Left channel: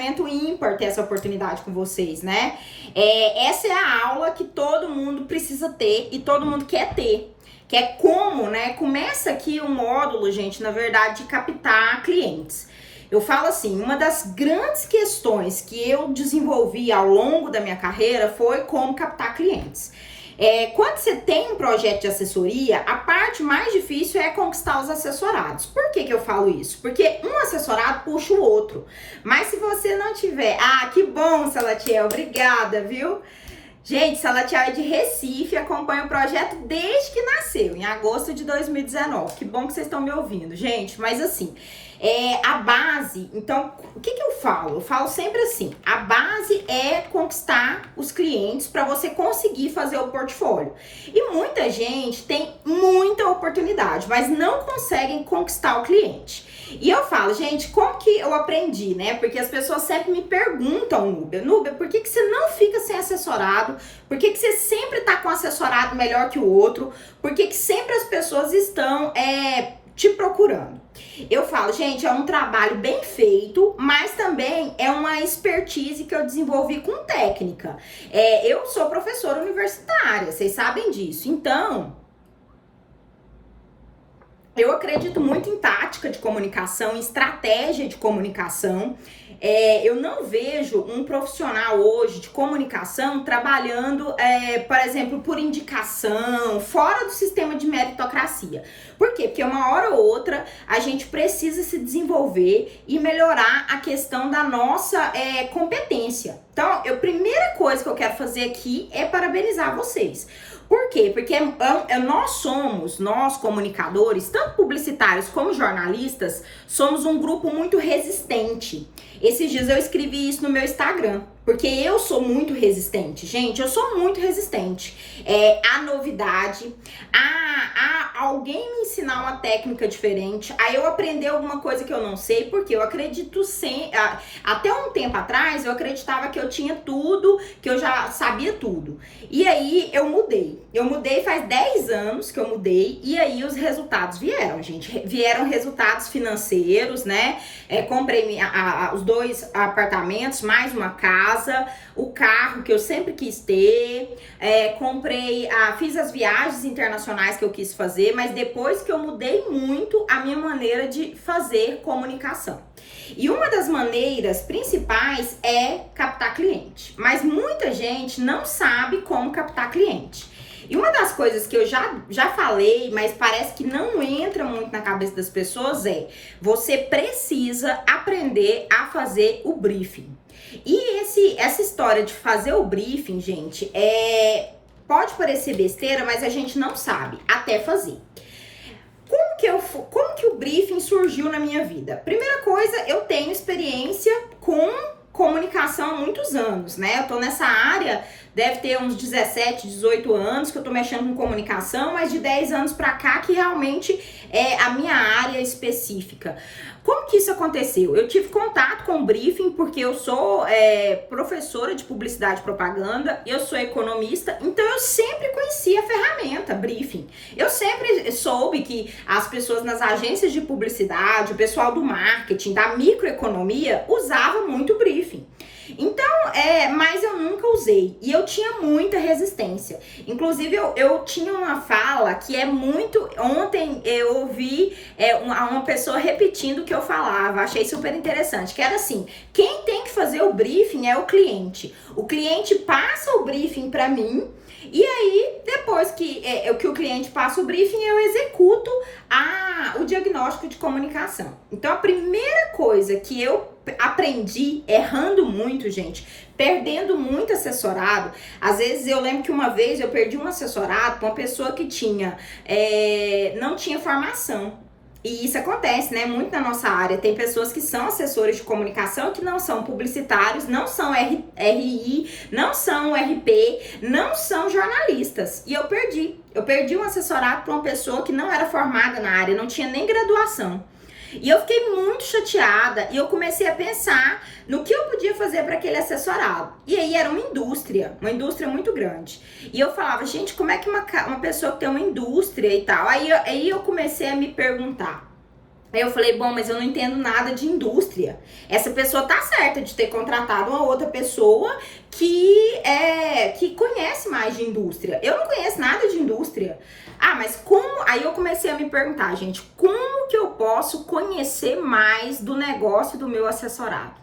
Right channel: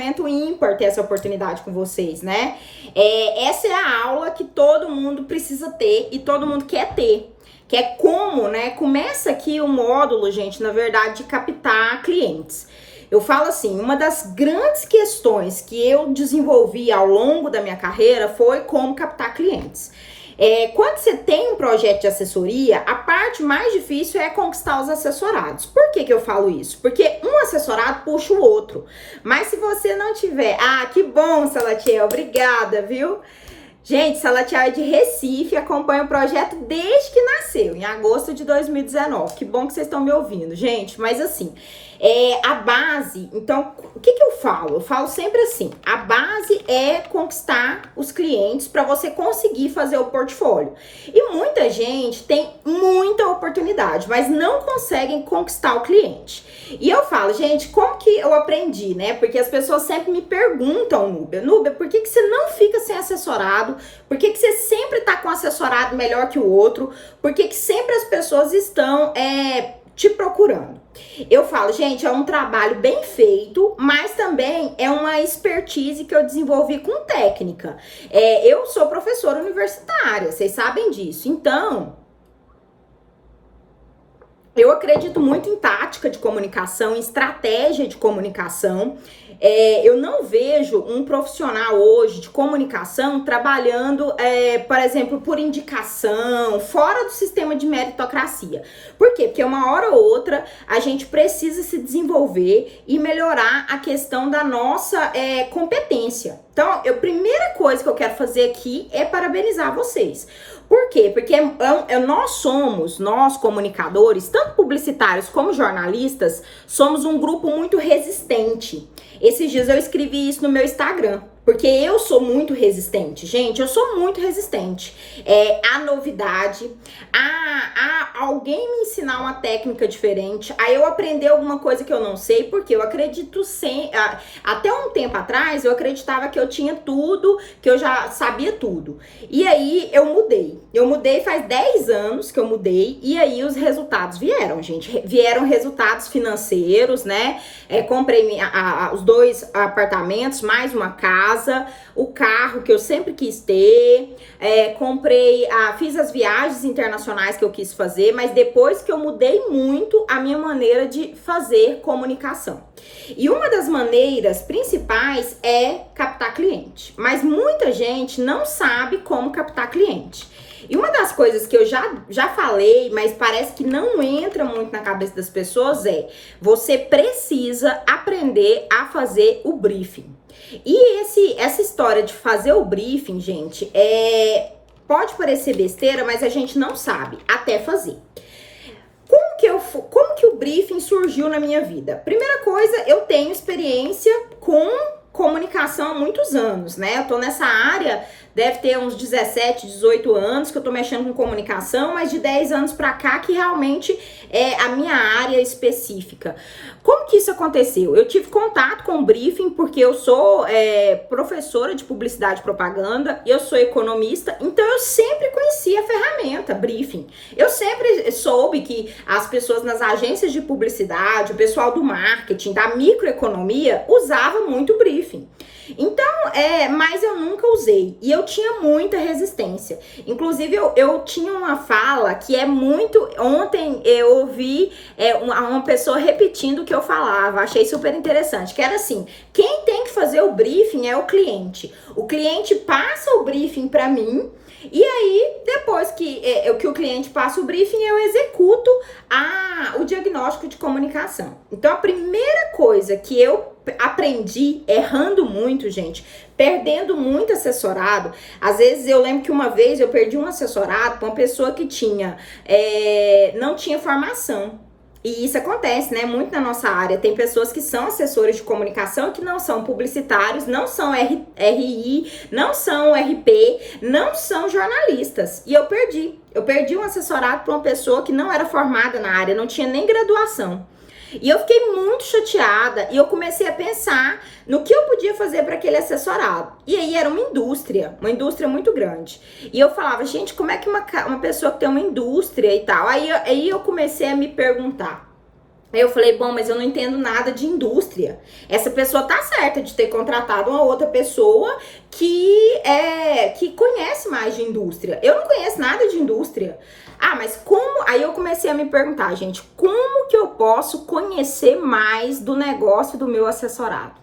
momento ímpar ter essa oportunidade com vocês, né? Essa é a aula que todo mundo precisa ter e todo mundo quer ter. Que é como, né? Começa aqui o módulo, gente, na verdade, de captar clientes. Eu falo assim, uma das grandes questões que eu desenvolvi ao longo da minha carreira foi como captar clientes. Quando você tem um projeto de assessoria, a parte mais difícil é conquistar os assessorados. Por que eu falo isso? Porque um assessorado puxa o outro. Mas se você não tiver... Ah, que bom, Salatiel, obrigada, viu? Gente, Salatiel é de Recife, acompanha o projeto desde que nasceu, em agosto de 2019. Que bom que vocês estão me ouvindo, gente. Mas assim... a base, então, o que eu falo? Eu falo sempre assim, a base é conquistar os clientes para você conseguir fazer o portfólio. E muita gente tem muita oportunidade, mas não conseguem conquistar o cliente. E eu falo, gente, como que eu aprendi, né? Porque as pessoas sempre me perguntam, Núbia, por que você não fica sem assessorado? Por que você sempre tá com um assessorado melhor que o outro? Por que sempre as pessoas estão te procurando? Eu falo, gente, é um trabalho bem feito, mas também é uma expertise que eu desenvolvi com técnica. Eu sou professora universitária, vocês sabem disso. Então, eu acredito muito em tática de comunicação, em estratégia de comunicação. Eu não vejo um profissional hoje de comunicação trabalhando, por exemplo, por indicação, fora do sistema de meritocracia. Por quê? Porque uma hora ou outra a gente precisa se desenvolver e melhorar a questão da nossa competência. Então, a primeira coisa que eu quero fazer aqui é parabenizar vocês. Por quê? Porque nós comunicadores, tanto publicitários como jornalistas, somos um grupo muito resistente. Esses dias eu escrevi isso no meu Instagram, porque eu sou muito resistente, gente, eu sou muito resistente à novidade, a alguém me ensinar uma técnica diferente, a eu aprender alguma coisa que eu não sei, porque eu acredito até um tempo atrás eu acreditava que eu tinha tudo, que eu já sabia tudo, e aí eu mudei faz 10 anos que eu mudei, e aí os resultados vieram, gente, vieram resultados financeiros, né, comprei os 2 apartamentos, mais uma casa, o carro que eu sempre quis ter, fiz as viagens internacionais que eu quis fazer, mas depois que eu mudei muito a minha maneira de fazer comunicação. E uma das maneiras principais é captar cliente, mas muita gente não sabe como captar cliente. E uma das coisas que eu já falei, mas parece que não entra muito na cabeça das pessoas você precisa aprender a fazer o briefing. E essa história de fazer o briefing, gente, pode parecer besteira, mas a gente não sabe até fazer. Como que o briefing surgiu na minha vida? Primeira coisa, eu tenho experiência com comunicação há muitos anos, né? Eu tô nessa área, deve ter uns 17, 18 anos que eu tô mexendo com comunicação, mas de 10 anos pra cá que realmente é a minha área específica. Como que isso aconteceu? Eu tive contato com o briefing porque eu sou professora de publicidade e propaganda, eu sou economista, então eu sempre conheci a ferramenta briefing. Eu sempre soube que as pessoas nas agências de publicidade, o pessoal do marketing, da microeconomia, usava muito briefing. Então, mas eu nunca usei e eu tinha muita resistência. Inclusive, eu tinha uma fala que ontem eu ouvi uma pessoa repetindo o que eu falava, achei super interessante, que era assim, quem tem que fazer o briefing é o cliente. O cliente passa o briefing para mim, e aí, depois que o cliente passa o briefing, eu executo o diagnóstico de comunicação. Então, a primeira coisa que eu aprendi, errando muito, gente, perdendo muito assessorado. Às vezes, eu lembro que uma vez eu perdi um assessorado com uma pessoa que não tinha formação. E isso acontece, né? Muito na nossa área. Tem pessoas que são assessores de comunicação que não são publicitários, não são RI, não são RP, não são jornalistas. E eu perdi um assessorado para uma pessoa que não era formada na área, não tinha nem graduação. E eu fiquei muito chateada e eu comecei a pensar no que eu podia fazer para aquele assessorado. E aí era uma indústria muito grande. E eu falava, gente, como é que uma pessoa que tem uma indústria e tal? Aí eu comecei a me perguntar, Aí eu falei, bom, mas eu não entendo nada de indústria. Essa pessoa tá certa de ter contratado uma outra pessoa que conhece mais de indústria. Eu não conheço nada de indústria. Ah, mas como? Aí eu comecei a me perguntar, gente, como que eu posso conhecer mais do negócio do meu assessorado?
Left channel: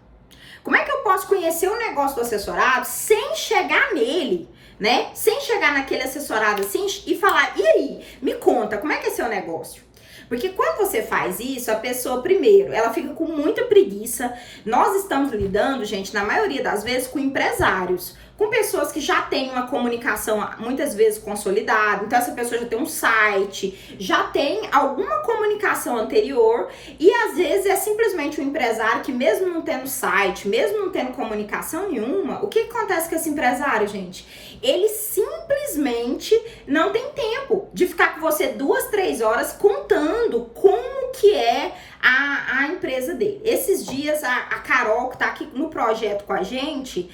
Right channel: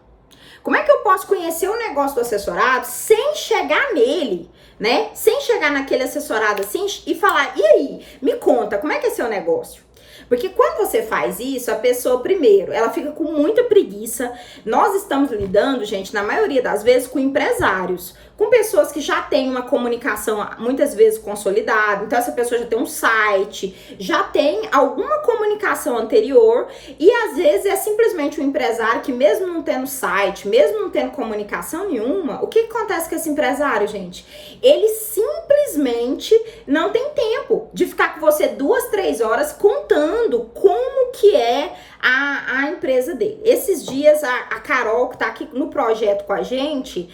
Como é que eu posso conhecer o negócio do assessorado sem chegar nele, né? Sem chegar naquele assessorado assim e falar, e aí, me conta, como é que é seu negócio? Porque quando você faz isso, a pessoa, primeiro, ela fica com muita preguiça. Nós estamos lidando, gente, na maioria das vezes, com empresários, com pessoas que já têm uma comunicação muitas vezes consolidada. Então, essa pessoa já tem um site, já tem alguma comunicação anterior e às vezes é simplesmente um empresário que, mesmo não tendo site, mesmo não tendo comunicação nenhuma, o que acontece com esse empresário, gente? Ele simplesmente não tem tempo de ficar com você 2, 3 horas contando como que é a empresa dele. Esses dias, a Carol, que tá aqui no projeto com a gente,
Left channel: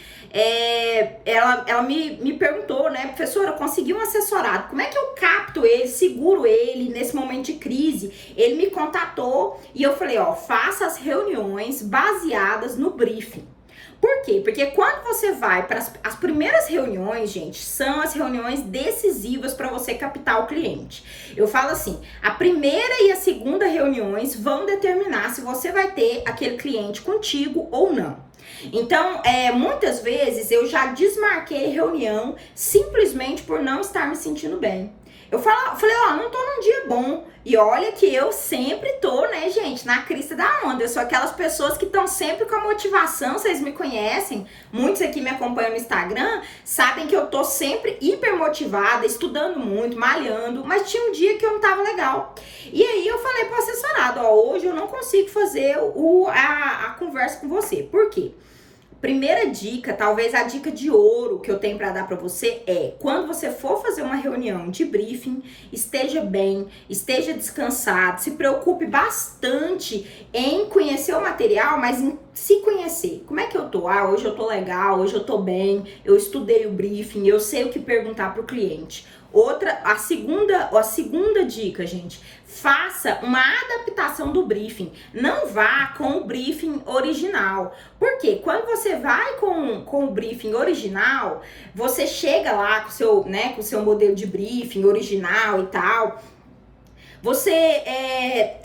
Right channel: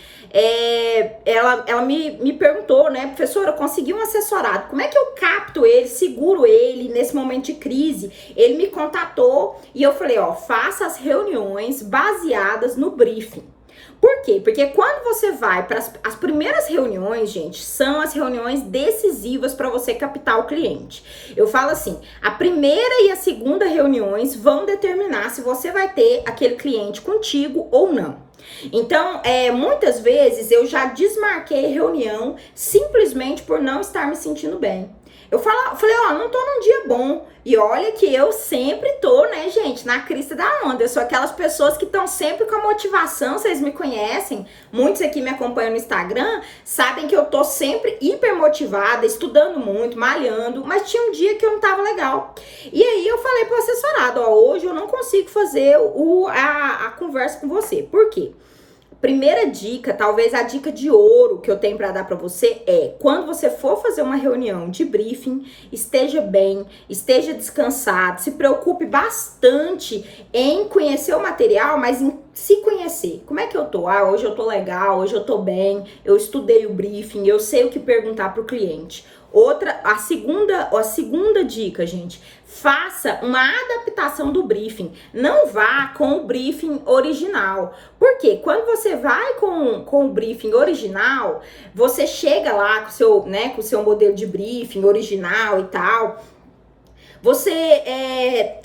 ela me perguntou, né, professora, eu consegui um assessorado, como é que eu capto ele, seguro ele nesse momento de crise? Ele me contatou e eu falei, ó, faça as reuniões baseadas no briefing. Por quê? Porque quando você vai para as primeiras reuniões, gente, são as reuniões decisivas para você captar o cliente. Eu falo assim, a primeira e a segunda reuniões vão determinar se você vai ter aquele cliente contigo ou não. Então, muitas vezes eu já desmarquei reunião simplesmente por não estar me sentindo bem. Eu falei, ó, não tô num dia bom. E olha que eu sempre tô, né, gente, na crista da onda. Eu sou aquelas pessoas que estão sempre com a motivação, vocês me conhecem. Muitos aqui me acompanham no Instagram, sabem que eu tô sempre hiper motivada, estudando muito, malhando. Mas tinha um dia que eu não tava legal. E aí eu falei pro assessorado, ó, hoje eu não consigo fazer a conversa com você. Por quê? Primeira dica, talvez a dica de ouro que eu tenho para dar para você é, quando você for fazer uma reunião de briefing, esteja bem, esteja descansado, se preocupe bastante em conhecer o material, mas em se conhecer. Como é que eu tô? Ah, hoje eu tô legal, hoje eu tô bem, eu estudei o briefing, eu sei o que perguntar pro cliente. A segunda dica, gente, faça uma adaptação do briefing. Não vá com o briefing original. Por quê? Quando você vai com o briefing original, você chega lá com o seu modelo de briefing original e tal.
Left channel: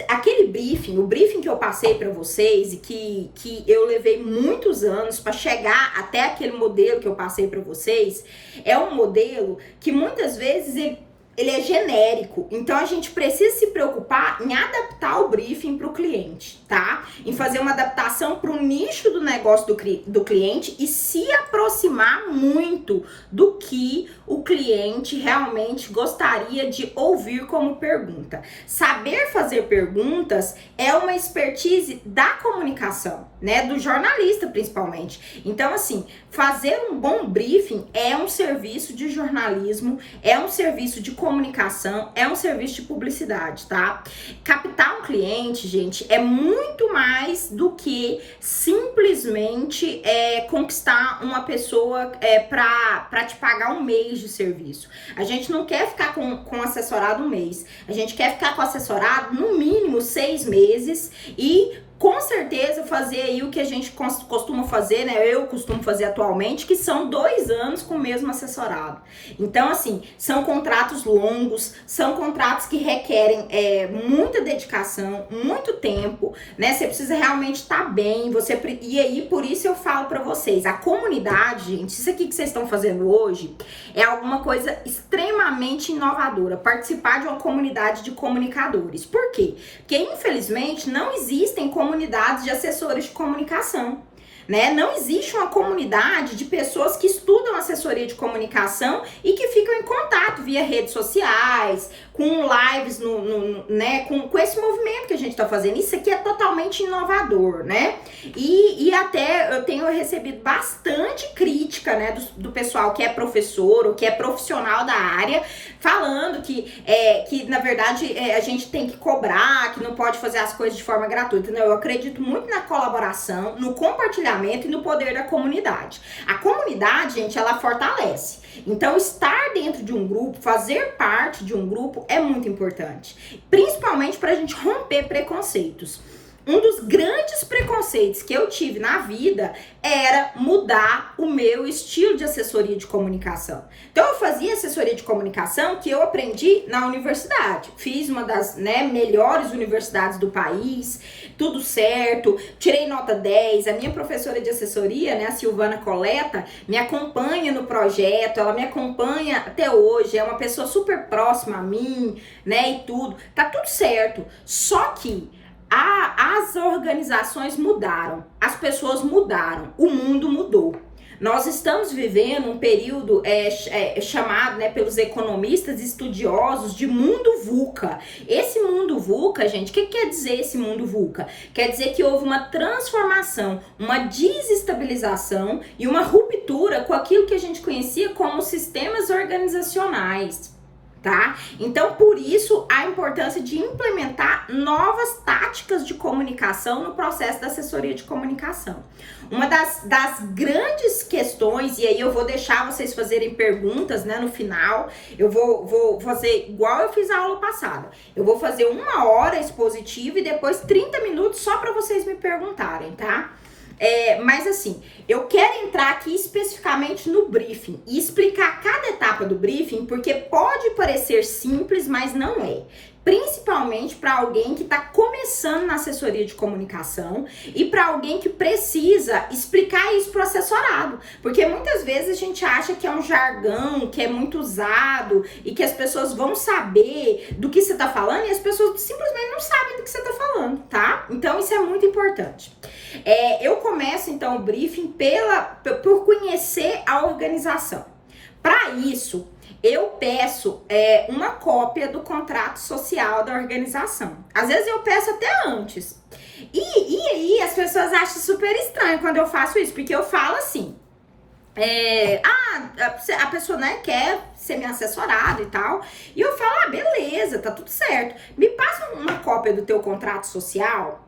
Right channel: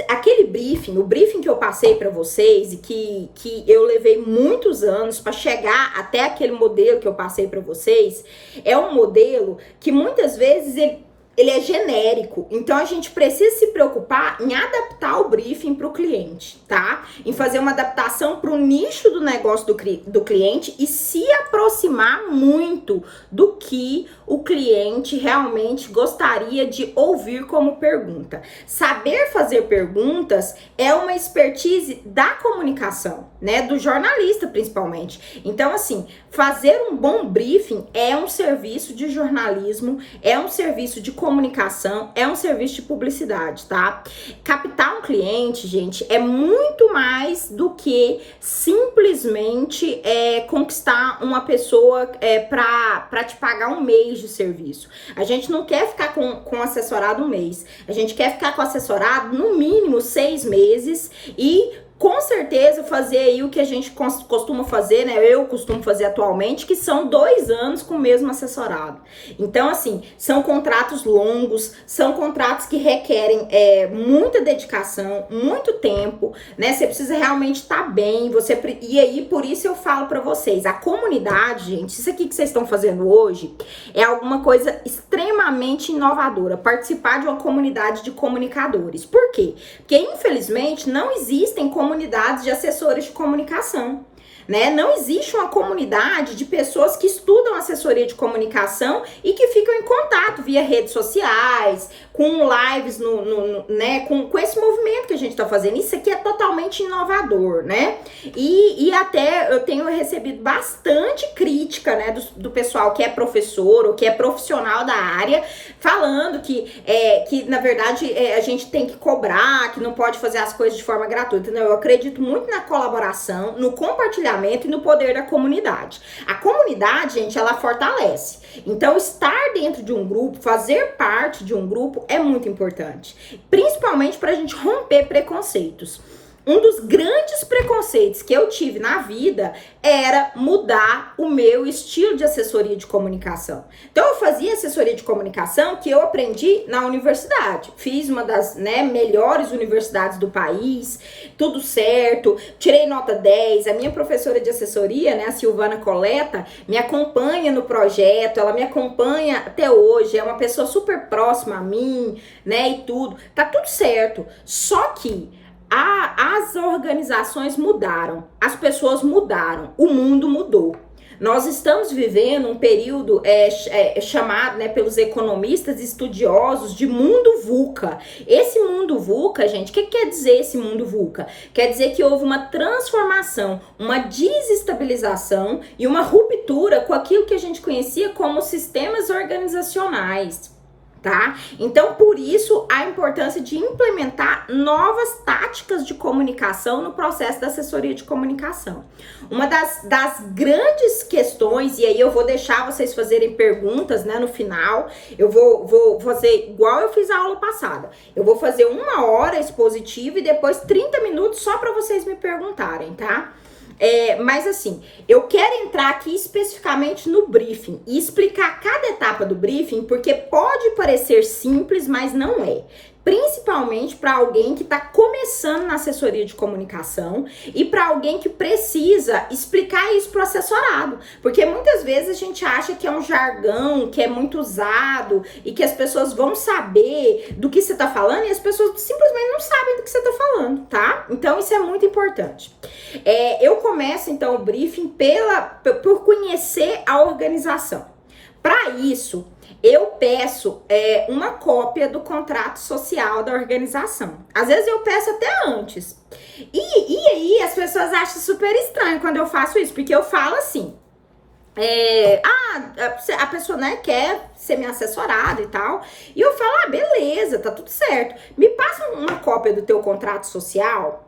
Aquele briefing, o briefing que eu passei para vocês e que eu levei muitos anos para chegar até aquele modelo que eu passei para vocês, é um modelo que muitas vezes ele é genérico, então a gente precisa se preocupar em adaptar o briefing para o cliente, tá? Em fazer uma adaptação para o nicho do negócio do cliente e se aproximar muito do que o cliente realmente gostaria de ouvir como pergunta. Saber fazer perguntas é uma expertise da comunicação, né? Do jornalista, principalmente. Então, assim, fazer um bom briefing é um serviço de jornalismo, é um serviço de comunicação, é um serviço de publicidade, tá? Captar um cliente, gente, é muito mais do que simplesmente conquistar uma pessoa para te pagar um mês de serviço. A gente não quer ficar com assessorado um mês. A gente quer ficar com assessorado no mínimo 6 meses e com certeza fazer aí o que a gente costuma fazer, né? Eu costumo fazer atualmente, que são 2 anos com o mesmo assessorado. Então, assim, são contratos longos, são contratos que requerem muita dedicação, muito tempo, né? Você precisa realmente estar bem, e aí, por isso eu falo pra vocês, a comunidade, gente, isso aqui que vocês estão fazendo hoje é alguma coisa extremamente inovadora, participar de uma comunidade de comunicadores. Por quê? Porque, infelizmente, não existem comunidades de assessores de comunicação, né? Não existe uma comunidade de pessoas que estudam assessoria de comunicação e que ficam em contato via redes sociais, com lives, né? Com esse movimento que a gente tá fazendo. Isso aqui é totalmente inovador, né? E até eu tenho recebido bastante crítica, né? Do pessoal que é professor ou que é profissional da área, falando que na verdade a gente tem que cobrar, que não pode fazer as coisas de forma gratuita. Não, eu acredito muito na colaboração, no compartilhamento engajamento e no poder da comunidade. A comunidade, gente, ela fortalece. Então, estar dentro de um grupo, fazer parte de um grupo é muito importante, principalmente para a gente romper preconceitos. Um dos grandes preconceitos que eu tive na vida era mudar o meu estilo de assessoria de comunicação. Então, eu fazia assessoria de comunicação que eu aprendi na universidade. Fiz uma das melhores universidades do país, tudo certo, tirei nota 10. A minha professora de assessoria, a Silvana Coleta, me acompanha no projeto, ela me acompanha até hoje, é uma pessoa super próxima a mim, e tudo. Tá tudo certo, só que as organizações mudaram, as pessoas mudaram, o mundo mudou. Nós estamos vivendo um período chamado, pelos economistas estudiosos de mundo VUCA. Esse mundo VUCA, gente, o que quer dizer esse mundo VUCA? Quer dizer que houve uma transformação, uma desestabilização e uma ruptura com aquilo que a gente conhecia como sistemas organizacionais. Tá? Então, por isso, a importância de implementar novas táticas de comunicação no processo da assessoria de comunicação. Uma das grandes questões, e aí eu vou deixar vocês fazerem perguntas, no final, eu vou fazer igual eu fiz a aula passada. Eu vou fazer 1 hora expositiva e depois 30 minutos só para vocês me perguntarem, tá? Mas assim, eu quero entrar aqui especificamente no briefing e explicar cada etapa do briefing, porque pode parecer simples, mas não é. Principalmente para alguém que está começando na assessoria de comunicação e para alguém que precisa explicar isso para o assessorado. Porque muitas vezes a gente acha que é um jargão, que é muito usado e que as pessoas vão saber do que você está falando e as pessoas simplesmente não sabem do que você está falando, tá? Então isso é muito importante. Eu começo então o briefing por conhecer a organização. Para isso, eu peço uma cópia do contrato social da organização. Às vezes eu peço até antes. E aí as pessoas acham super estranho quando eu faço isso, porque eu falo assim, a pessoa quer ser minha assessorada e tal, e eu falo, beleza, tá tudo certo. Me passa uma cópia do teu contrato social.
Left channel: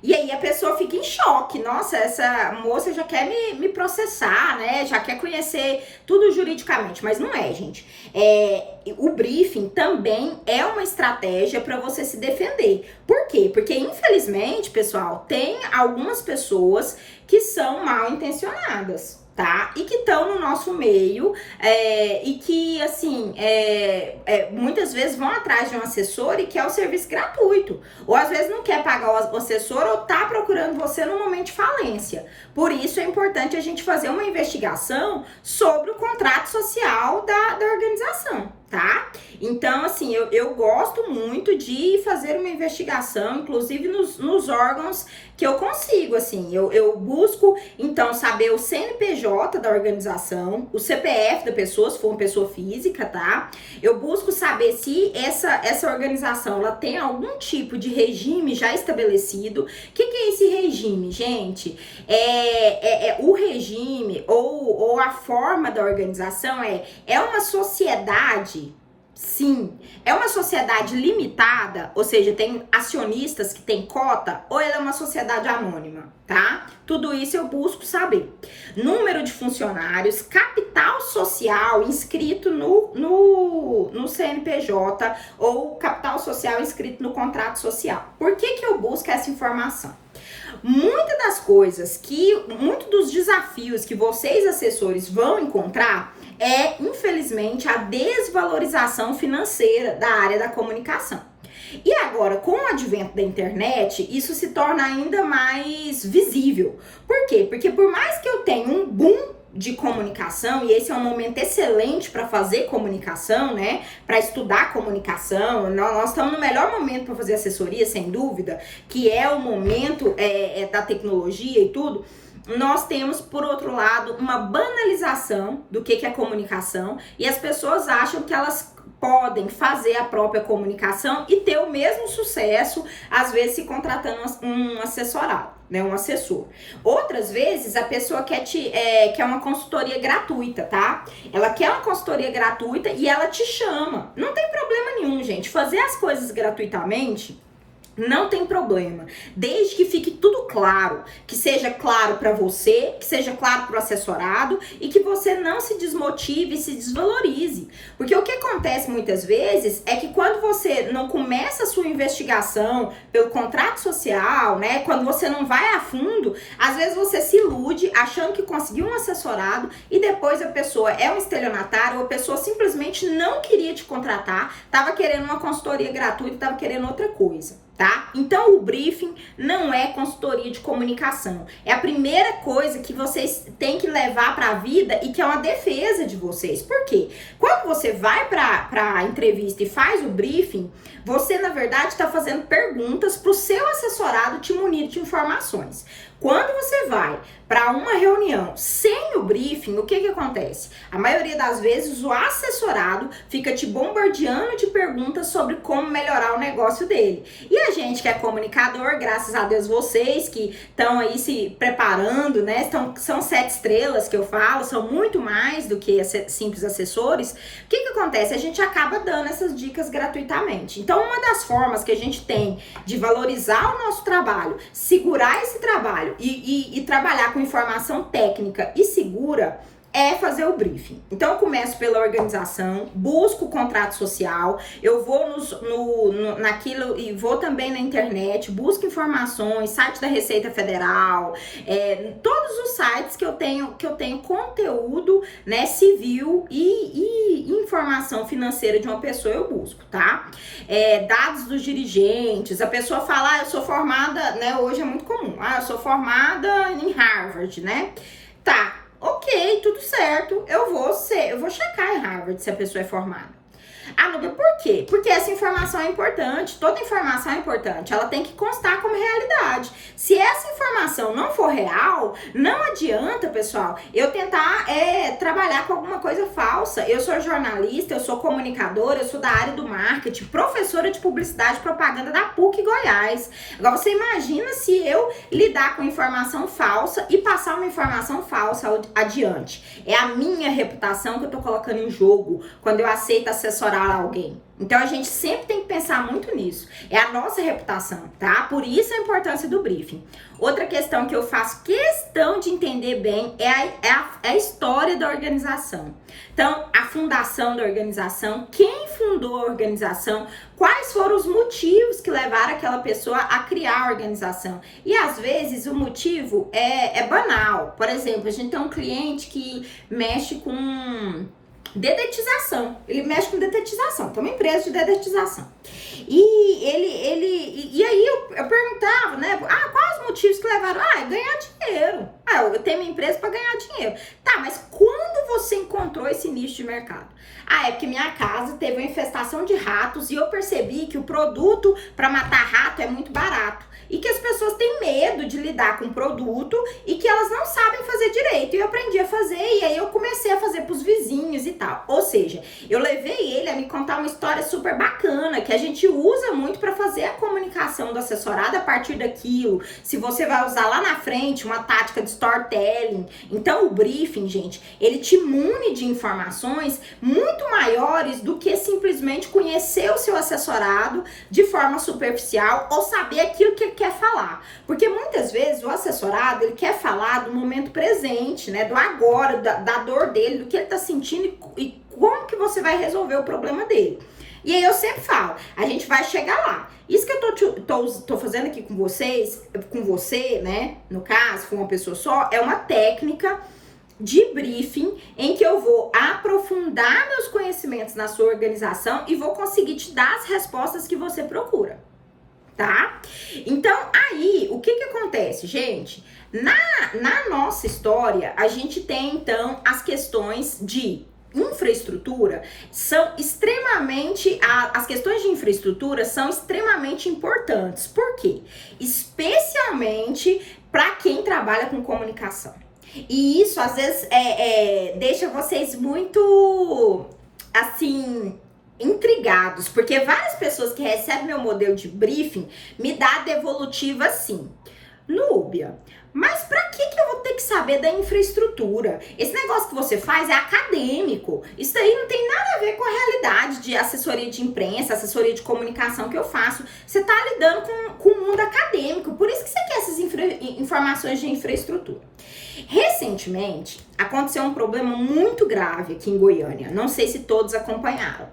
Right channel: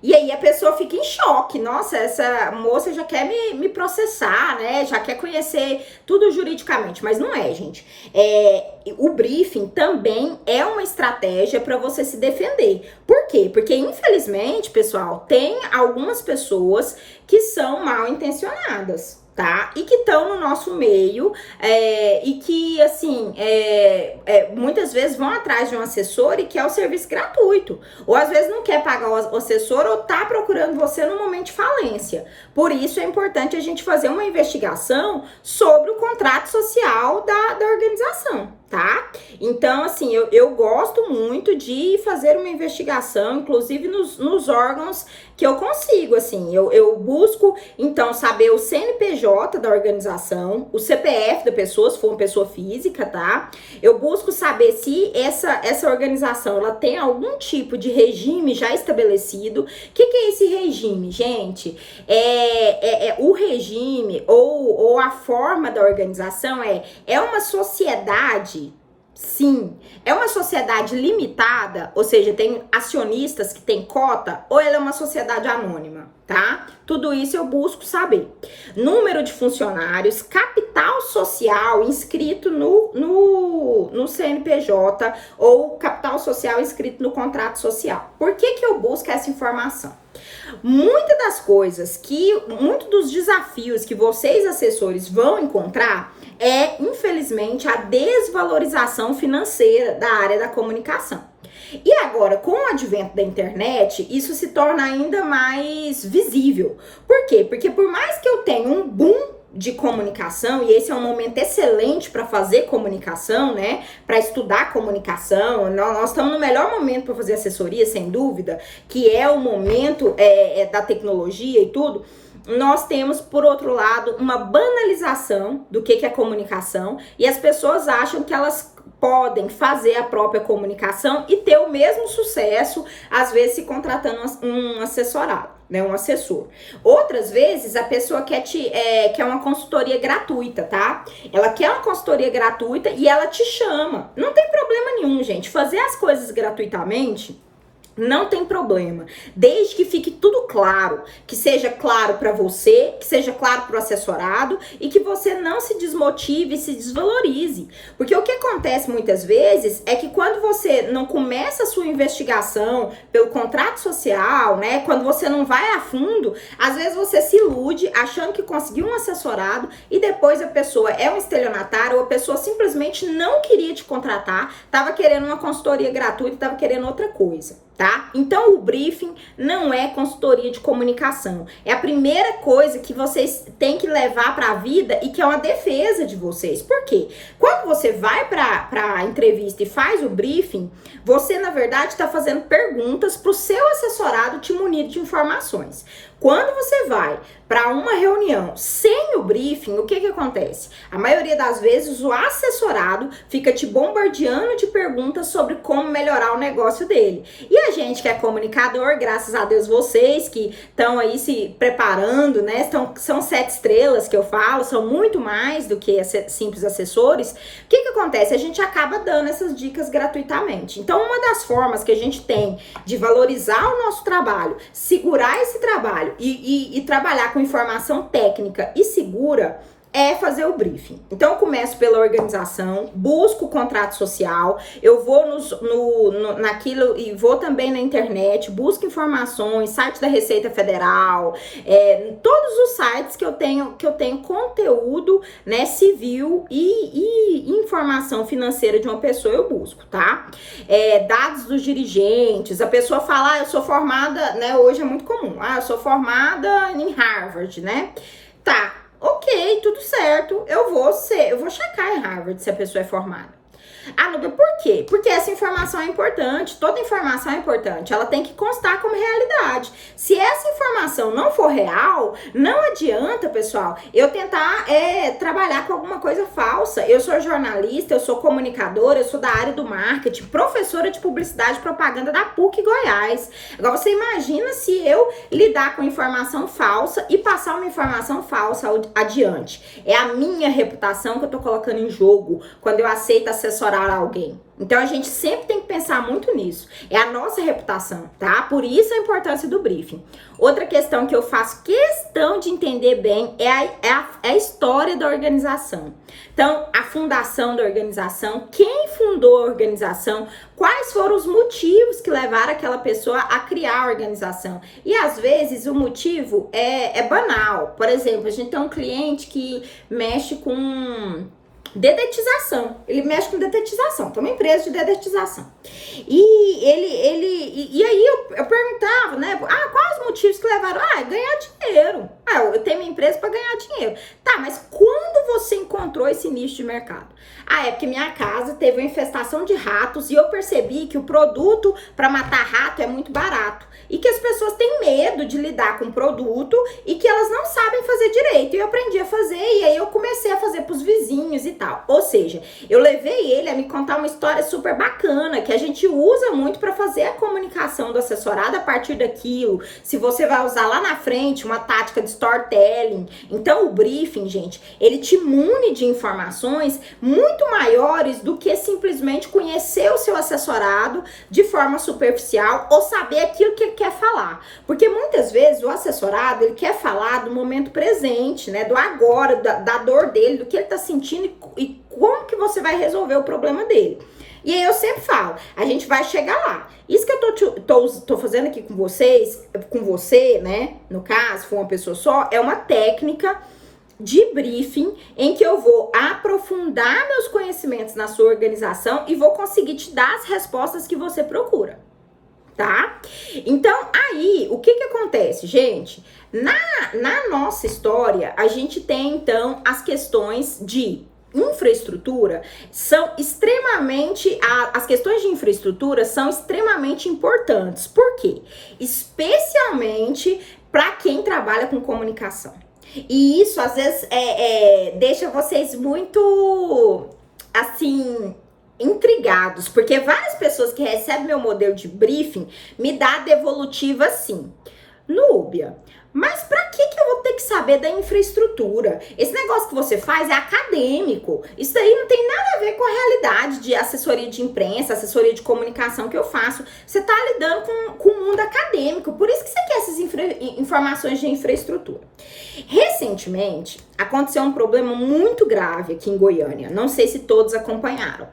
E aí a pessoa fica em choque, nossa, essa moça já quer me processar, já quer conhecer tudo juridicamente, mas não é, gente. O briefing também é uma estratégia para você se defender. Por quê? Porque infelizmente, pessoal, tem algumas pessoas que são mal intencionadas, tá? E que estão no nosso meio e que, assim, muitas vezes vão atrás de um assessor e quer o serviço gratuito. Ou às vezes não quer pagar o assessor ou tá procurando você no momento de falência. Por isso é importante a gente fazer uma investigação sobre o contrato social da organização, tá? Então, assim, eu gosto muito de fazer uma investigação, inclusive nos órgãos que eu consigo, assim, eu busco, então, saber o CNPJ da organização, o CPF da pessoa, se for uma pessoa física, tá? Eu busco saber se essa organização, ela tem algum tipo de regime já estabelecido. O que é esse regime, gente? O regime ou a forma da organização é uma sociedade. Sim, é uma sociedade limitada, ou seja, tem acionistas que tem cota, ou ela é uma sociedade anônima, tá? Tudo isso eu busco saber. Número de funcionários, capital social inscrito no CNPJ ou capital social inscrito no contrato social. Por que eu busco essa informação? Muitos dos desafios que vocês, assessores, vão encontrar infelizmente, a desvalorização financeira da área da comunicação. E agora, com o advento da internet, isso se torna ainda mais visível. Por quê? Porque por mais que eu tenha um boom de comunicação, e esse é um momento excelente para fazer comunicação, para estudar comunicação, nós estamos no melhor momento para fazer assessoria, sem dúvida, que é o momento da tecnologia e tudo. Nós temos, por outro lado, uma banalização do que é comunicação, e as pessoas acham que elas podem fazer a própria comunicação e ter o mesmo sucesso, às vezes se contratando um assessorado, um assessor. Outras vezes a pessoa quer uma consultoria gratuita, tá? Ela quer uma consultoria gratuita e ela te chama. Não tem problema nenhum, gente. Fazer as coisas gratuitamente Não tem problema, desde que fique tudo claro, que seja claro para você, que seja claro para o assessorado e que você não se desmotive e se desvalorize. Porque o que acontece muitas vezes é que quando você não começa a sua investigação pelo contrato social, né, quando você não vai a fundo, às vezes você se ilude achando que conseguiu um assessorado e depois a pessoa é um estelionatário ou a pessoa simplesmente não queria te contratar, estava querendo uma consultoria gratuita, estava querendo outra coisa. Tá? Então o briefing não é consultoria de comunicação. É a primeira coisa que vocês têm que levar para a vida e que é uma defesa de vocês. Por quê? Quando você vai para a entrevista e faz o briefing, você na verdade está fazendo perguntas para o seu assessorado te munir de informações. Quando você vai para uma reunião sem o briefing, o que acontece? A maioria das vezes o assessorado fica te bombardeando de perguntas sobre como melhorar o negócio dele. E a gente que é comunicador, graças a Deus vocês que estão aí se preparando, né? São 7 estrelas que eu falo, são muito mais do que simples assessores. O que acontece? A gente acaba dando essas dicas gratuitamente. Então, uma das formas que a gente tem de valorizar o nosso trabalho, segurar esse trabalho e trabalhar com informação técnica e segura é fazer o briefing. Então, eu começo pela organização, busco o contrato social, eu vou naquilo e vou também na internet, busco informações, site da Receita Federal, todos os sites que eu tenho conteúdo, né, civil e informação financeira de uma pessoa eu busco, tá? Dados dos dirigentes, a pessoa fala, eu sou formada, né, hoje é muito comum, eu sou formada em Harvard, né? Tá. Ok, tudo certo, eu vou checar em Harvard se a pessoa é formada. Nubia, por quê? Porque essa informação é importante, toda informação é importante, ela tem que constar como realidade. Se essa informação não for real, não adianta, pessoal, eu tentar trabalhar com alguma coisa falsa. Eu sou jornalista, eu sou comunicadora, eu sou da área do marketing, professora de publicidade e propaganda da PUC Goiás. Agora, você imagina se eu lidar com informação falsa e passar uma informação falsa adiante. É a minha reputação que eu tô colocando em jogo quando eu aceito assessorar alguém. Então a gente sempre tem que pensar muito nisso. É a nossa reputação, tá? Por isso a importância do briefing. Outra questão que eu faço questão de entender bem é a história da organização. Então, a fundação da organização, quem fundou a organização, quais foram os motivos que levaram aquela pessoa a criar a organização. E às vezes o motivo é banal. Por exemplo, a gente tem um cliente que mexe com dedetização, ele mexe com dedetização, tem uma empresa de dedetização. E aí eu perguntava, né? Quais os motivos que levaram? Ganhar dinheiro. Eu tenho uma empresa para ganhar dinheiro. Tá, mas quando você encontrou esse nicho de mercado? É porque minha casa teve uma infestação de ratos e eu percebi que o produto para matar rato é muito barato. E que as pessoas têm medo de lidar com o produto e que elas não sabem fazer direito. E eu aprendi a fazer e aí eu comecei a fazer pros vizinhos e tal. Ou seja, eu levei ele a me contar uma história super bacana que a gente usa muito para fazer a comunicação do assessorado a partir daquilo. Se você vai usar lá na frente uma tática de storytelling. Então o briefing, gente, ele te mune de informações muito maiores do que simplesmente conhecer o seu assessorado de forma superficial ou saber aquilo que quer falar, porque muitas vezes o assessorado ele quer falar do momento presente, né, do agora, da dor dele, do que ele tá sentindo e como que você vai resolver o problema dele. E aí eu sempre falo, a gente vai chegar lá. Isso que eu tô fazendo aqui com vocês, com você, né, no caso, com uma pessoa só, é uma técnica de briefing em que eu vou aprofundar meus conhecimentos na sua organização e vou conseguir te dar as respostas que você procura. Tá? Então, aí, o que acontece, gente? Na nossa história, a gente tem, então, as questões de infraestrutura são extremamente... As questões de infraestrutura são extremamente importantes. Por quê? Especialmente para quem trabalha com comunicação. E isso, às vezes, deixa vocês muito, assim... intrigados, porque várias pessoas que recebem meu modelo de briefing me dá devolutiva assim: Núbia, Mas pra que eu vou ter que saber da infraestrutura? Esse negócio que você faz é acadêmico. Isso aí não tem nada a ver com a realidade de assessoria de imprensa, assessoria de comunicação que eu faço. Você tá lidando com o mundo acadêmico. Por isso que você quer essas informações de infraestrutura. Recentemente, aconteceu um problema muito grave aqui em Goiânia. Não sei se todos acompanharam.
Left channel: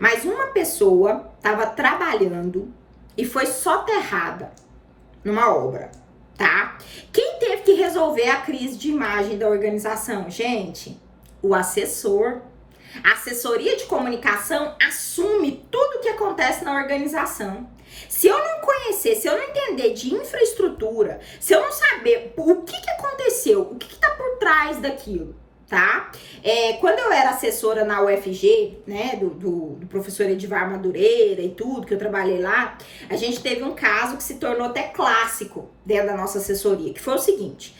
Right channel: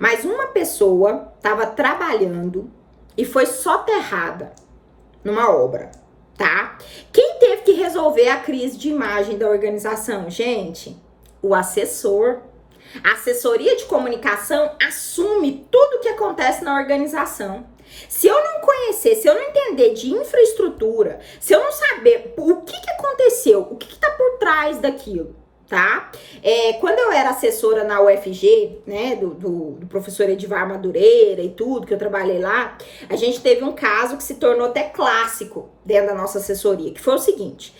Mas uma pessoa estava trabalhando e foi soterrada numa obra, tá? Quem teve que resolver a crise de imagem da organização? Gente, o assessor. A assessoria de comunicação assume tudo o que acontece na organização. Se eu não conhecer, se eu não entender de infraestrutura, se eu não saber o que aconteceu, o que tá por trás daquilo, tá? Quando eu era assessora na UFG, né, do professor Edivar Madureira e tudo, que eu trabalhei lá, a gente teve um caso que se tornou até clássico dentro da nossa assessoria, que foi o seguinte,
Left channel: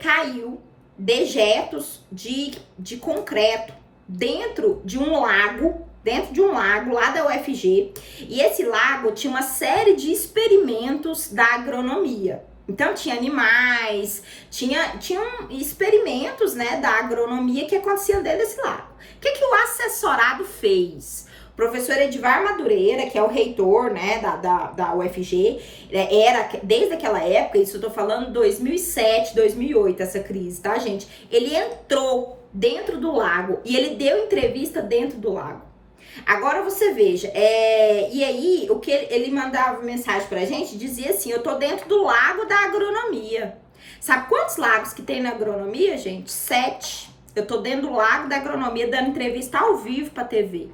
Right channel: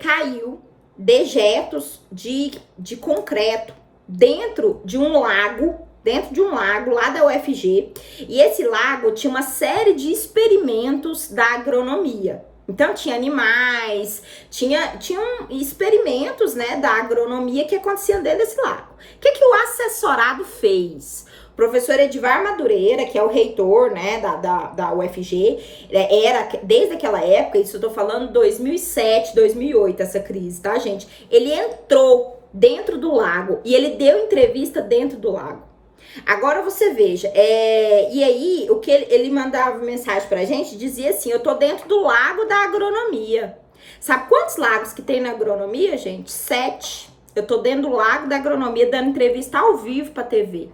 caiu dejetos de concreto dentro de um lago lá da UFG, e esse lago tinha uma série de experimentos da agronomia. Então, tinha animais, tinham experimentos, né, da agronomia que aconteciam dentro desse lago. O que o assessorado fez? O professor Edivar Madureira, que é o reitor, né, da UFG, era, desde aquela época, isso eu tô falando 2007, 2008, essa crise, tá, gente? Ele entrou dentro do lago e ele deu entrevista dentro do lago. Agora você veja, e aí o que ele mandava mensagem pra gente, dizia assim, eu tô dentro do lago da agronomia. Sabe quantos lagos que tem na agronomia, gente? 7. Eu tô dentro do lago da agronomia dando entrevista ao vivo pra TV.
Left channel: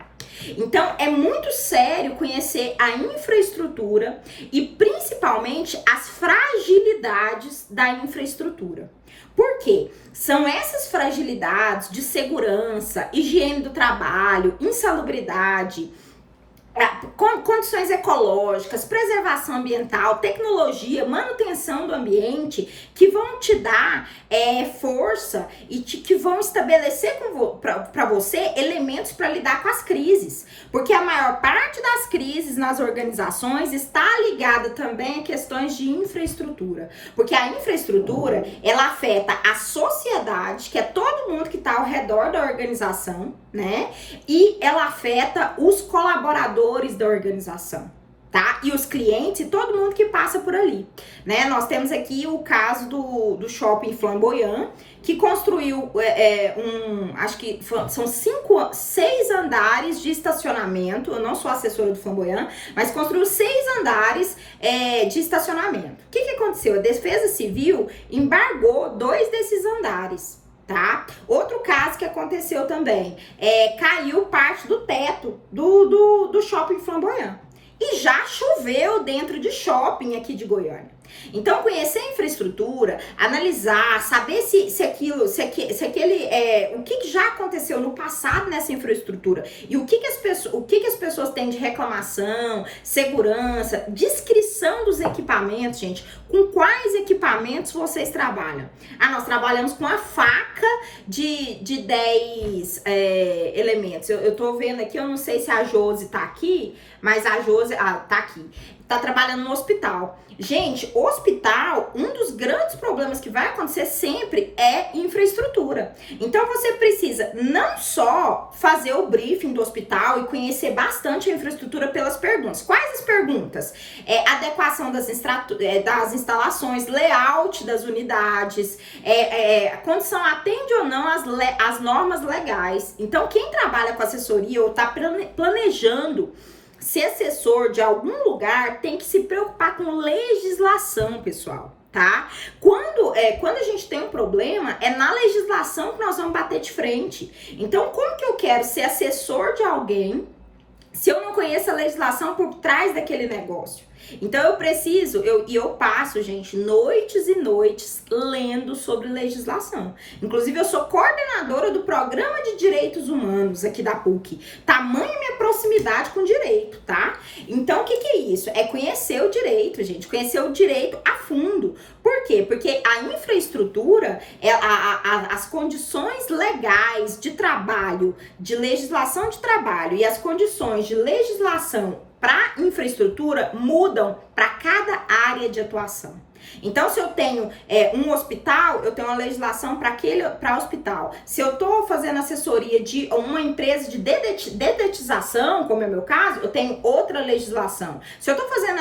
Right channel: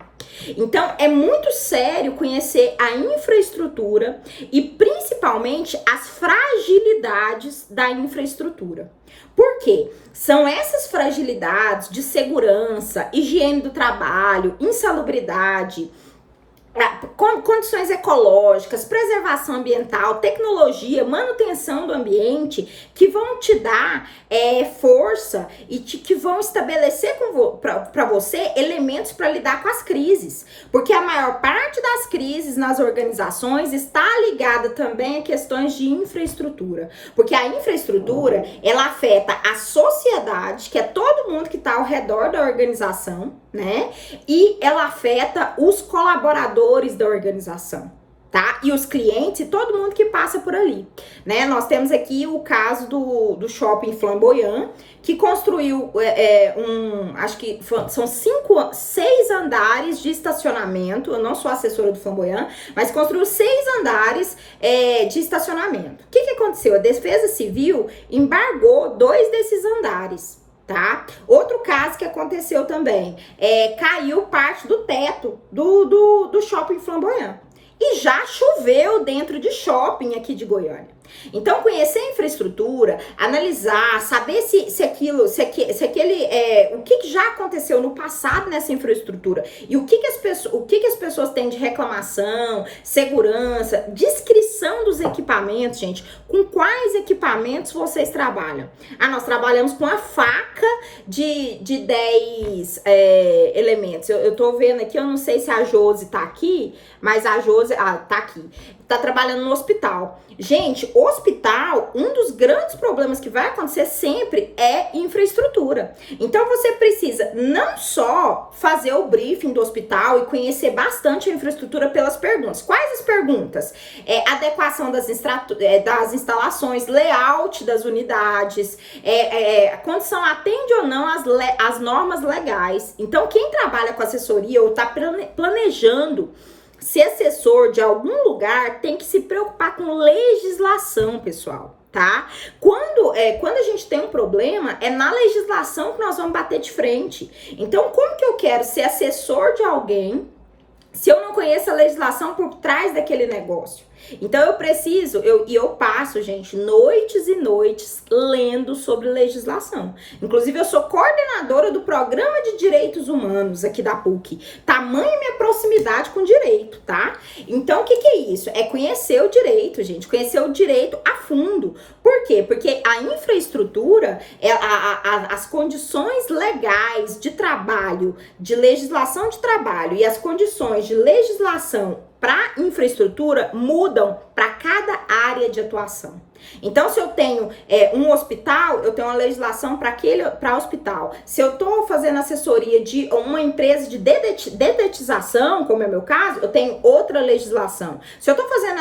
Então, é muito sério conhecer a infraestrutura e principalmente as fragilidades da infraestrutura. Por quê? São essas fragilidades de segurança, higiene do trabalho, insalubridade, condições ecológicas, preservação ambiental, tecnologia, manutenção do ambiente, que vão te dar força e que vão estabelecer para você elementos para lidar com as crises. Porque a maior parte das crises nas organizações está ligada também a questões de infraestrutura. Porque a infraestrutura, ela afeta a sociedade, que é todo mundo que está ao redor da organização, né? E ela afeta os colaboradores da organização, tá? E os clientes e todo mundo que passa por ali, né? Nós temos aqui o caso do Shopping Flamboyant, que construiu acho que são 6 andares de estacionamento. Eu não sou assessora do Flamboyant, mas construiu 6 andares de estacionamento. O que aconteceu? A Defesa Civil embargou 2 desses andares, tá? Outro caso que aconteceu também, caiu parte do teto do Shopping Flamboyant. E já choveu dentro de shopping aqui de Goiânia. Então, conhecer a infraestrutura, analisar, saber o que já aconteceu no passado nessa infraestrutura e o que as pessoas têm de reclamação, segurança, descrição dos equipamentos, gente. Com quais equipamentos vocês trabalham? Nós trabalhamos com a faca de 10 elementos. Eu tô vendo aqui, eu não sei se a Josi tá aqui, mas a Josi, tá aqui. Tá trabalhando no hospital. Gente, hospital, um dos grandes problemas que vai acontecer sempre é infraestrutura. Então, você precisa não só fazer o briefing do hospital e conhecer bastante a infraestrutura pelas perguntas. Quais as perguntas? Adequação das instalações, layout das unidades, a condição atende ou não as normas legais. Então, quem trabalha com assessoria ou está planejando ser assessor de algum lugar tem que se preocupar com legislação, pessoal, tá? Quando a gente tem um problema, é na legislação que nós vamos bater de frente. Então, como que eu quero ser assessor de alguém se eu não conheço a legislação por trás daquele negócio? Então, eu passo, gente, noites e noites lendo sobre legislação. Inclusive, eu sou coordenadora do Programa de Direitos Humanos aqui da PUC. Tamanho minha proximidade com o direito, tá? Então, o que é isso? É conhecer o direito, gente. Conhecer o direito a fundo. Por quê? Porque a infraestrutura, as condições legais de trabalho, de legislação de trabalho e as condições de legislação para infraestrutura mudam para cada área de atuação. Então, se eu tenho um hospital, eu tenho uma legislação para hospital. Se eu estou fazendo assessoria de uma empresa de dedetização, como é o meu caso, eu tenho outra legislação. Se eu estou fazendo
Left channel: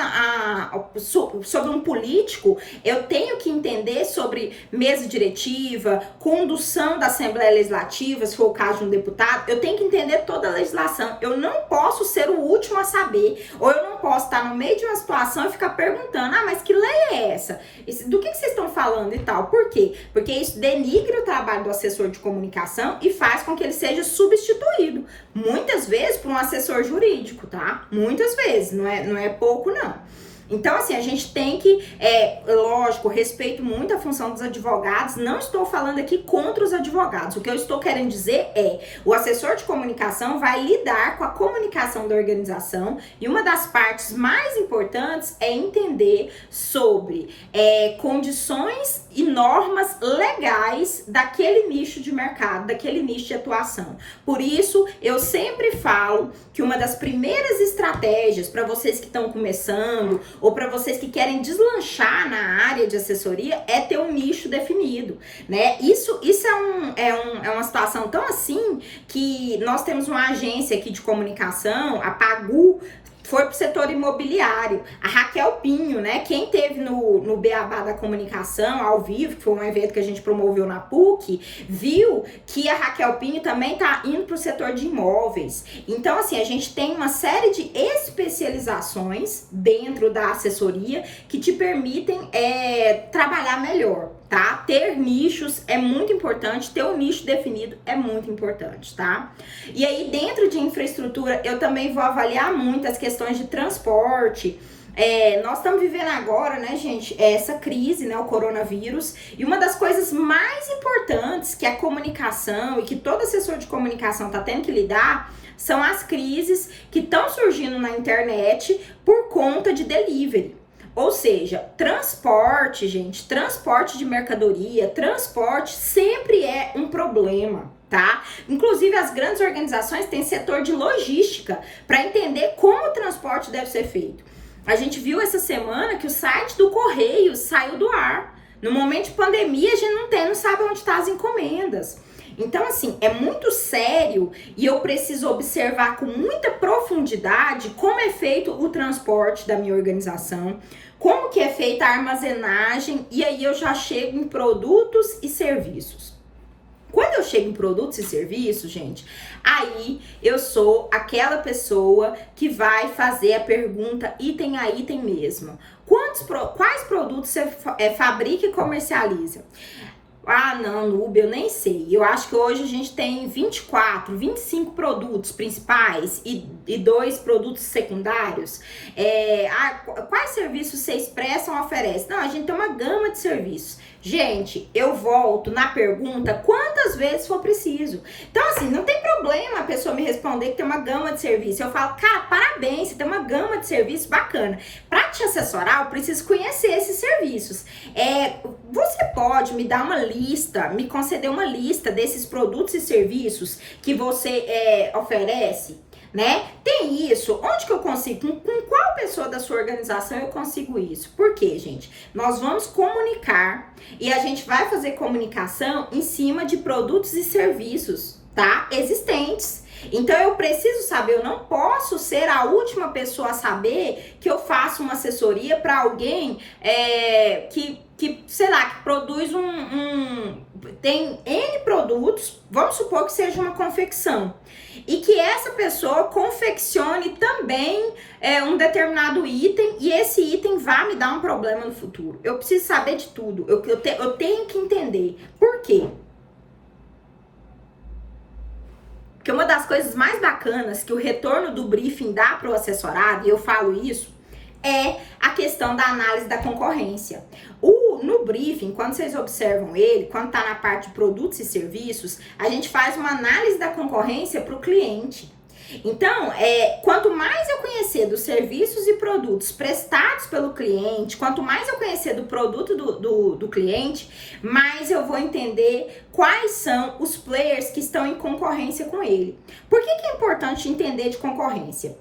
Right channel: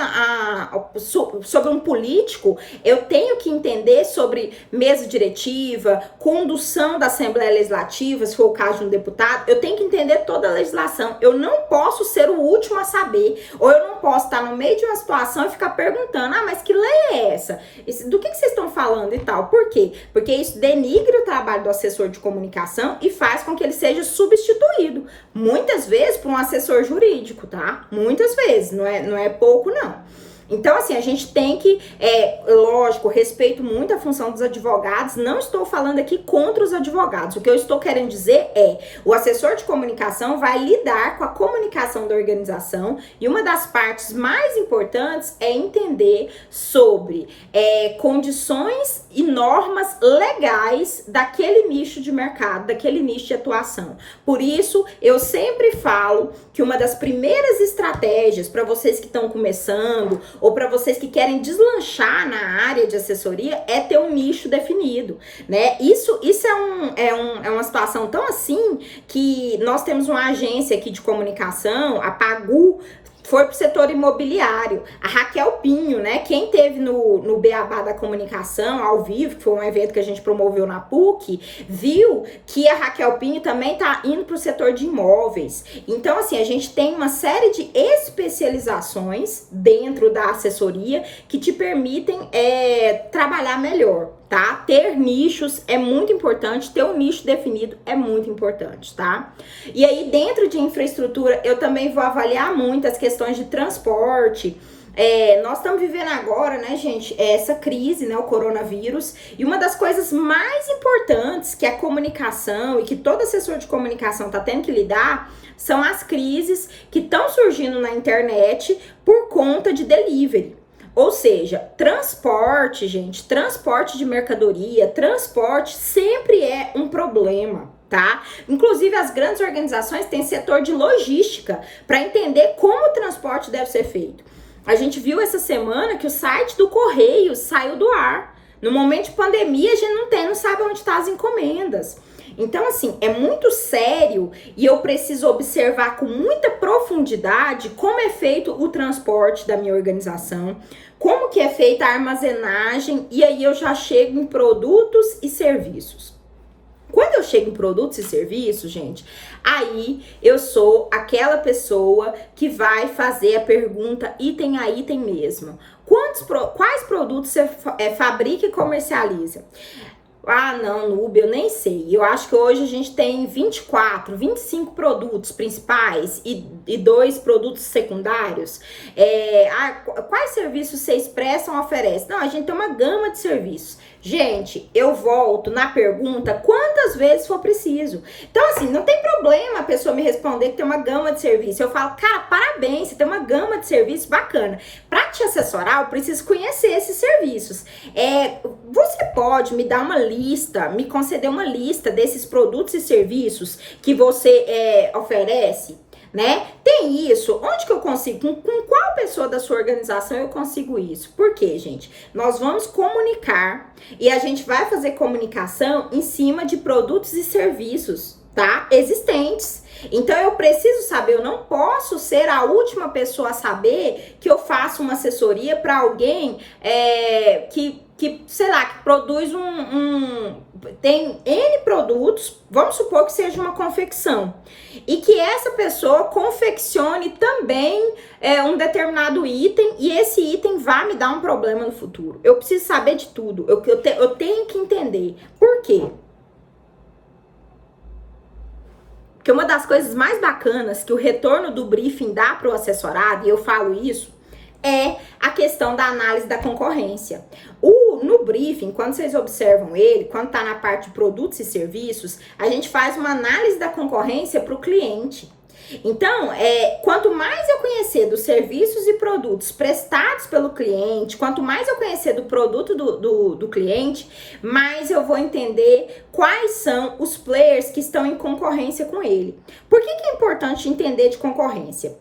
sobre um político, eu tenho que entender sobre mesa diretiva, condução da Assembleia Legislativa, se for o caso de um deputado, eu tenho que entender toda a legislação. Eu não posso ser o último a saber, ou eu não posso estar no meio de uma situação e ficar perguntando, mas que lei é essa? Do que vocês estão falando e tal? Por quê? Porque isso denigre o trabalho do assessor de comunicação e faz com que ele seja substituído, muitas vezes por um assessor jurídico, tá? Muitas vezes, não é pouco não. Então, assim, a gente tem que, lógico, respeito muito a função dos advogados, não estou falando aqui contra os advogados, o que eu estou querendo dizer o assessor de comunicação vai lidar com a comunicação da organização e uma das partes mais importantes é entender sobre condições e normas legais daquele nicho de mercado, daquele nicho de atuação. Por isso, eu sempre falo que uma das primeiras estratégias para vocês que estão começando ou para vocês que querem deslanchar na área de assessoria é ter um nicho definido, né? Isso é uma situação tão assim que nós temos uma agência aqui de comunicação, a Pagu, foi pro setor imobiliário. A Raquel Pinho, né? Quem teve no Beabá da Comunicação, ao vivo, que foi um evento que a gente promoveu na PUC, viu que a Raquel Pinho também tá indo pro setor de imóveis. Então, assim, a gente tem uma série de especializações dentro da assessoria que te permitem trabalhar melhor, tá? Ter nichos é muito importante, ter um nicho definido é muito importante, tá? E aí, dentro de infraestrutura, eu também vou avaliar muito as questões de transporte. Nós estamos vivendo agora, né, gente, essa crise, né, o coronavírus, e uma das coisas mais importantes que a comunicação e que todo assessor de comunicação está tendo que lidar são as crises que estão surgindo na internet por conta de delivery. Ou seja, transporte, gente, transporte de mercadoria, transporte sempre é um problema, tá? Inclusive, as grandes organizações têm setor de logística para entender como o transporte deve ser feito. A gente viu essa semana que o site do Correio saiu do ar. No momento de pandemia, a gente não sabe onde estão as encomendas. Então, assim, é muito sério e eu preciso observar com muita profundidade como é feito o transporte da minha organização, como que é feita a armazenagem, e aí eu já chego em produtos e serviços. Quando eu chego em produtos e serviços, gente, aí eu sou aquela pessoa que vai fazer a pergunta item a item mesmo. Quais produtos você fabrica e comercializa? Não, Nube, eu nem sei. Eu acho que hoje a gente tem 24, 25 produtos principais e 2 produtos secundários. Quais serviços vocês prestam ou oferecem? Não, a gente tem uma gama de serviços. Gente, eu volto na pergunta quantas vezes for preciso. Então, assim, não tem problema a pessoa me responder que tem uma gama de serviço. Eu falo, cara, parabéns, você tem uma gama de serviço bacana. Para te assessorar, eu preciso conhecer esses serviços. Você pode me dar uma lista, me conceder uma lista desses produtos e serviços que você oferece? Né? Tem isso. Onde que eu consigo? Com qual pessoa da sua organização eu consigo isso? Por quê, gente? Nós vamos comunicar e a gente vai fazer comunicação em cima de produtos e serviços, tá? Existentes. Então eu preciso saber, eu não posso ser a última pessoa a saber que eu faço uma assessoria para alguém que sei lá, que produz tem N produtos, vamos supor que seja uma confecção, e que essa pessoa confeccione também um determinado item, e esse item vai me dar um problema no futuro. Eu preciso saber de tudo, eu tenho que entender. Por quê? Porque uma das coisas mais bacanas que o retorno do briefing dá para o assessorado, e eu falo isso, é a questão da análise da concorrência. No briefing, quando vocês observam ele, quando está na parte de produtos e serviços, a gente faz uma análise da concorrência para o cliente. Então, quanto mais eu conhecer dos serviços e produtos prestados pelo cliente, quanto mais eu conhecer do produto do cliente, mais eu vou entender quais são os players que estão em concorrência com ele. Por que é importante entender de concorrência?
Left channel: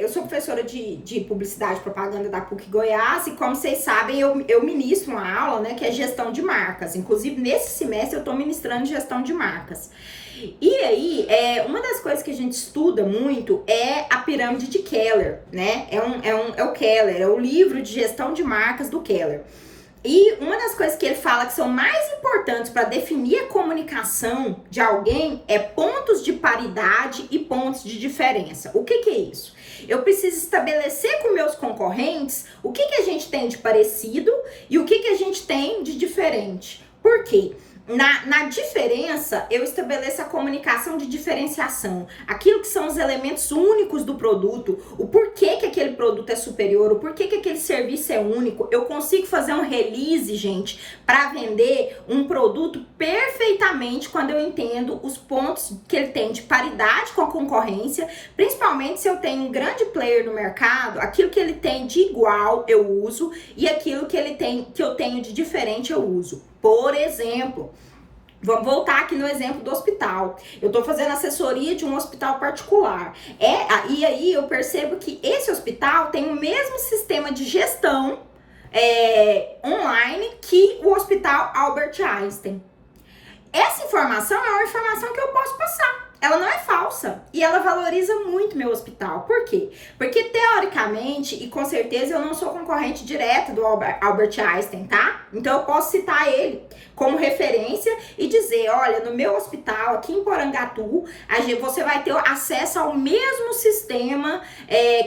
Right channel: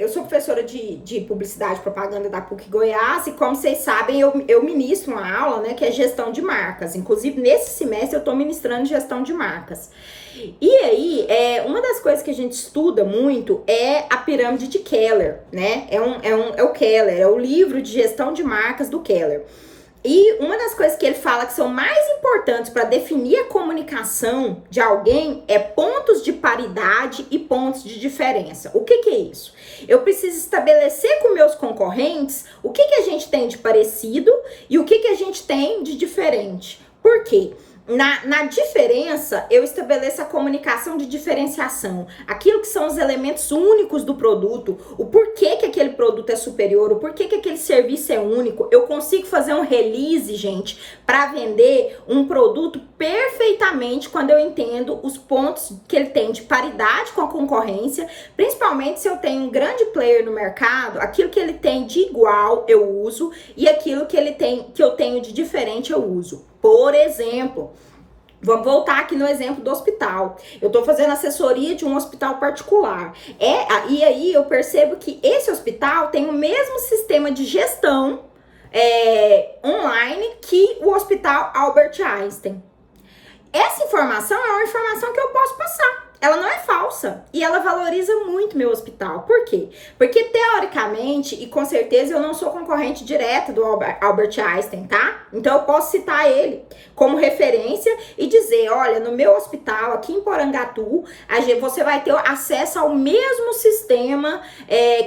Eu sou professora de publicidade e propaganda da PUC Goiás e, como vocês sabem, eu ministro uma aula, né, que é gestão de marcas. Inclusive, nesse semestre eu estou ministrando gestão de marcas. E aí, uma das coisas que a gente estuda muito é a pirâmide de Keller, né? É o Keller, é o livro de gestão de marcas do Keller. E uma das coisas que ele fala que são mais importantes para definir a comunicação de alguém é pontos de paridade e pontos de diferença. O que é isso? Eu preciso estabelecer com meus concorrentes o que a gente tem de parecido e o que a gente tem de diferente. Por quê? Na diferença, eu estabeleço a comunicação de diferenciação, aquilo que são os elementos únicos do produto, o porquê que aquele produto é superior, o porquê que aquele serviço é único. Eu consigo fazer um release, gente, para vender um produto perfeitamente quando eu entendo os pontos que ele tem de paridade com a concorrência, principalmente se eu tenho um grande player no mercado, aquilo que ele tem de igual eu uso e aquilo que eu tenho de diferente eu uso. Por exemplo, vamos voltar aqui no exemplo do hospital. Eu estou fazendo assessoria de um hospital particular. E aí eu percebo que esse hospital tem o mesmo sistema de gestão online que o Hospital Albert Einstein. Essa informação é uma informação que eu posso passar. Ela não é falsa e ela valoriza muito meu hospital. Por quê? Porque teoricamente, e com certeza eu não sou concorrente direta do Albert Einstein, tá? Então eu posso citar ele como referência e dizer, olha, no meu hospital aqui em Porangatu, você vai ter acesso ao mesmo sistema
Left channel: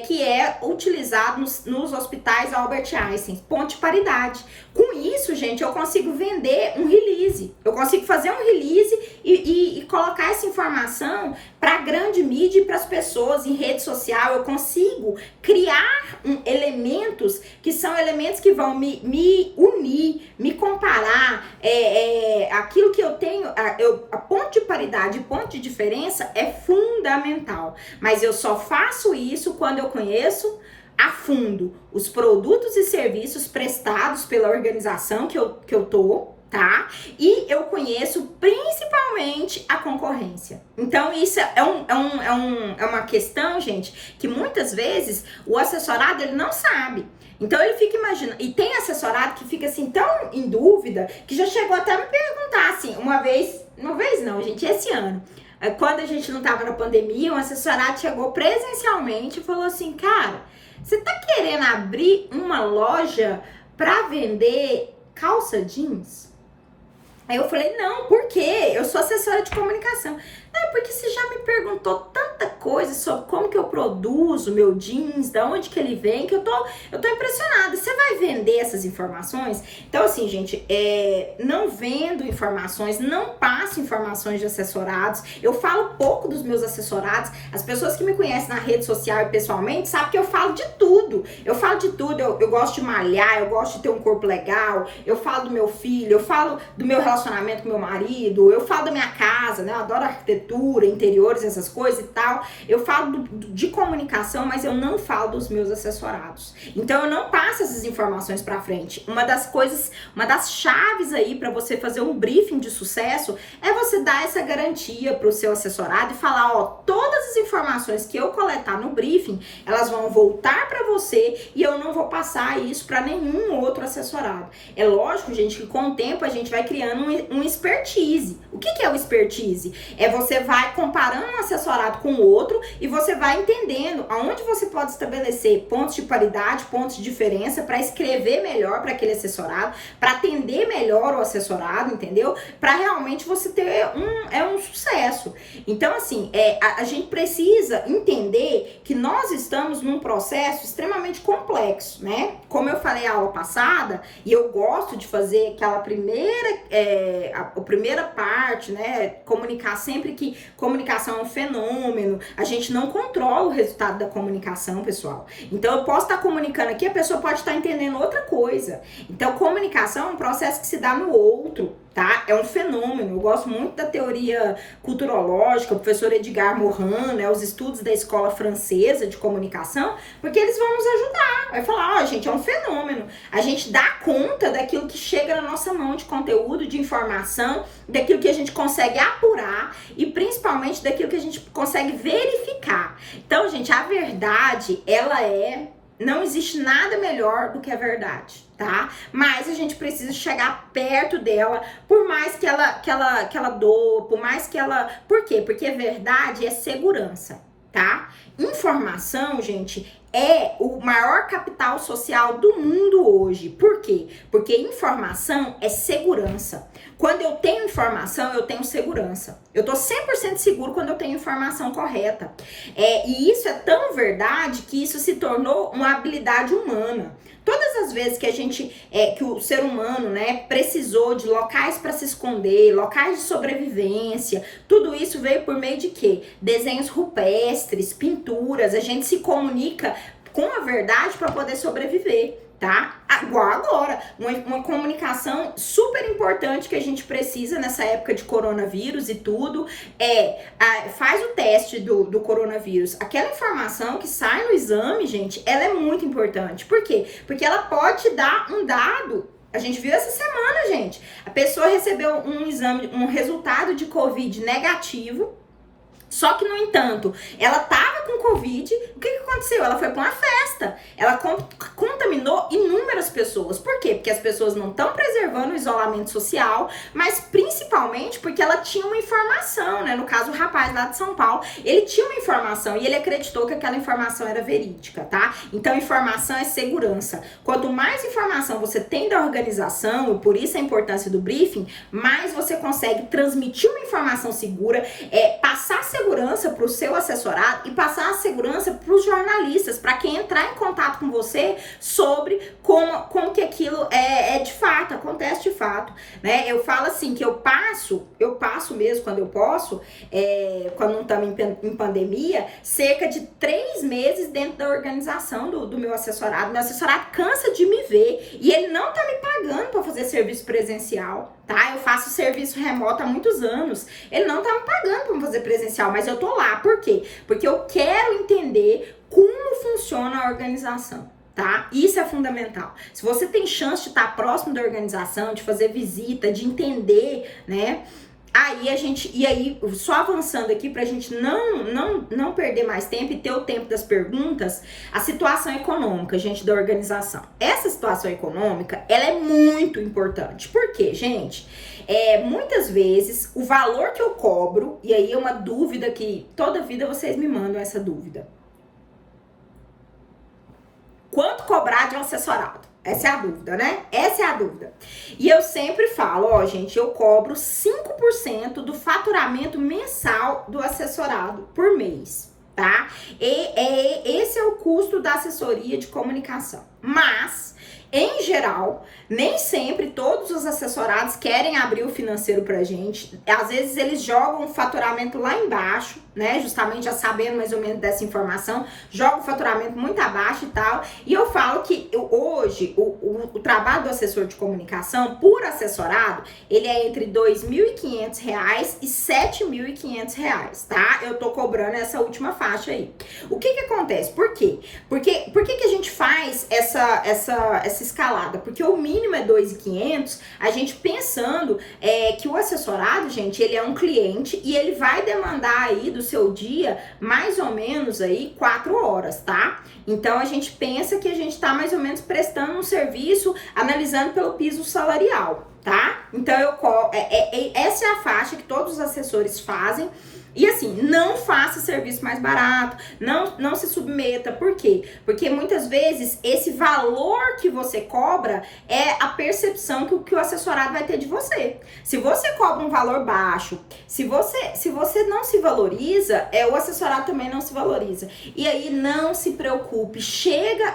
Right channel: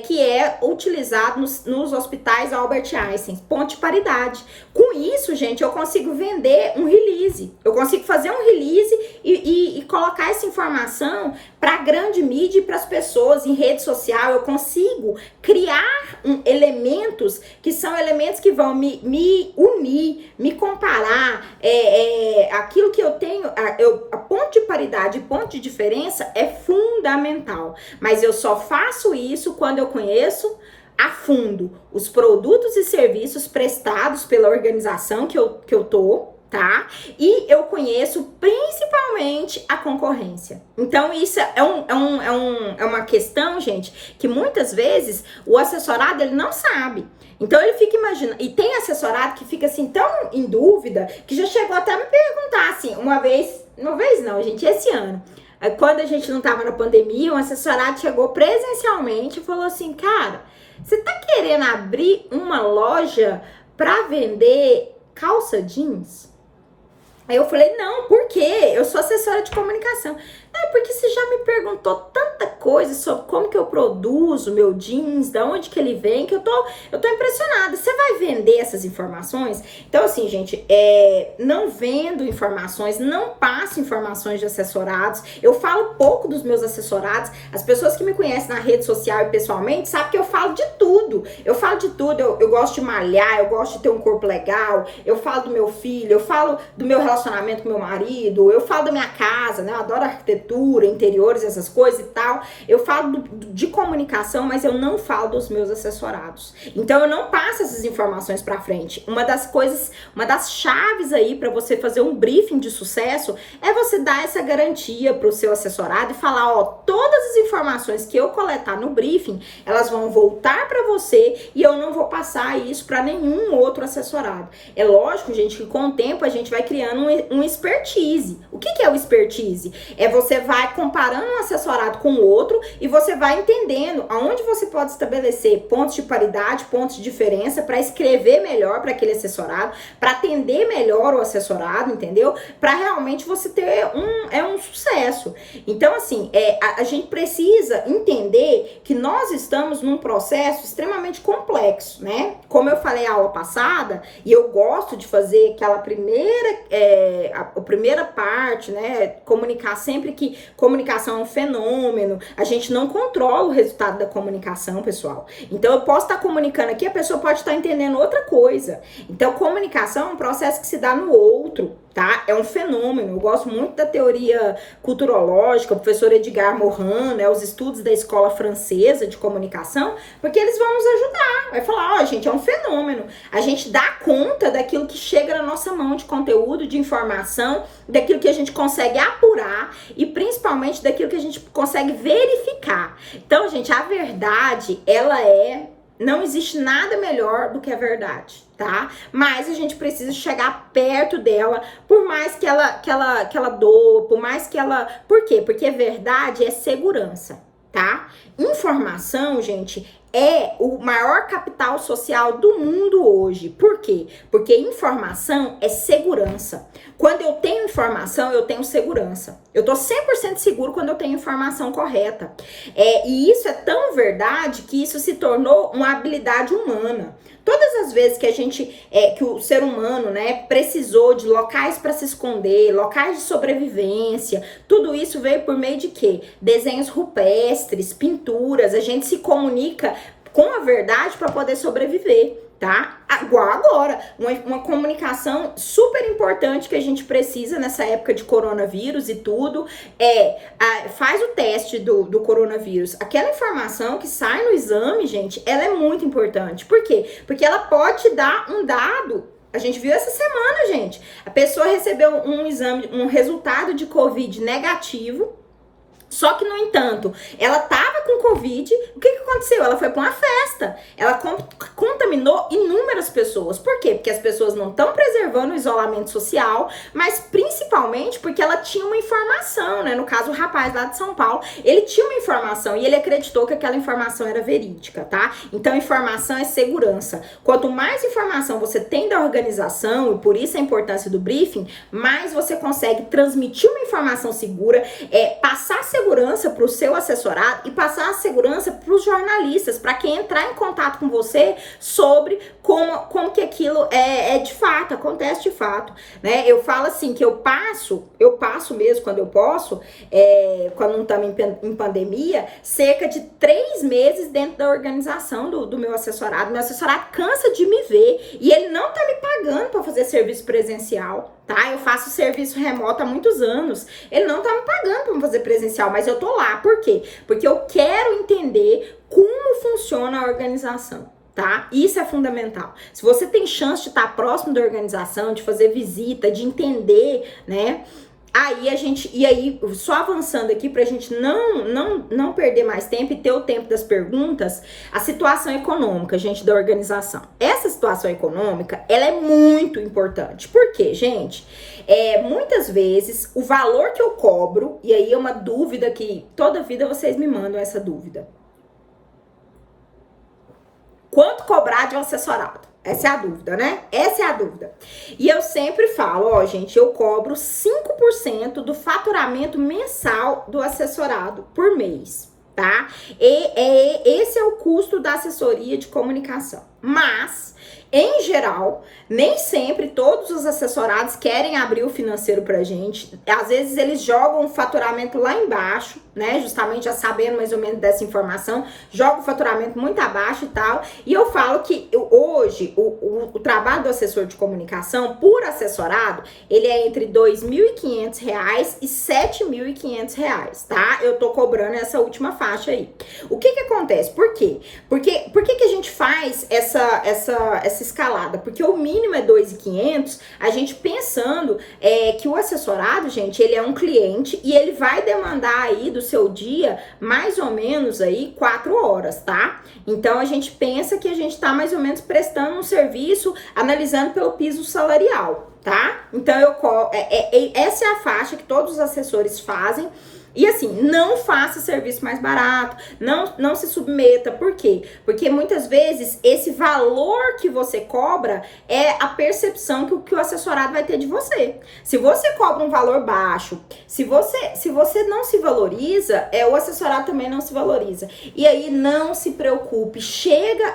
que é utilizado nos hospitais Albert Einstein, ponto de paridade. Com isso, gente, eu consigo vender um release, eu consigo fazer um release e colocar essa informação para a grande mídia e para as pessoas em rede social. Eu consigo criar elementos que são elementos que vão me unir, me comparar. Aquilo que eu tenho, a ponto de paridade e ponto de diferença é fundamental. Mas eu só faço isso quando eu conheço a fundo os produtos e serviços prestados pela organização que eu tô, tá? E eu conheço principalmente a concorrência. Então, isso é uma questão, gente, que muitas vezes o assessorado ele não sabe. Então, ele fica imaginando. E tem assessorado que fica assim tão em dúvida que já chegou até a me perguntar assim, uma vez não, gente, esse ano. Quando a gente não tava na pandemia, um assessorado chegou presencialmente e falou assim, cara, você tá querendo abrir uma loja pra vender calça jeans? Aí eu falei, não, por quê? Eu sou assessora de comunicação. Não, porque você já me perguntou tanta coisa sobre como que eu produzo meu jeans, de onde que ele vem, que eu tô impressionada. Você vai vender essas informações? Então, assim, gente, não vendo informações, não passo informações de assessorados. Eu falo pouco dos meus assessorados. As pessoas que me conhecem na rede social e pessoalmente sabem que eu falo de tudo. Eu falo de tudo. Eu gosto de malhar, eu gosto de ter um corpo legal, eu falo do meu filho, eu falo do meu relacionamento com meu marido, eu falo da minha casa, né? Eu adoro arquitetura, interiores, essas coisas e tal. Eu falo de comunicação, mas eu não falo dos meus assessorados. Então eu não passo essas informações para frente. Uma das chaves aí para você fazer um briefing de sucesso é você dar essa garantia para o seu assessorado e falar, ó, todas as informações que eu coletar no briefing, elas vão voltar para você e eu não vou passar isso para nenhum outro assessorado. É lógico, gente, que com o tempo a gente vai criando um expertise. O que é o expertise? Você vai comparando um assessorado com o outro e você vai entendendo aonde você pode estabelecer pontos de paridade, pontos de diferença para escrever melhor para aquele assessorado, para atender melhor o assessorado, entendeu? Para realmente você ter um sucesso. Então, assim, a gente precisa entender que nós estamos num processo extremamente complexo, né? Como eu falei na aula passada, e eu gosto de fazer aquela a primeira parte, né? Comunicar sempre que comunicação é um fenômeno, a gente não controla o resultado da comunicação, pessoal. Então, eu posso estar comunicando aqui, a pessoa pode estar entendendo outra coisa. Então, comunicação é um processo que se dá no outro. tá? É um fenômeno. Eu gosto muito da teoria culturológica, o professor Edgar Morin, né, os estudos da escola francesa de comunicação, porque eles vão nos ajudar. Vai falar, ó, gente, é um fenômeno. A gente dá conta daquilo que chega na nossa mão de conteúdo, de informação, daquilo que a gente consegue apurar e principalmente daquilo que a gente consegue verificar. Então, gente, a verdade, não existe nada melhor do que a verdade, tá? Mas a gente precisa chegar perto dela, por mais que ela doa, por mais que ela... Por quê? Porque verdade é segurança, tá? Informação, gente, é o maior capital social do mundo hoje. Por quê? Porque informação é segurança. Quando eu tenho informação, eu tenho segurança. Eu tô 100% seguro quando eu tenho informação correta. E isso é tão verdade que isso se tornou uma habilidade humana. Todas as vezes que o ser humano, né, precisou de locais para se esconder, locais de sobrevivência, tudo isso veio por meio de quê? Desenhos rupestres, pinturas, a gente se comunica com a verdade para poder sobreviver. Tá? Igual agora, uma comunicação super importante que a gente precisa nessa época de coronavírus e tudo, faz o teste do coronavírus. Aquela informação que sai no exame, gente, ela é muito importante. Por quê? Porque ela pode te dar um dado. A gente viu essa semana, gente. A pessoa recebeu um exame, um resultado de Covid negativo. Só que, no entanto, ela tava com Covid, o que aconteceu? Ela foi pra uma festa, ela contaminou inúmeras pessoas. Por quê? Porque as pessoas não estão preservando o isolamento social, mas principalmente porque ela tinha uma informação, né? No caso, o rapaz lá de São Paulo, ele tinha uma informação e ele acreditou que aquela informação era verídica, tá? Então, informação é segurança. Quanto mais informação você tem da organização, e por isso a importância do briefing, mais você consegue transmitir uma informação segura, passar segurança para o seu assessorado e passar a segurança para os jornalistas, para quem entrar em contato com você sobre como que aquilo é de fato, acontece de fato, né? Eu falo assim, que eu passo mesmo quando eu posso, quando não estamos em pandemia, cerca de 3 meses dentro da organização do meu assessorado. Meu assessorado cansa de me ver e ele não tá me pagando para fazer serviço presencial, tá? Eu faço serviço remoto há muitos anos, ele não tá me pagando para fazer presencial, mas eu tô lá. Por quê? Porque eu quero entender como funciona a organização, tá? Isso é fundamental. Se você tem chance de estar próximo da organização, de fazer visita, de entender, né? Aí só avançando aqui pra gente não perder mais tempo e ter o tempo das perguntas, a situação econômica, gente, da organização. Essa situação econômica, ela é muito importante. Por quê, gente? Muitas vezes, o valor que eu cobro, e aí é uma dúvida que toda vida vocês me mandam essa dúvida. Quanto cobrar de um assessorado? Essa é a dúvida, né? Essa é a dúvida. E eu sempre falo, ó, gente, eu cobro 5% do faturamento mensal do assessorado por mês, tá? Esse é o custo da assessoria de comunicação. Mas, em geral, nem sempre todos os assessorados querem abrir o financeiro pra gente. Às vezes eles jogam o faturamento lá embaixo, né? Justamente já sabendo mais ou menos dessa informação, jogam o faturamento muito abaixo e tal. E eu falo que hoje o trabalho do assessor de comunicação, por assessorado, ele é entre R$ 2.500 e R$ 7.500, tá? Eu tô cobrando essa última faixa aí. O que acontece? Por quê? Por que a gente faz essa escalada? Porque o mínimo é 2.500, a gente pensando que o assessorado, gente, ele é um cliente e ele vai demandar aí do seu dia mais ou menos aí 4 horas, tá? Então a gente pensa que a gente tá mais ou menos prestando um serviço analisando pelo piso salarial, tá? Então essa é a faixa que todos os assessores fazem. E assim, não faça serviço mais barato, não se submeta. Por quê? Porque muitas vezes esse valor que você cobra é a percepção que o assessorado vai ter de você. Se você cobra um valor baixo, se você não se valoriza, o assessorado também não se valoriza. E aí não se preocupe,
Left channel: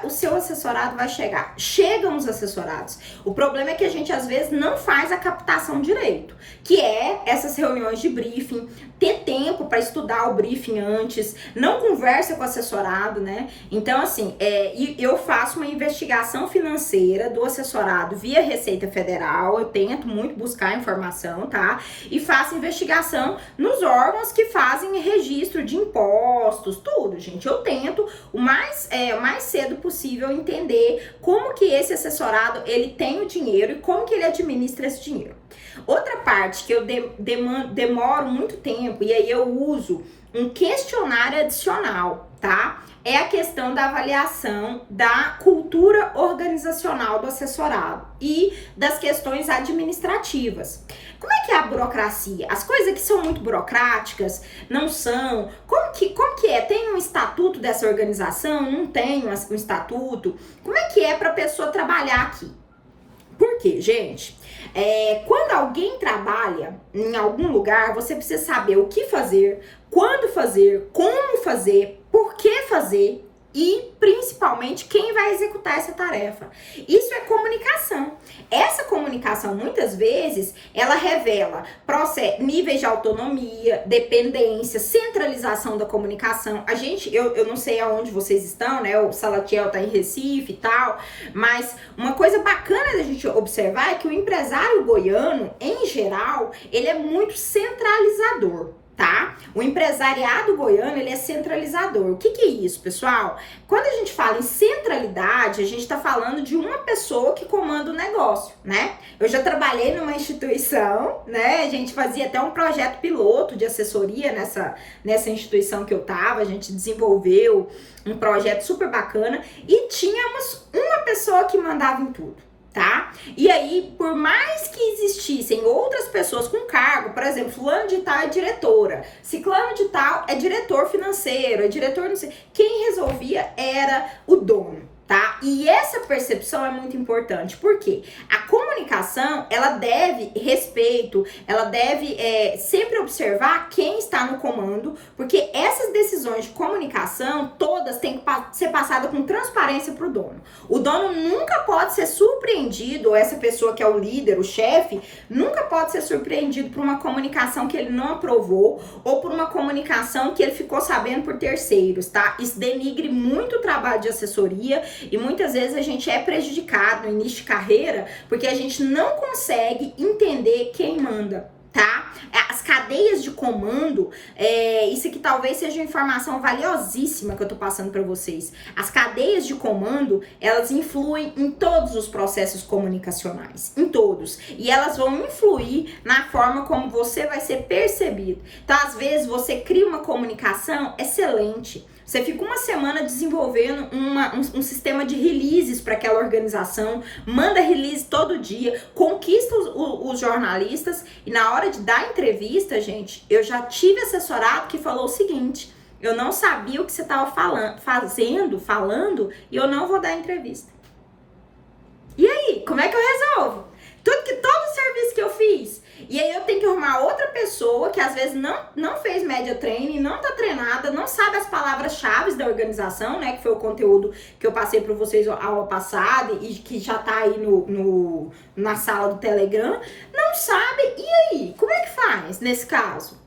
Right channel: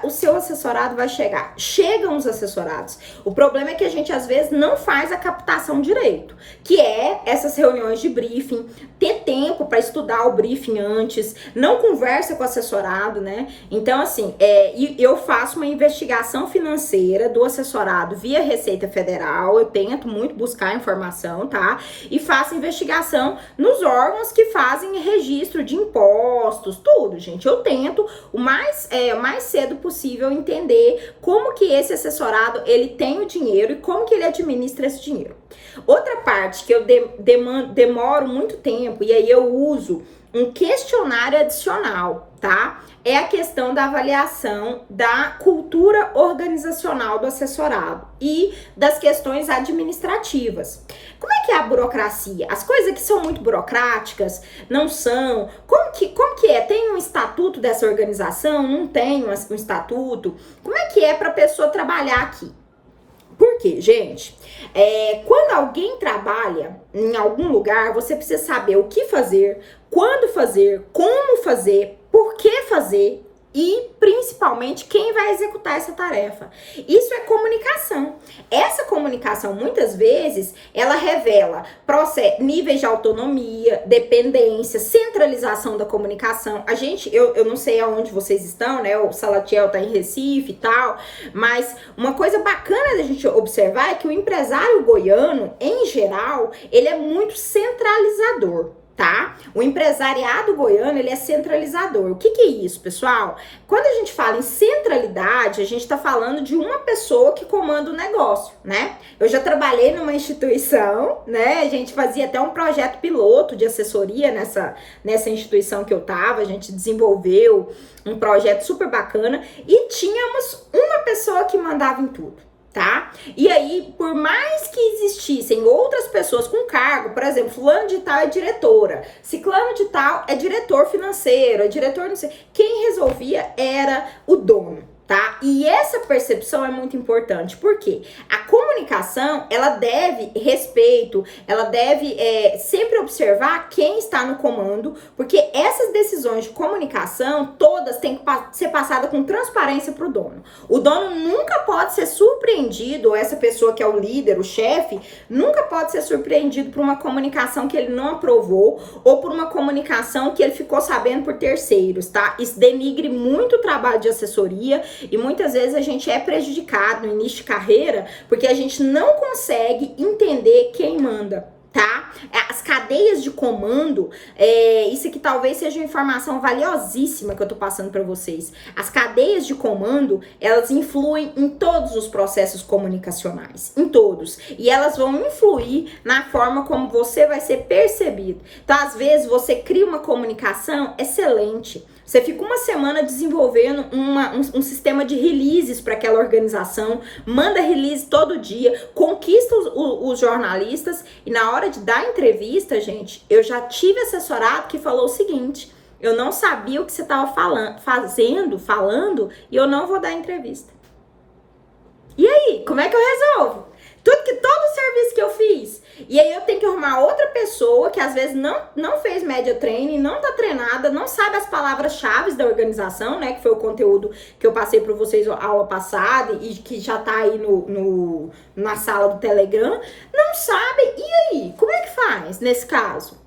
o seu assessorado vai chegar. Chegam os assessorados. O problema é que a gente às vezes não faz a captação direito, que é essas reuniões de briefing, ter tempo para estudar o briefing antes, não conversa com o assessorado, né? Então, assim, eu faço uma investigação financeira do assessorado via Receita Federal, eu tento muito buscar informação, tá? E faço investigação nos órgãos que fazem registro de impostos, tudo, gente. Eu tento o mais cedo possível entender como que esse assessorado, ele tem o dinheiro e como que ele administra esse dinheiro. Outra parte que eu demoro muito tempo, e aí eu uso um questionário adicional, tá? É a questão da avaliação da cultura organizacional do assessorado e das questões administrativas. Como é que é a burocracia? As coisas que são muito burocráticas, não são? Como que é? Tem um estatuto dessa organização? Não tem um estatuto? Como é que é para a pessoa trabalhar aqui? Por quê, gente? Quando alguém trabalha em algum lugar, você precisa saber o que fazer, quando fazer, como fazer, por que fazer e, principalmente, quem vai executar essa tarefa. Isso é comunicação. Essa comunicação, muitas vezes, ela revela níveis de autonomia, dependência, centralização da comunicação. Eu não sei aonde vocês estão, né? O Salatiel tá em Recife e tal, mas uma coisa bacana da gente observar é que o empresário goiano, em geral, ele é muito centralizador. Tá? O empresariado goiano, ele é centralizador. O que é isso, pessoal? Quando a gente fala em centralidade, a gente tá falando de uma pessoa que comanda o negócio, né? Eu já trabalhei numa instituição, né? A gente fazia até um projeto piloto de assessoria nessa instituição que eu tava. A gente desenvolveu um projeto super bacana e tínhamos uma pessoa que mandava em tudo. Tá? E aí, por mais que existissem outras pessoas com cargo, por exemplo, fulano de tal é diretora, ciclano de tal é diretor financeiro, é diretor não sei, quem resolvia era o dono, tá? E essa percepção é muito importante, porque a comunicação, ela deve respeito, ela deve sempre observar quem está no comando, porque essas decisões de comunicação, todas têm que ser passadas com transparência para o dono. O dono nunca pode ser surpreendido, ou essa pessoa que é o líder, o chefe, nunca pode ser surpreendido por uma comunicação que ele não aprovou, ou por uma comunicação que ele ficou sabendo por terceiros, tá? Isso denigre muito o trabalho de assessoria, e muitas vezes a gente é prejudicado no início de carreira porque a gente não consegue entender quem manda, tá? As cadeias de comando, isso aqui talvez seja uma informação valiosíssima que eu tô passando para vocês. As cadeias de comando, elas influem em todos os processos comunicacionais, em todos. E elas vão influir na forma como você vai ser percebido. Então, às vezes, você cria uma comunicação excelente. Você fica uma semana desenvolvendo um sistema de releases para aquela organização, manda release todo dia, conquista os jornalistas e na hora de dar entrevista, gente, eu já tive assessorado que falou o seguinte: eu não sabia o que você estava falando e eu não vou dar entrevista. E aí, como é que eu resolvo? Todo serviço que eu fiz. E aí eu tenho que arrumar outra pessoa que às vezes não fez média training, não tá treinada, não sabe as palavras-chave da organização, né? Que foi o conteúdo que eu passei para vocês a aula passada e que já tá aí na sala do Telegram. Não sabe. E aí? Como é que faz nesse caso?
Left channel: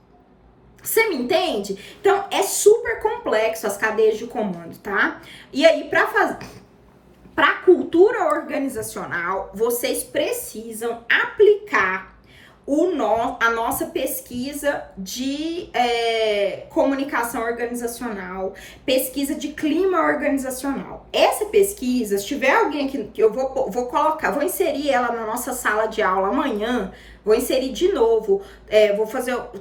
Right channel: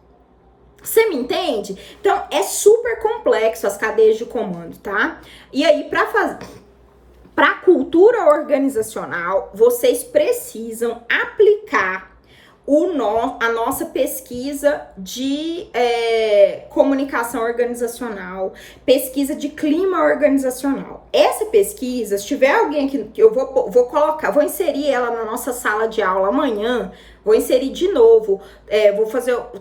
Você me entende? Então é super complexo as cadeias de comando, tá? E aí para a cultura organizacional, vocês precisam aplicar a nossa pesquisa de comunicação organizacional, pesquisa de clima organizacional. Essa pesquisa, se tiver alguém que eu vou inserir ela na nossa sala de aula amanhã, vou inserir de novo,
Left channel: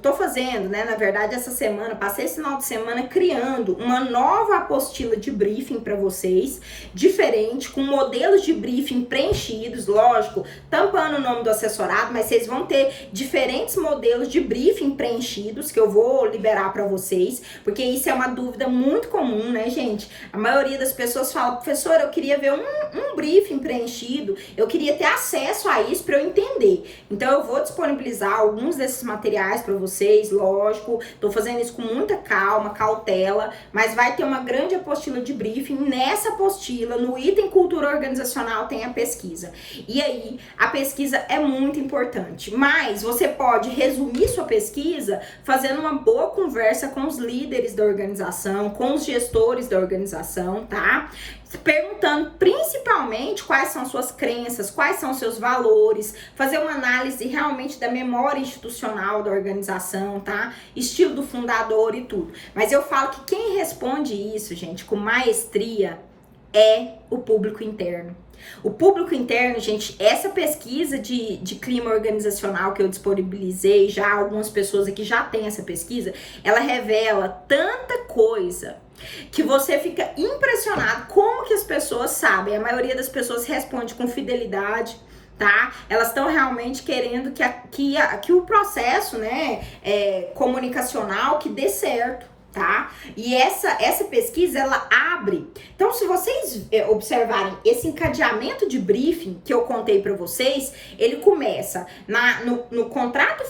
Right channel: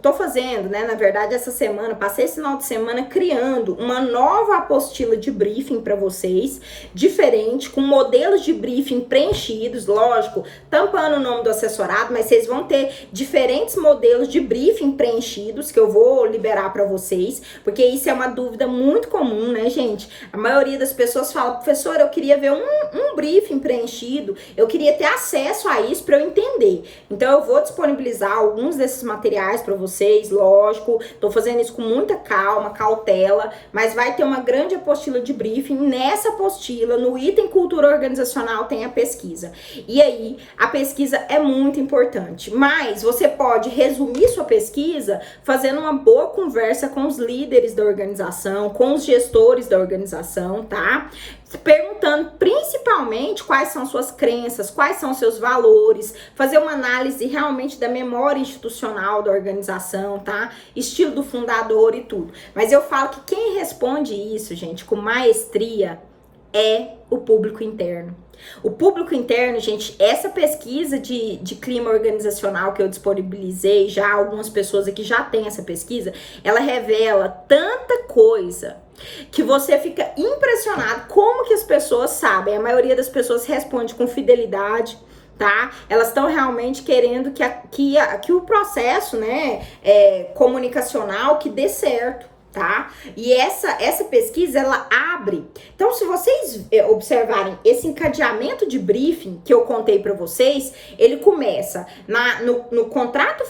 tô fazendo, né, na verdade, essa semana, passei esse final de semana criando uma nova apostila de briefing para vocês, diferente, com modelos de briefing preenchidos, lógico, tampando o nome do assessorado, mas vocês vão ter diferentes modelos de briefing preenchidos, que eu vou liberar para vocês, porque isso é uma dúvida muito comum, né, gente? A maioria das pessoas fala: professora, eu queria ver um briefing preenchido, eu queria ter acesso a isso para eu entender. Então, eu vou vou disponibilizar alguns desses materiais para vocês, lógico. Tô fazendo isso com muita calma, cautela, mas vai ter uma grande apostila de briefing. Nessa apostila, no item cultura organizacional, tem a pesquisa. E aí, a pesquisa é muito importante, mas você pode resumir sua pesquisa fazendo uma boa conversa com os líderes da organização, com os gestores da organização, tá? Perguntando principalmente quais são suas crenças, quais são seus valores, fazer uma análise realmente da memória institucional da organização, tá? Estilo do fundador e tudo. Mas eu falo que quem responde isso, gente, com maestria é o público interno. O público interno, gente, essa pesquisa de clima organizacional que eu disponibilizei, já algumas pessoas aqui já têm essa pesquisa, ela revela tanta coisa que você fica impressionado como que as pessoas sabem. A maioria das pessoas responde com fidelidade, tá? Elas estão realmente querendo que o processo, né, comunicacional que dê certo, tá? E essa pesquisa, ela abre. Então, se vocês observarem esse encadeamento de briefing que eu contei para vocês, ele começa no contrato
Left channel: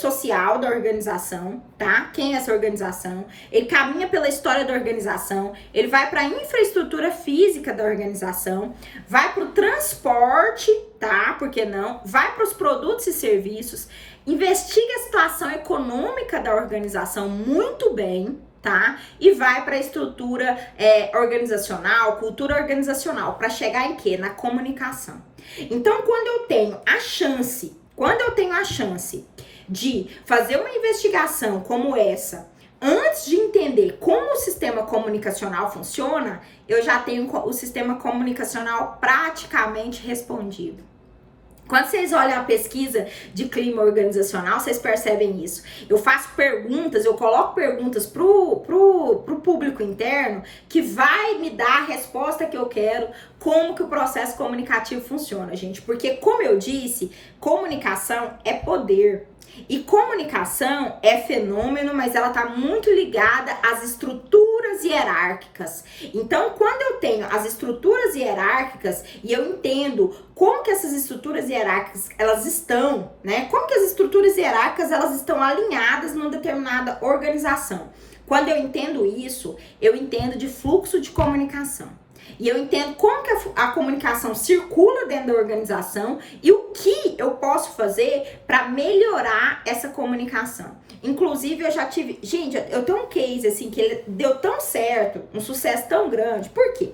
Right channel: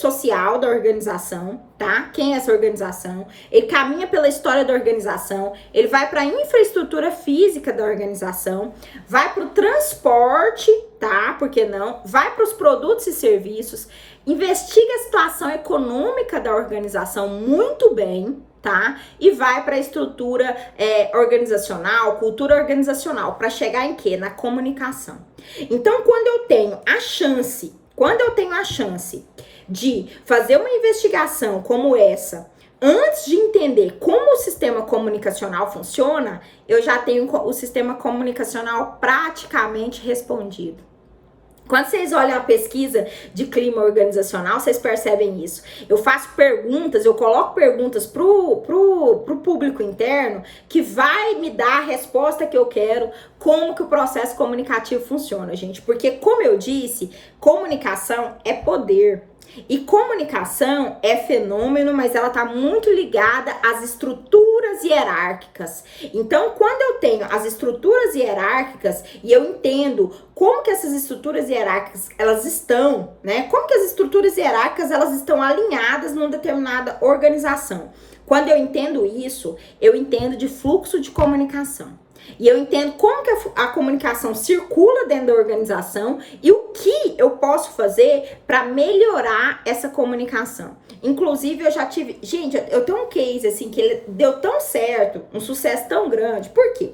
social da organização, tá? Quem é essa organização? Ele caminha pela história da organização, ele vai para a infraestrutura física da organização, vai para o transporte, tá? Por que não? Vai para os produtos e serviços, investiga a situação econômica da organização muito bem, tá? E vai para a estrutura organizacional, cultura organizacional, para chegar em quê? Na comunicação. Então, quando eu tenho a chance de fazer uma investigação como essa, antes de entender como o sistema comunicacional funciona, eu já tenho o sistema comunicacional praticamente respondido. Quando vocês olham a pesquisa de clima organizacional, vocês percebem isso. Eu faço perguntas, eu coloco perguntas pro público interno que vai me dar a resposta que eu quero, como que o processo comunicativo funciona, gente. Porque, como eu disse, comunicação é poder. E comunicação é fenômeno, mas ela tá muito ligada às estruturas hierárquicas. Então, quando eu tenho as estruturas hierárquicas e eu entendo como que essas estruturas hierárquicas elas estão, né? Como que as estruturas hierárquicas elas estão alinhadas numa determinada organização. Quando eu entendo isso, eu entendo de fluxo de comunicação. E eu entendo como que a comunicação circula dentro da organização e o que eu posso fazer para melhorar essa comunicação. Inclusive, eu já tive... Gente, eu tenho um case, assim, que ele deu tão certo, um sucesso tão grande. Por quê?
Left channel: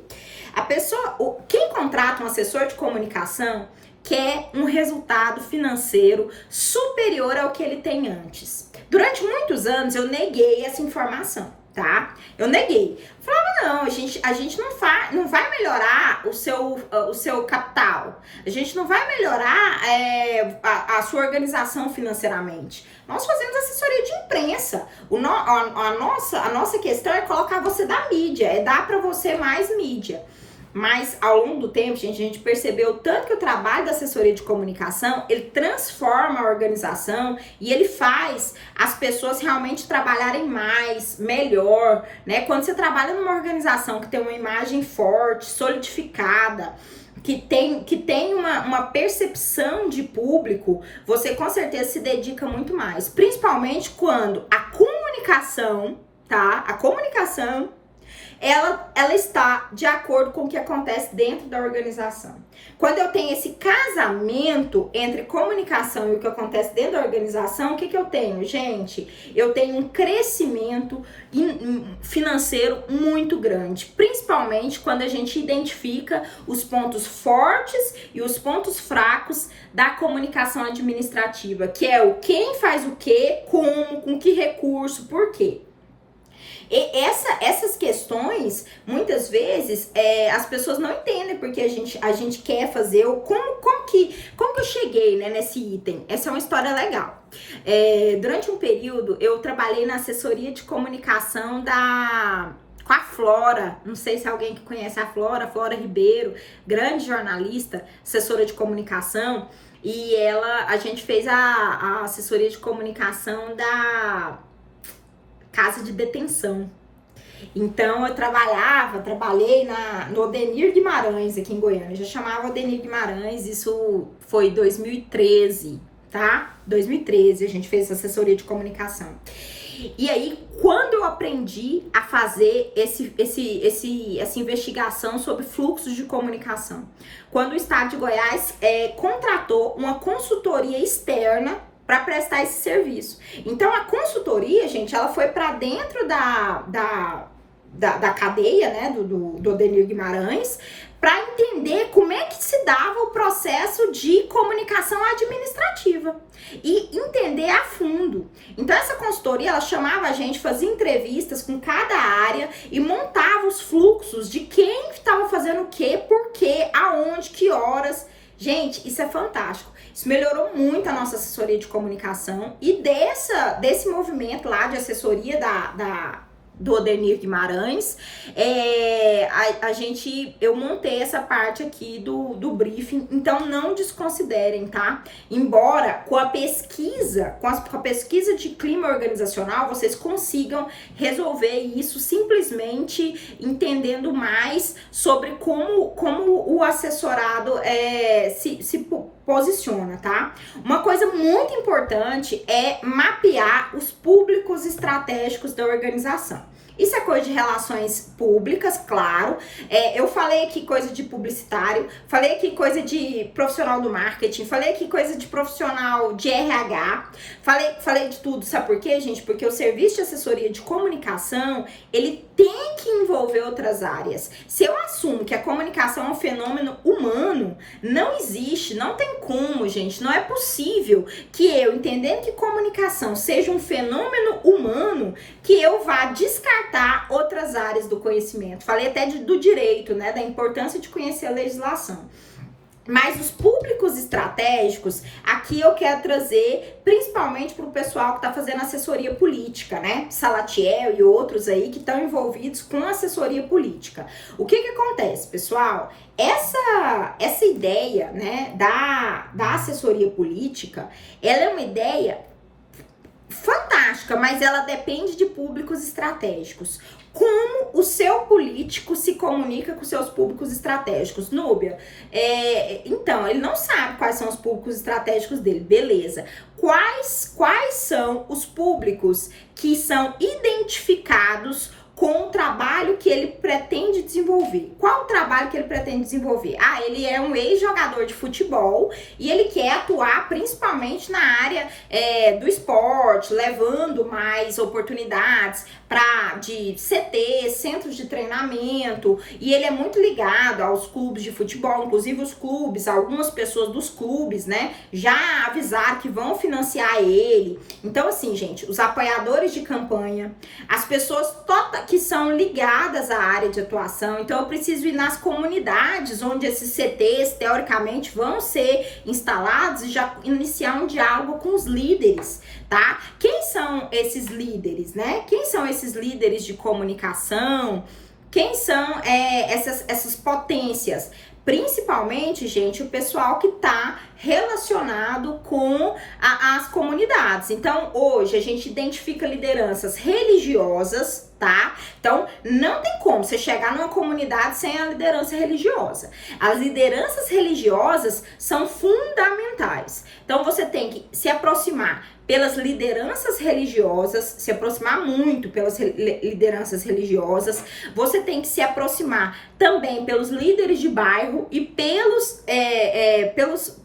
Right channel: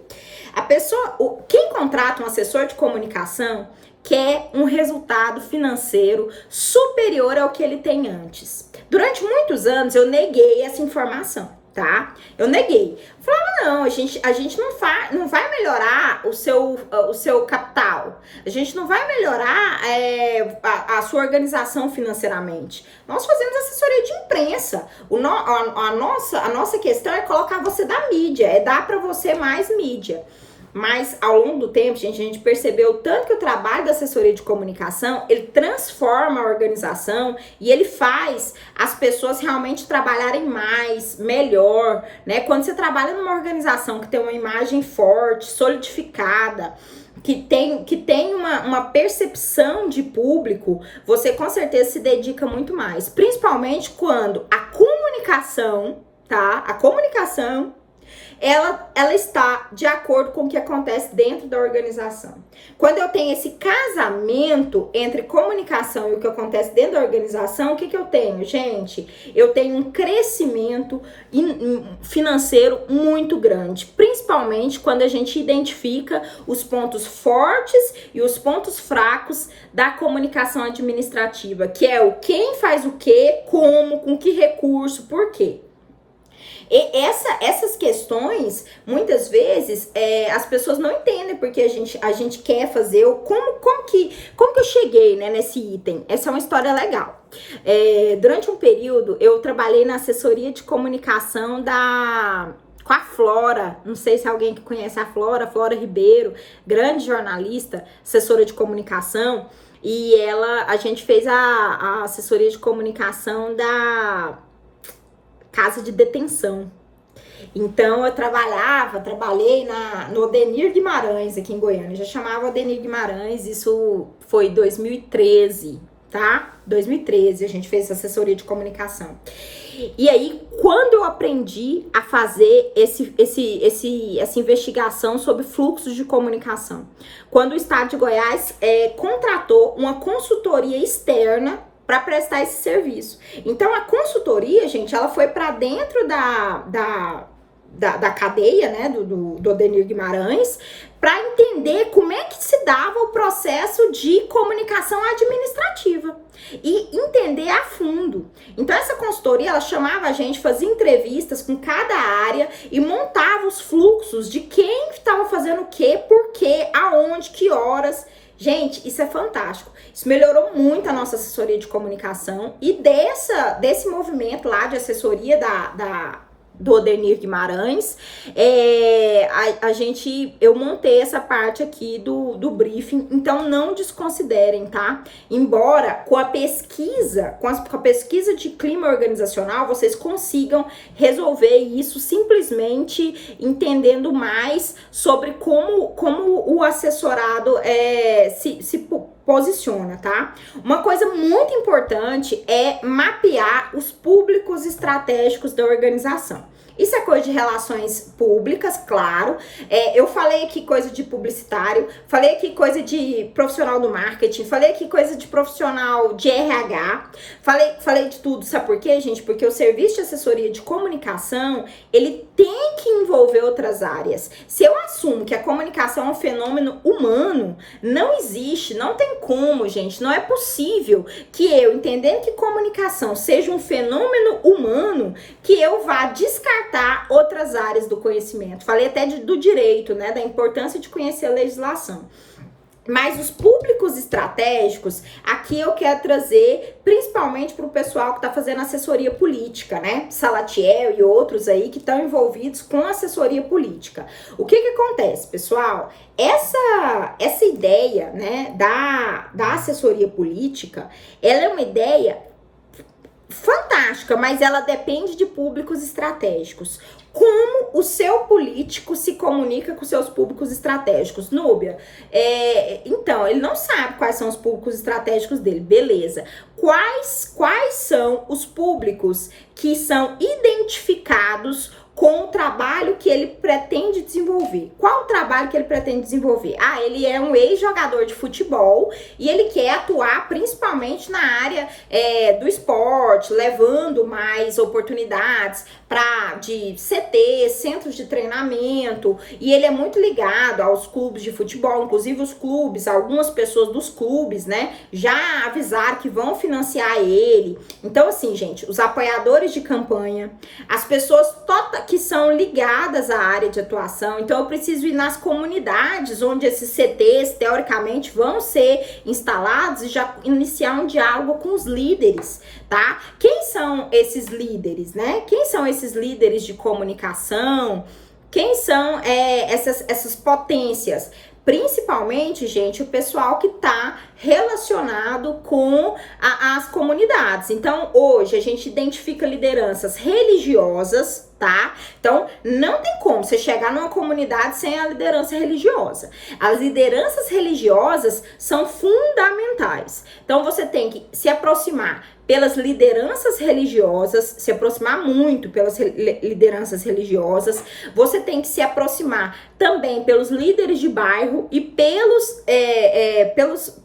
A pessoa... Quem contrata um assessor de comunicação quer um resultado financeiro superior ao que ele tem antes. Durante muitos anos, eu neguei essa informação, tá? Eu neguei. Falava, não, a gente não vai melhorar o seu capital. A gente não vai melhorar a sua organização financeiramente. Nós fazemos assessoria de imprensa. A nossa questão é colocar você da mídia, é dar para você mais mídia. Mas ao longo do tempo, gente, a gente percebeu tanto que o trabalho da assessoria de comunicação, ele transforma a organização e ele faz as pessoas realmente trabalharem mais, melhor, né? Quando você trabalha numa organização que tem uma imagem forte, solidificada, que tem uma percepção de público, você com certeza se dedica muito mais. Principalmente quando a comunicação, tá? A comunicação ela está de acordo com o que acontece dentro da organização. Quando eu tenho esse casamento entre comunicação e o que acontece dentro da organização, o que eu tenho, gente? Eu tenho um crescimento financeiro muito grande, principalmente quando a gente identifica os pontos fortes e os pontos fracos da comunicação administrativa, que é o quem faz o quê, como, com que recurso, por quê. E essas questões, muitas vezes, as pessoas não entendem porque a gente quer fazer, como que eu cheguei, né, nesse item. Essa é uma história legal. Durante um período, eu trabalhei na assessoria de comunicação com a Flora, não sei se alguém que conhece a Flora Ribeiro, grande jornalista, assessora de comunicação, e a gente fez a assessoria de comunicação da casa de detenção. Então eu trabalhei no Odenir Guimarães aqui em Goiânia. Eu já chamava Odenir Guimarães, isso foi 2013, tá? 2013 a gente fez assessoria de comunicação. E aí, quando eu aprendi a fazer essa investigação sobre fluxos de comunicação, quando o Estado de Goiás contratou uma consultoria externa para prestar esse serviço. Então, a consultoria, gente, ela foi para dentro da cadeia, né, do Odenir Guimarães, para entender como é que se dava o processo de comunicação administrativa e entender a fundo. Então essa consultoria, ela chamava a gente, fazia entrevistas com cada área e montava os fluxos de quem estava fazendo o quê, por quê, aonde, que horas. Gente, isso é fantástico. Isso melhorou muito a nossa assessoria de comunicação e desse movimento lá de assessoria do Odenir Guimarães, eu montei essa parte aqui do briefing, então não desconsiderem, tá? Embora com a pesquisa de clima organizacional, vocês consigam resolver isso simplesmente entendendo mais sobre como o assessorado se posiciona, tá? Uma coisa muito importante é mapear os públicos estratégicos da organização. Isso é coisa de relações públicas, claro. Eu falei aqui coisa de publicitário, falei aqui coisa de profissional do marketing, falei aqui coisa de profissional de RH, falei de tudo. Sabe por quê, gente? Porque o serviço de assessoria de comunicação, ele tem que envolver outras áreas. Se eu assumo que a comunicação é um fenômeno humano, não existe, não tem como, gente, não é possível que eu, entendendo que comunicação seja um fenômeno humano, que eu vá descartar outras áreas do conhecimento. Falei até do direito, né, da importância de conhecer a legislação. Mas os públicos estratégicos, aqui eu quero trazer principalmente para o pessoal que está fazendo assessoria política, né? Salatiel e outros aí que estão envolvidos com assessoria política. O que acontece, pessoal? Essa ideia, né, da assessoria política, ela é uma ideia fantástica, mas ela depende de públicos estratégicos. Como o seu político se comunica com seus públicos estratégicos? Núbia, então, ele não sabe quais são os públicos estratégicos dele, beleza. Quais são os públicos que são identificados com o trabalho que ele pretende desenvolver? Qual o trabalho que ele pretende desenvolver? Ele é um ex-jogador de futebol e ele quer atuar principalmente na área do esporte, levando mais oportunidades de CT, centros de treinamento, e ele é muito ligado aos clubes de futebol, inclusive os clubes, algumas pessoas dos clubes, né, já avisaram que vão financiar ele. Então, assim, gente, os apoiadores de campanha, as pessoas que são ligadas à área de atuação, então eu preciso ir nas comunidades onde esses CTs, teoricamente, vão ser instalados e já iniciar um diálogo com os líderes, tá? Quem são esses líderes, né? Quem são esses líderes de comunicação? Quem são essas potências? Principalmente, gente, o pessoal que tá relacionado com as comunidades. Então, hoje a gente identifica lideranças religiosas, tá? Então, não tem como você chegar numa comunidade sem a liderança religiosa. As lideranças religiosas são fundamentais. Então, você tem que se aproximar pelas lideranças religiosas, se aproximar muito pelas lideranças religiosas. Você tem que se aproximar também pelos líderes de bairro e pelos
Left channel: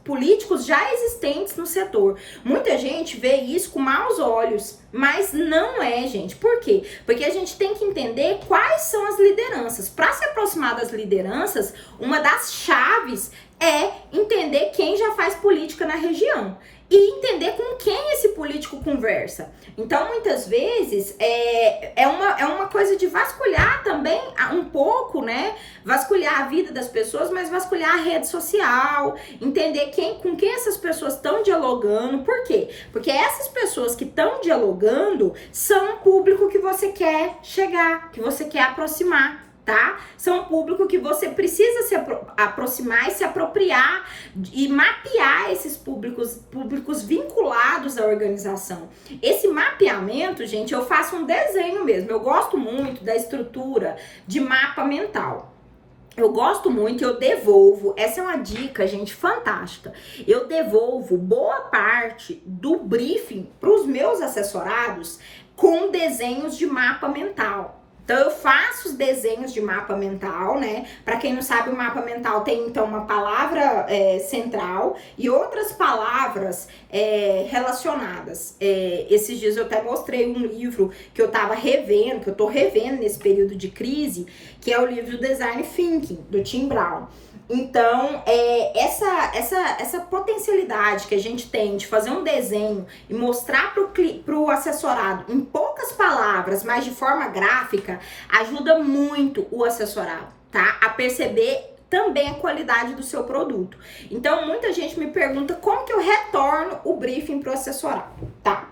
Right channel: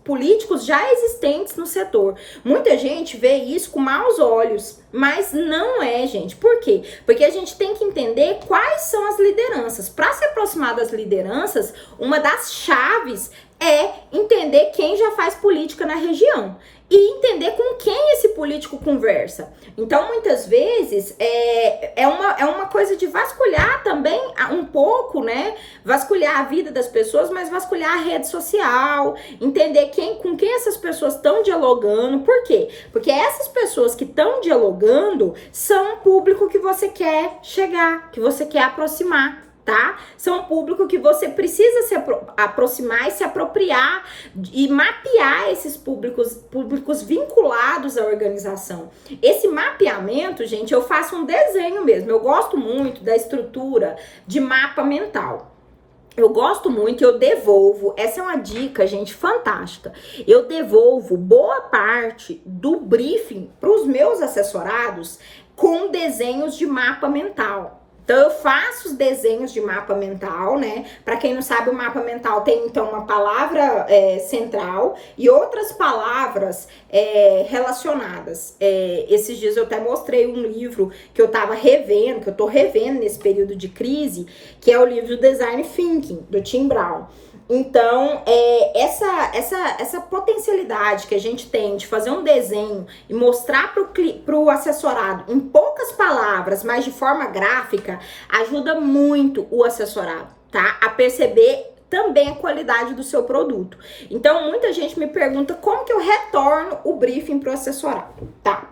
políticos já existentes no setor. Muita gente vê isso com maus olhos, mas não é, gente. Por quê? Porque a gente tem que entender quais são as lideranças. Para se aproximar das lideranças, uma das chaves é entender quem já faz política na região e entender com quem esse político conversa. Então, muitas vezes, é uma coisa de vasculhar também um pouco, né? Vasculhar a vida das pessoas, mas vasculhar a rede social, entender com quem essas pessoas estão dialogando. Por quê? Porque essas pessoas que estão dialogando são o público que você quer chegar, que você quer aproximar. tá? São um público que você precisa se aproximar e se apropriar e mapear esses públicos vinculados à organização. Esse mapeamento, gente, eu faço um desenho mesmo. Eu gosto muito da estrutura de mapa mental. Eu gosto muito, eu devolvo, essa é uma dica, gente, fantástica. Eu devolvo boa parte do briefing para os meus assessorados com desenhos de mapa mental. Então, eu faço os desenhos de mapa mental, né? Para quem não sabe, o mapa mental tem, então, uma palavra central e outras palavras relacionadas. Esses dias eu até mostrei um livro que eu tava revendo, que eu tô revendo nesse período de crise, que é o livro Design Thinking, do Tim Brown. Então, essa potencialidade que a gente tem de fazer um desenho e mostrar pro assessorado em poucas palavras, mas de forma gráfica, ajuda muito o assessorado, tá? A perceber também a qualidade do seu produto. Então, muita gente me pergunta como que eu retorno o briefing pro assessorado, tá?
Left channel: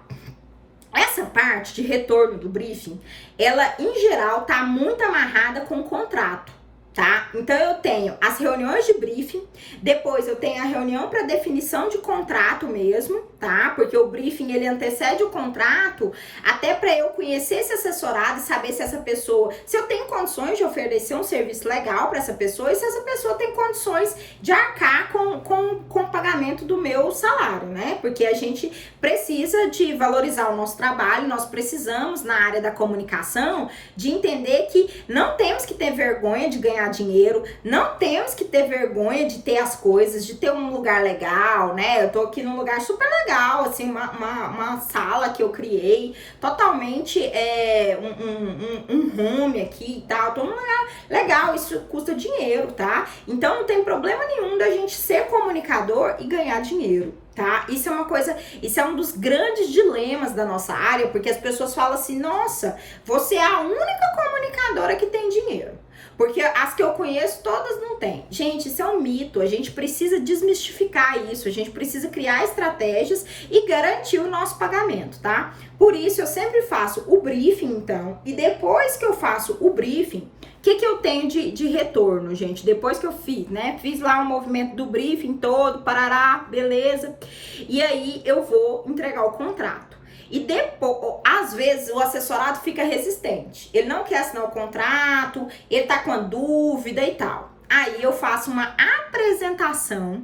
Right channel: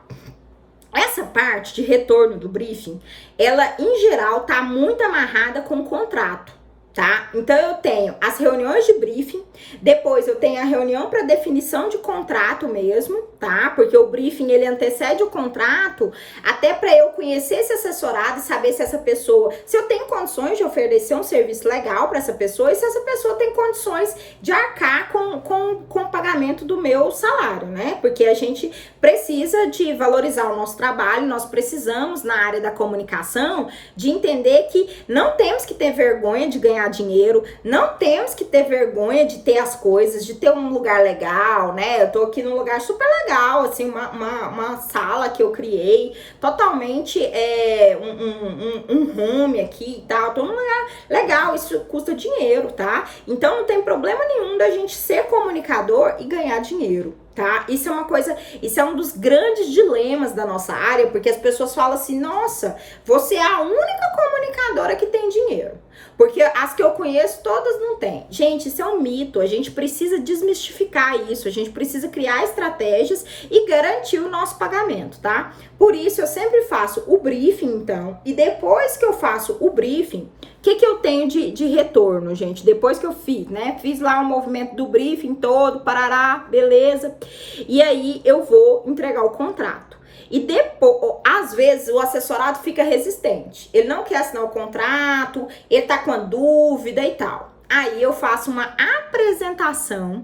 Essa parte de retorno do briefing, ela, em geral, tá muito amarrada com o contrato. Tá? Então, eu tenho as reuniões de briefing, depois eu tenho a reunião para definição de contrato mesmo, tá? Porque o briefing, ele antecede o contrato até para eu conhecer esse assessorado e saber se essa pessoa, se eu tenho condições de oferecer um serviço legal para essa pessoa e se essa pessoa tem condições de arcar com o pagamento do meu salário, né? Porque a gente precisa de valorizar o nosso trabalho, nós precisamos, na área da comunicação, de entender que não temos que ter vergonha de ganhar dinheiro, não temos que ter vergonha de ter as coisas, de ter um lugar legal, né? Eu tô aqui num lugar super legal, assim, uma sala que eu criei, totalmente um home aqui e tal, tô num lugar legal, isso custa dinheiro, tá? Então não tem problema nenhum da gente ser comunicador e ganhar dinheiro. Tá? Isso é uma coisa, isso é um dos grandes dilemas da nossa área, porque as pessoas falam assim, nossa, você é a única comunicadora que tem dinheiro. Porque as que eu conheço, todas não têm. Gente, isso é um mito, a gente precisa desmistificar isso, a gente precisa criar estratégias e garantir o nosso pagamento, tá? Por isso, eu sempre faço o briefing, então, e depois que eu faço o briefing, o que eu tenho de retorno, gente? Depois que eu fiz, né? Fiz lá um movimento do briefing todo, parará, beleza. E aí, eu vou entregar o contrato. E depois, às vezes, o assessorado fica resistente. Ele não quer assinar o contrato, ele tá com a dúvida e tal. Aí, eu faço uma apresentação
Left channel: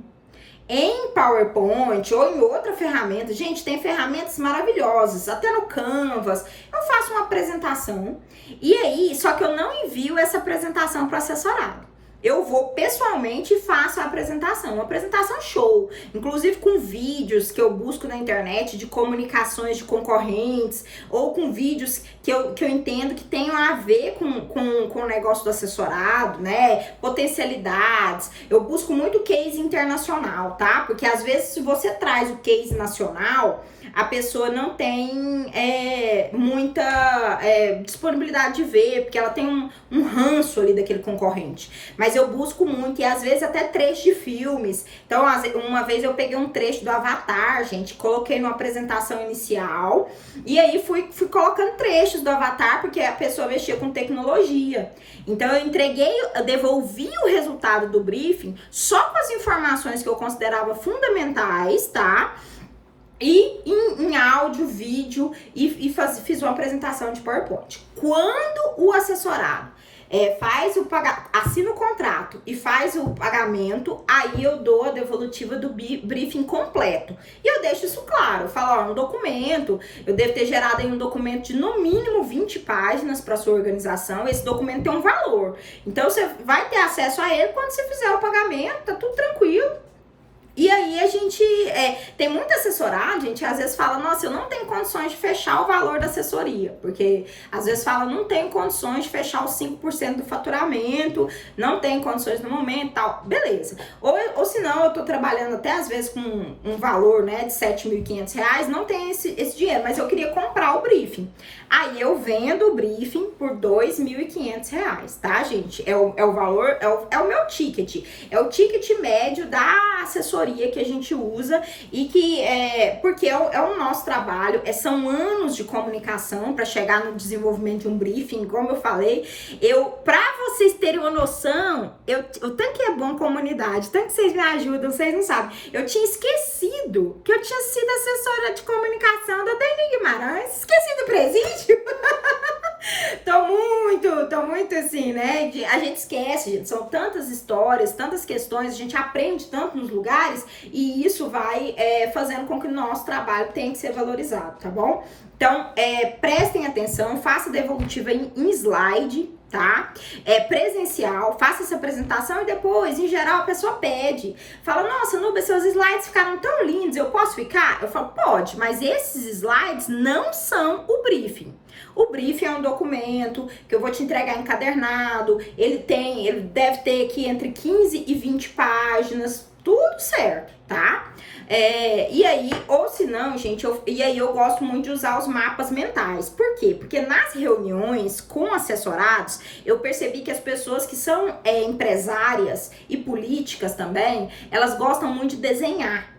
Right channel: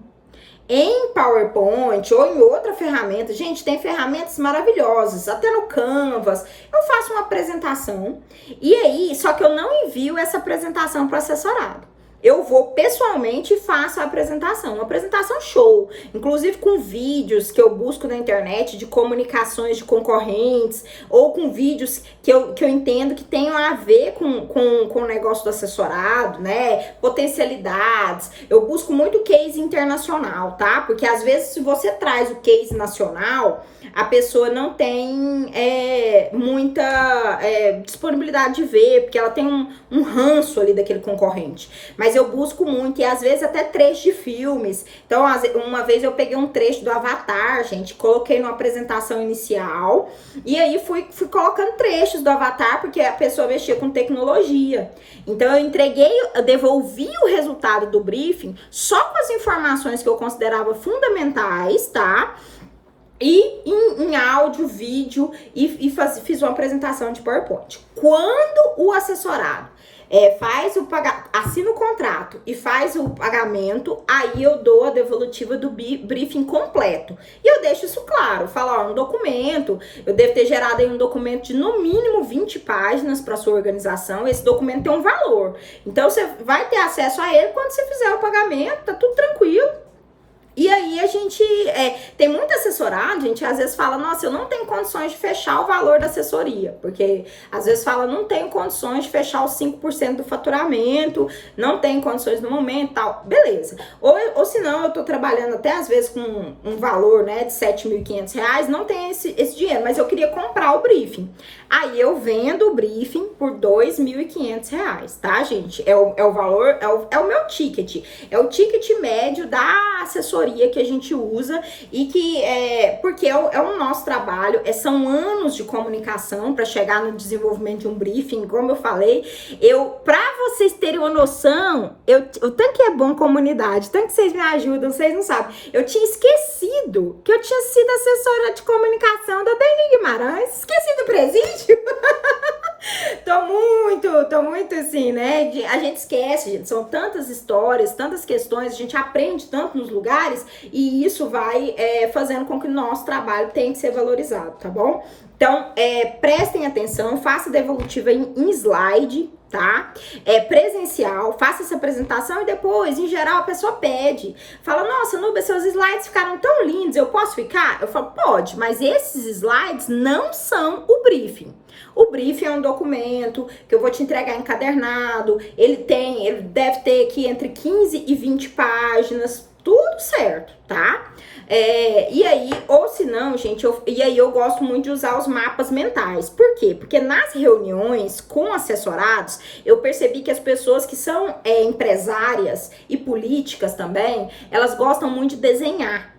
em PowerPoint ou em outra ferramenta. Gente, tem ferramentas maravilhosas, até no Canvas. Eu faço uma apresentação e aí, só que eu não envio essa apresentação para o assessorado. Eu vou pessoalmente e faço a apresentação, uma apresentação show, inclusive com vídeos que eu busco na internet de comunicações de concorrentes, ou com vídeos que eu entendo que tenham a ver com o negócio do assessorado, né, potencialidades. Eu busco muito case internacional, tá? Porque às vezes se você traz o case nacional, a pessoa não tem muita disponibilidade de ver, porque ela tem um ranço ali daquele concorrente. Mas eu busco muito, e às vezes até trechos de filmes. Então, uma vez eu peguei um trecho do Avatar, gente, coloquei numa apresentação inicial, e aí fui colocando trechos do Avatar, porque a pessoa mexia com tecnologia. Então, eu devolvi o resultado do briefing só com as informações que eu considerava fundamentais, tá? E em áudio, vídeo, e fiz uma apresentação de PowerPoint. Quando o assessorado assina o contrato e faz o pagamento, aí eu dou a devolutiva do briefing completo. E eu deixo isso claro, eu falo, ó, um documento, eu devo ter gerado aí um documento de no mínimo 20 páginas para sua organização, esse documento tem um valor. Então, você vai ter acesso a ele quando você fizer o pagamento, tá tudo tranquilo. E aí a gente tem muito assessorado, gente, às vezes fala, nossa, eu não tenho condições de fechar o valor da assessoria, porque às vezes fala, não tenho condições de fechar os 5% do faturamento, não tenho condições no momento, tal, beleza. Ou se não, eu tô trabalhando até às vezes com um valor, né, de R$ 7.500, não tenho esse dinheiro, mas eu queria comprar o briefing. Aí eu vendo o briefing por R$ 2.500, tá, gente? É o valor, é o meu ticket. É o ticket médio da assessoria que a gente usa e que porque é o nosso trabalho, são anos de comunicação para chegar no desenvolvimento de um briefing, como eu falei. Pra vocês terem uma noção, o tanto que é bom comunidade, tanto que vocês me ajudam, vocês não sabem. Eu tinha esquecido que eu tinha sido assessora de comunicação da Dani Guimarães, esqueci do presídio. Tô muito assim, né? A gente esquece, gente. São tantas histórias, tantas questões, a gente aprende tanto nos lugares e isso vai fazendo com que o nosso trabalho tenha que ser valorizado, tá bom? Então, prestem atenção, faça a devolutiva em slide, tá? Presencial, faça essa apresentação e depois, em geral, a pessoa pede. Fala, nossa, Nubia, seus slides ficaram tão lindos, eu posso ficar? Eu falo, pode, mas esses slides não são o briefing. O briefing é um documento que eu vou te entregar encadernado, ele deve ter aqui entre 15 e 20 páginas, tudo certo, tá? E aí, ou se não, gente, eu gosto muito de usar os mapas mentais. Por quê? Porque nas reuniões com assessorados, eu percebi que as pessoas que são empresárias e políticas também, elas gostam muito de desenhar.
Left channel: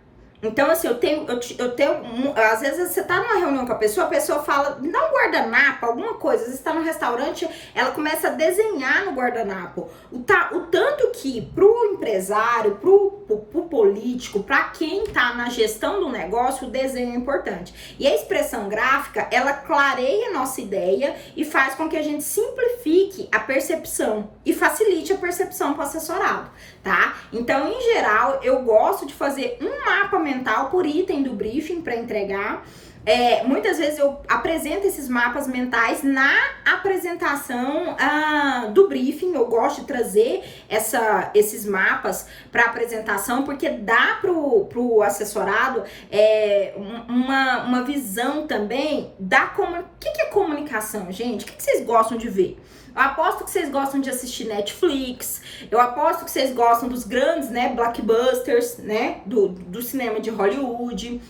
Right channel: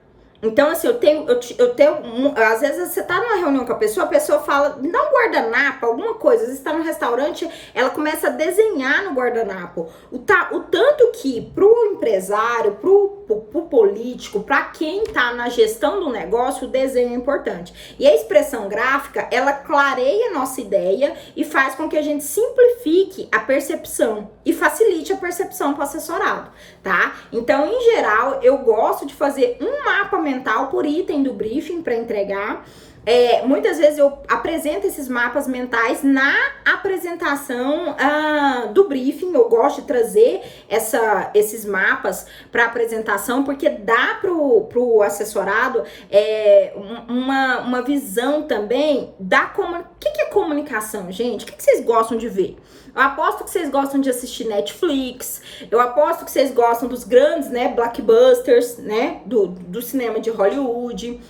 Então, assim, às vezes você tá numa reunião com a pessoa fala, me dá um guardanapo, alguma coisa. Às vezes tá num restaurante, ela começa a desenhar no guardanapo. O tanto que pro empresário, pro político, pra quem tá na gestão do negócio, o desenho é importante. E a expressão gráfica, ela clareia a nossa ideia e faz com que a gente simplifique a percepção e facilite a percepção pro assessorado, tá? Então, em geral, eu gosto de fazer um mapa mental por item do briefing para entregar. Muitas vezes eu apresento esses mapas mentais na apresentação do briefing. Eu gosto de trazer esses mapas para apresentação, porque dá pro assessorado uma visão também da o que é comunicação, gente? O que vocês gostam de ver? Eu aposto que vocês gostam de assistir Netflix, eu aposto que vocês gostam dos grandes, né, blockbusters, né, do cinema de Hollywood.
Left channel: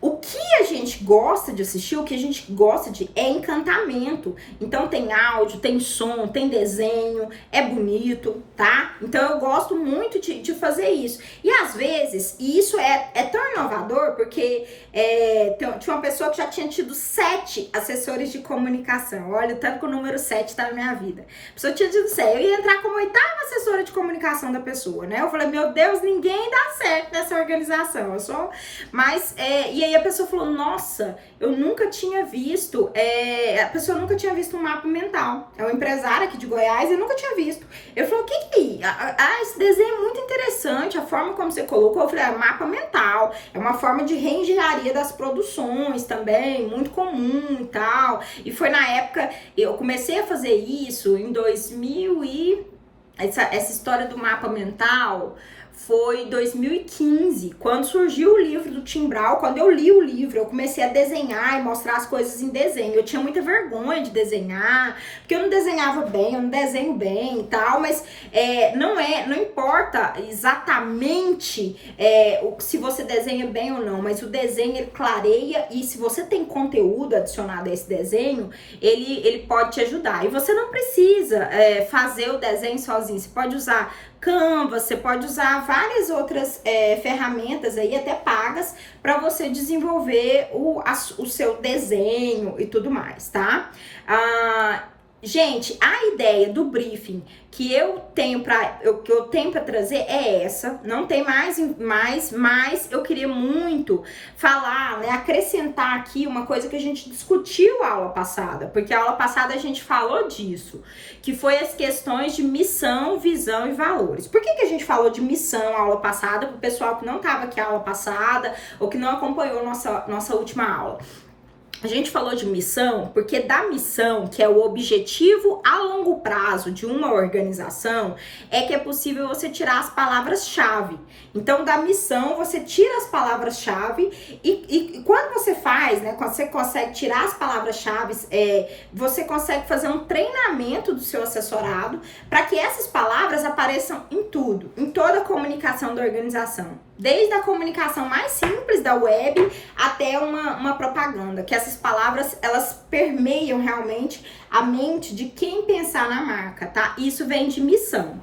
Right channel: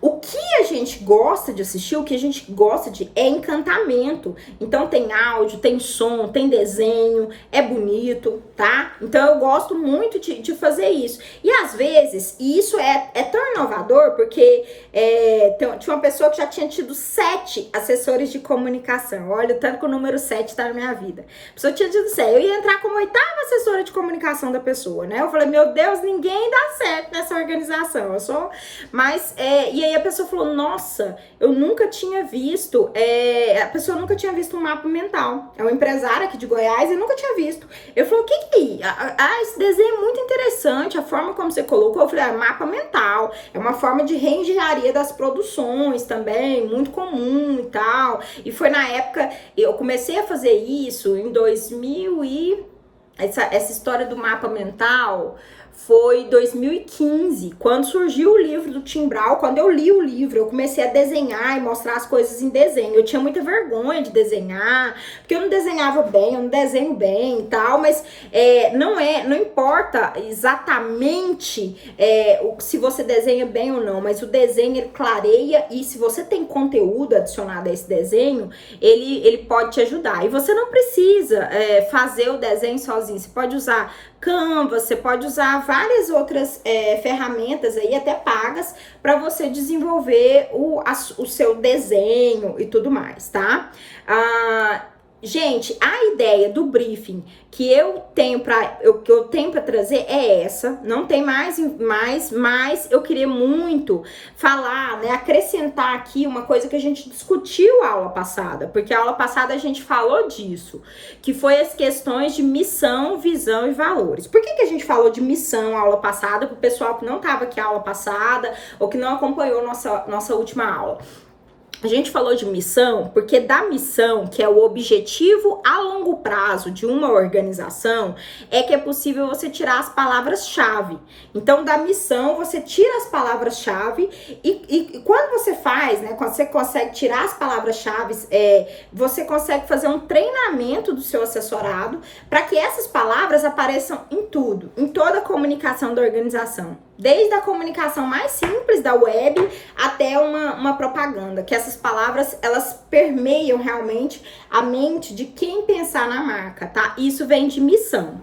O que a gente gosta de assistir, o que a gente gosta é encantamento. Então tem áudio, tem som, tem desenho, é bonito, tá? Então eu gosto muito de fazer isso. E às vezes, e isso é tão inovador, porque tinha uma pessoa que já tinha tido 7 assessores de comunicação. Olha o tanto que o número 7 tá na minha vida. A pessoa tinha tido 7. Eu ia entrar como 8ª assessora de comunicação da pessoa, né? Eu falei, meu Deus, ninguém dá certo nessa organização. E aí a pessoa falou, nossa, eu nunca tinha visto, a pessoa nunca tinha visto um mapa mental. É uma empresária aqui de Goiás e nunca tinha visto. Eu falei, o que é? Esse desenho é muito interessante, a forma como você colocou. Eu falei, mapa mental, é uma forma de reengenharia das produções também, muito comum e tal. E foi na época, eu comecei a fazer isso em 2000 essa história do mapa mental foi 2015, quando surgiu o livro do Tim Brown. Quando eu li o livro, eu comecei a desenhar e mostrar as coisas em desenho. Eu tinha muita vergonha de desenhar, porque eu não desenhava bem, eu não desenho bem e tal, mas não importa exatamente se você desenha bem ou não, mas o desenho ele clareia, e se você tem conteúdo adicionado a esse desenho, ele pode te ajudar. E você não precisa fazer o desenho sozinho, você pode usar Canva, você pode usar várias outras ferramentas aí, até pagas, para você desenvolver o seu desenho e tudo mais, tá? Gente, a ideia do briefing que eu tenho para trazer é essa, não tem mais, mas eu queria muito falar, né, acrescentar aqui uma coisa que a gente discutiu a aula passada, porque a aula passada a gente falou disso, que foi as questões de missão, visão e valores. Por que a gente falou de missão a aula passada, para o pessoal que não estava aqui a aula passada ou que não acompanhou nossa última aula? A gente falou de missão porque da missão, que é o objetivo a longo prazo de uma organização, é que é possível você tirar as palavras-chave. Então, da missão, você tira as palavras-chave e quando você faz, né, quando você consegue tirar as palavras-chave, você consegue fazer um treinamento do seu assessorado para que essas palavras apareçam em tudo, em toda a comunicação da organização. Desde a comunicação mais simples da web até uma propaganda, que essas palavras, elas permeiam realmente a mente de quem pensar na marca, tá? Isso vem de missão.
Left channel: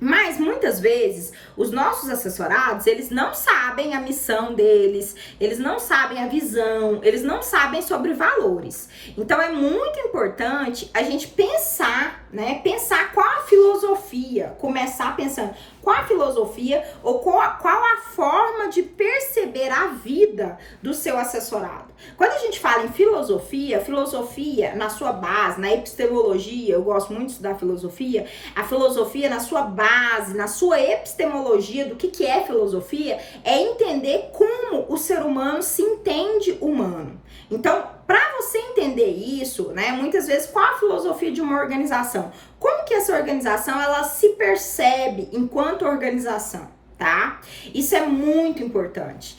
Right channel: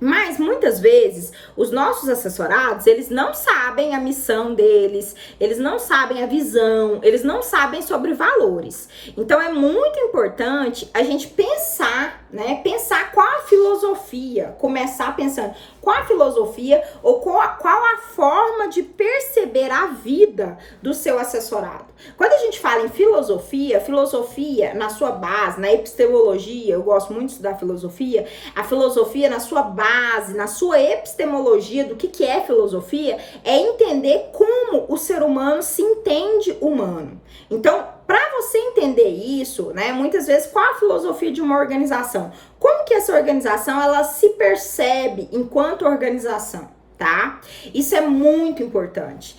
Mas muitas vezes os nossos assessorados, eles não sabem a missão deles, eles não sabem a visão, eles não sabem sobre valores. Então é muito importante a gente pensar, né? Pensar qual a filosofia, começar pensando qual a filosofia ou qual a forma de perceber a vida do seu assessorado. Quando a gente fala em filosofia, filosofia na sua base, na epistemologia, eu gosto muito de estudar filosofia, a filosofia na sua base, na sua epistemologia do que é filosofia, é entender como o ser humano se entende humano. Então, para você entender isso, né, muitas vezes, qual a filosofia de uma organização? Como que essa organização, ela se percebe enquanto organização, tá? Isso é muito importante.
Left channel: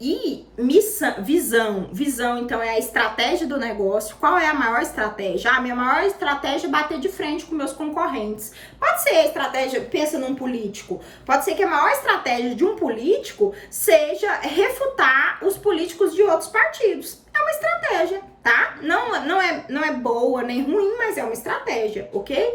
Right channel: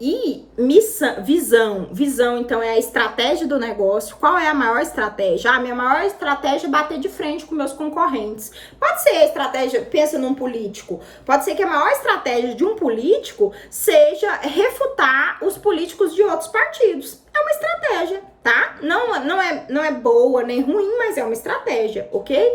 E missão, visão, então, é a estratégia do negócio. Qual é a maior estratégia? A minha maior estratégia é bater de frente com meus concorrentes. Pode ser a estratégia, pensa num político, pode ser que a maior estratégia de um político seja refutar os políticos de outros partidos. É uma estratégia, tá? Não é boa nem ruim, mas é uma estratégia, ok?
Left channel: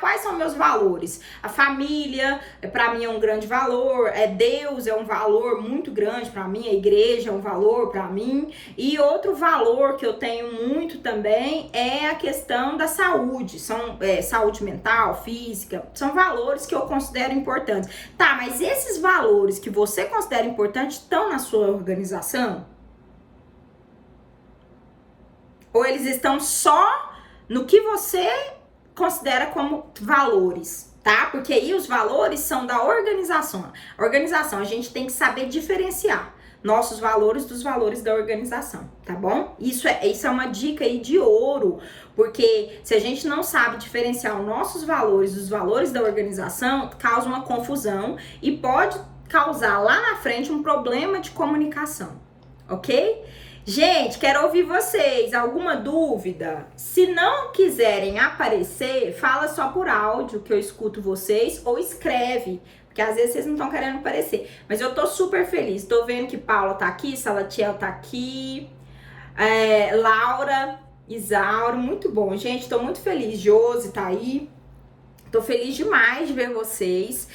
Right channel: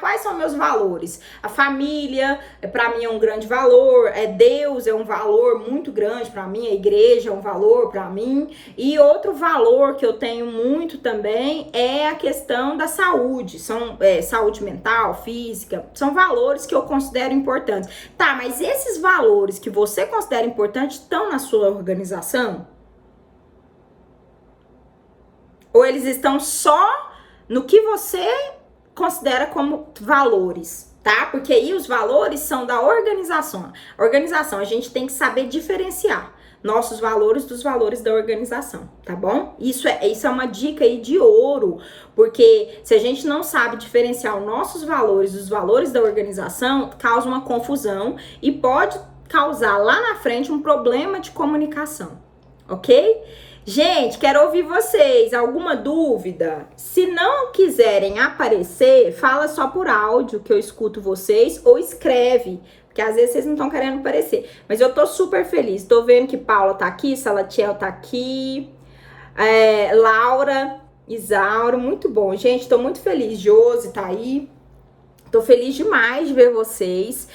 Quais são meus valores? A família, pra mim, é um grande valor. Deus é um valor muito grande pra mim. A igreja é um valor pra mim. E outro valor que eu tenho muito também é a questão da saúde. Saúde mental, física. São valores que eu considero importantes. Tá, mas esses valores que você considera importantes estão na sua organização? Ou eles estão só no que você considera como valores, tá? Porque aí os valores são da organização. Organização, a gente tem que saber diferenciar nossos valores dos valores da organização, tá bom? Isso é uma dica aí de ouro, porque se a gente não sabe diferenciar os nossos valores dos valores da organização, causa uma confusão e pode causar lá na frente um problema de comunicação, ok? Gente, quero ouvir vocês. Alguma dúvida? Se não quiserem aparecer, fala só por áudio que eu escuto vocês ou escreve, porque às vezes vocês não estão querendo aparecer. Mas eu tô super feliz. Tô vendo que Paula tá aqui, Salatiel tá aqui, Laura, Isauro, muito bom. Gente, tô muito feliz. Josi tá aí. Tô feliz demais de ver vocês.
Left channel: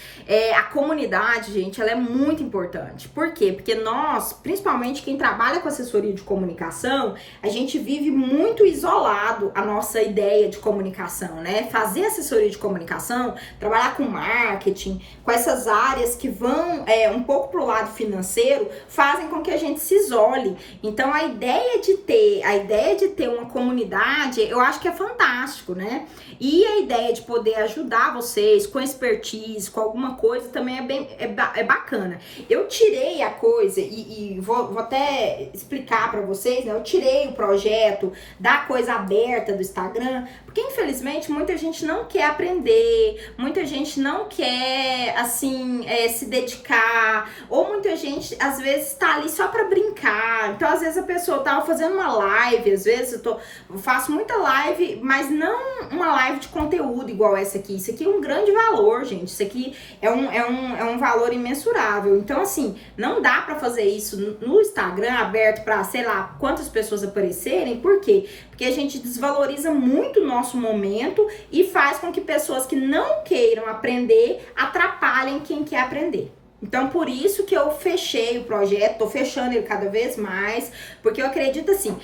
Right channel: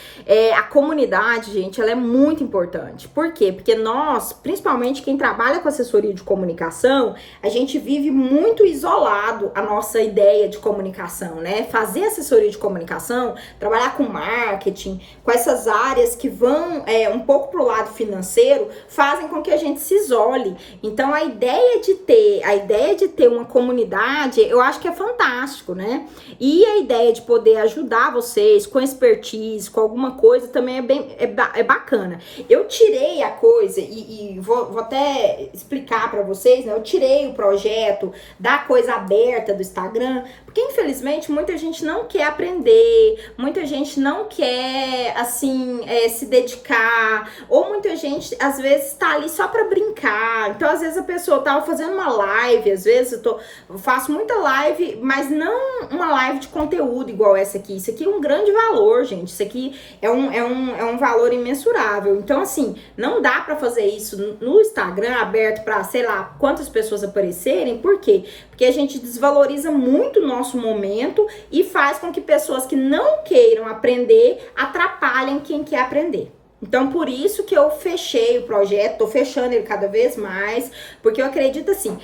A comunidade, gente, ela é muito importante. Por quê? Porque nós, principalmente quem trabalha com assessoria de comunicação, a gente vive muito isolado a nossa ideia de comunicação, né? Fazer assessoria de comunicação, trabalhar com marketing, com essas áreas que vão um pouco pro lado financeiro, fazem com que a gente se isole. Então, a ideia de ter uma comunidade, eu acho que é fantástico, né? E a ideia de poder ajudar vocês com expertise, com alguma coisa, também é bacana. Eu tirei a coisa e vou até explicar para vocês, né? Eu tirei o projeto da coisa aberta do Instagram, porque infelizmente muita gente não quer aprender, muita gente não quer, assim, se dedicar, ou muita gente, às vezes, tá ali só pra brincar. Então, às vezes, a pessoa tava fazendo uma live, às vezes eu faço muita live, mas não uma live de conteúdo igual essa aqui. Isso aqui é um grande valor, gente. Isso aqui é um valor imensurável. Então, assim, não dá pra fazer isso no Instagram aberto pra, sei lá, quantas pessoas aparecerem. Por quê? Porque a gente desvaloriza muito o nosso momento e faz com que pessoas que não queiram aprender atrapalhem quem quer aprender. Então, por isso que eu fechei o projeto, tô fechando ele cada vez mais, porque eu acredito assim,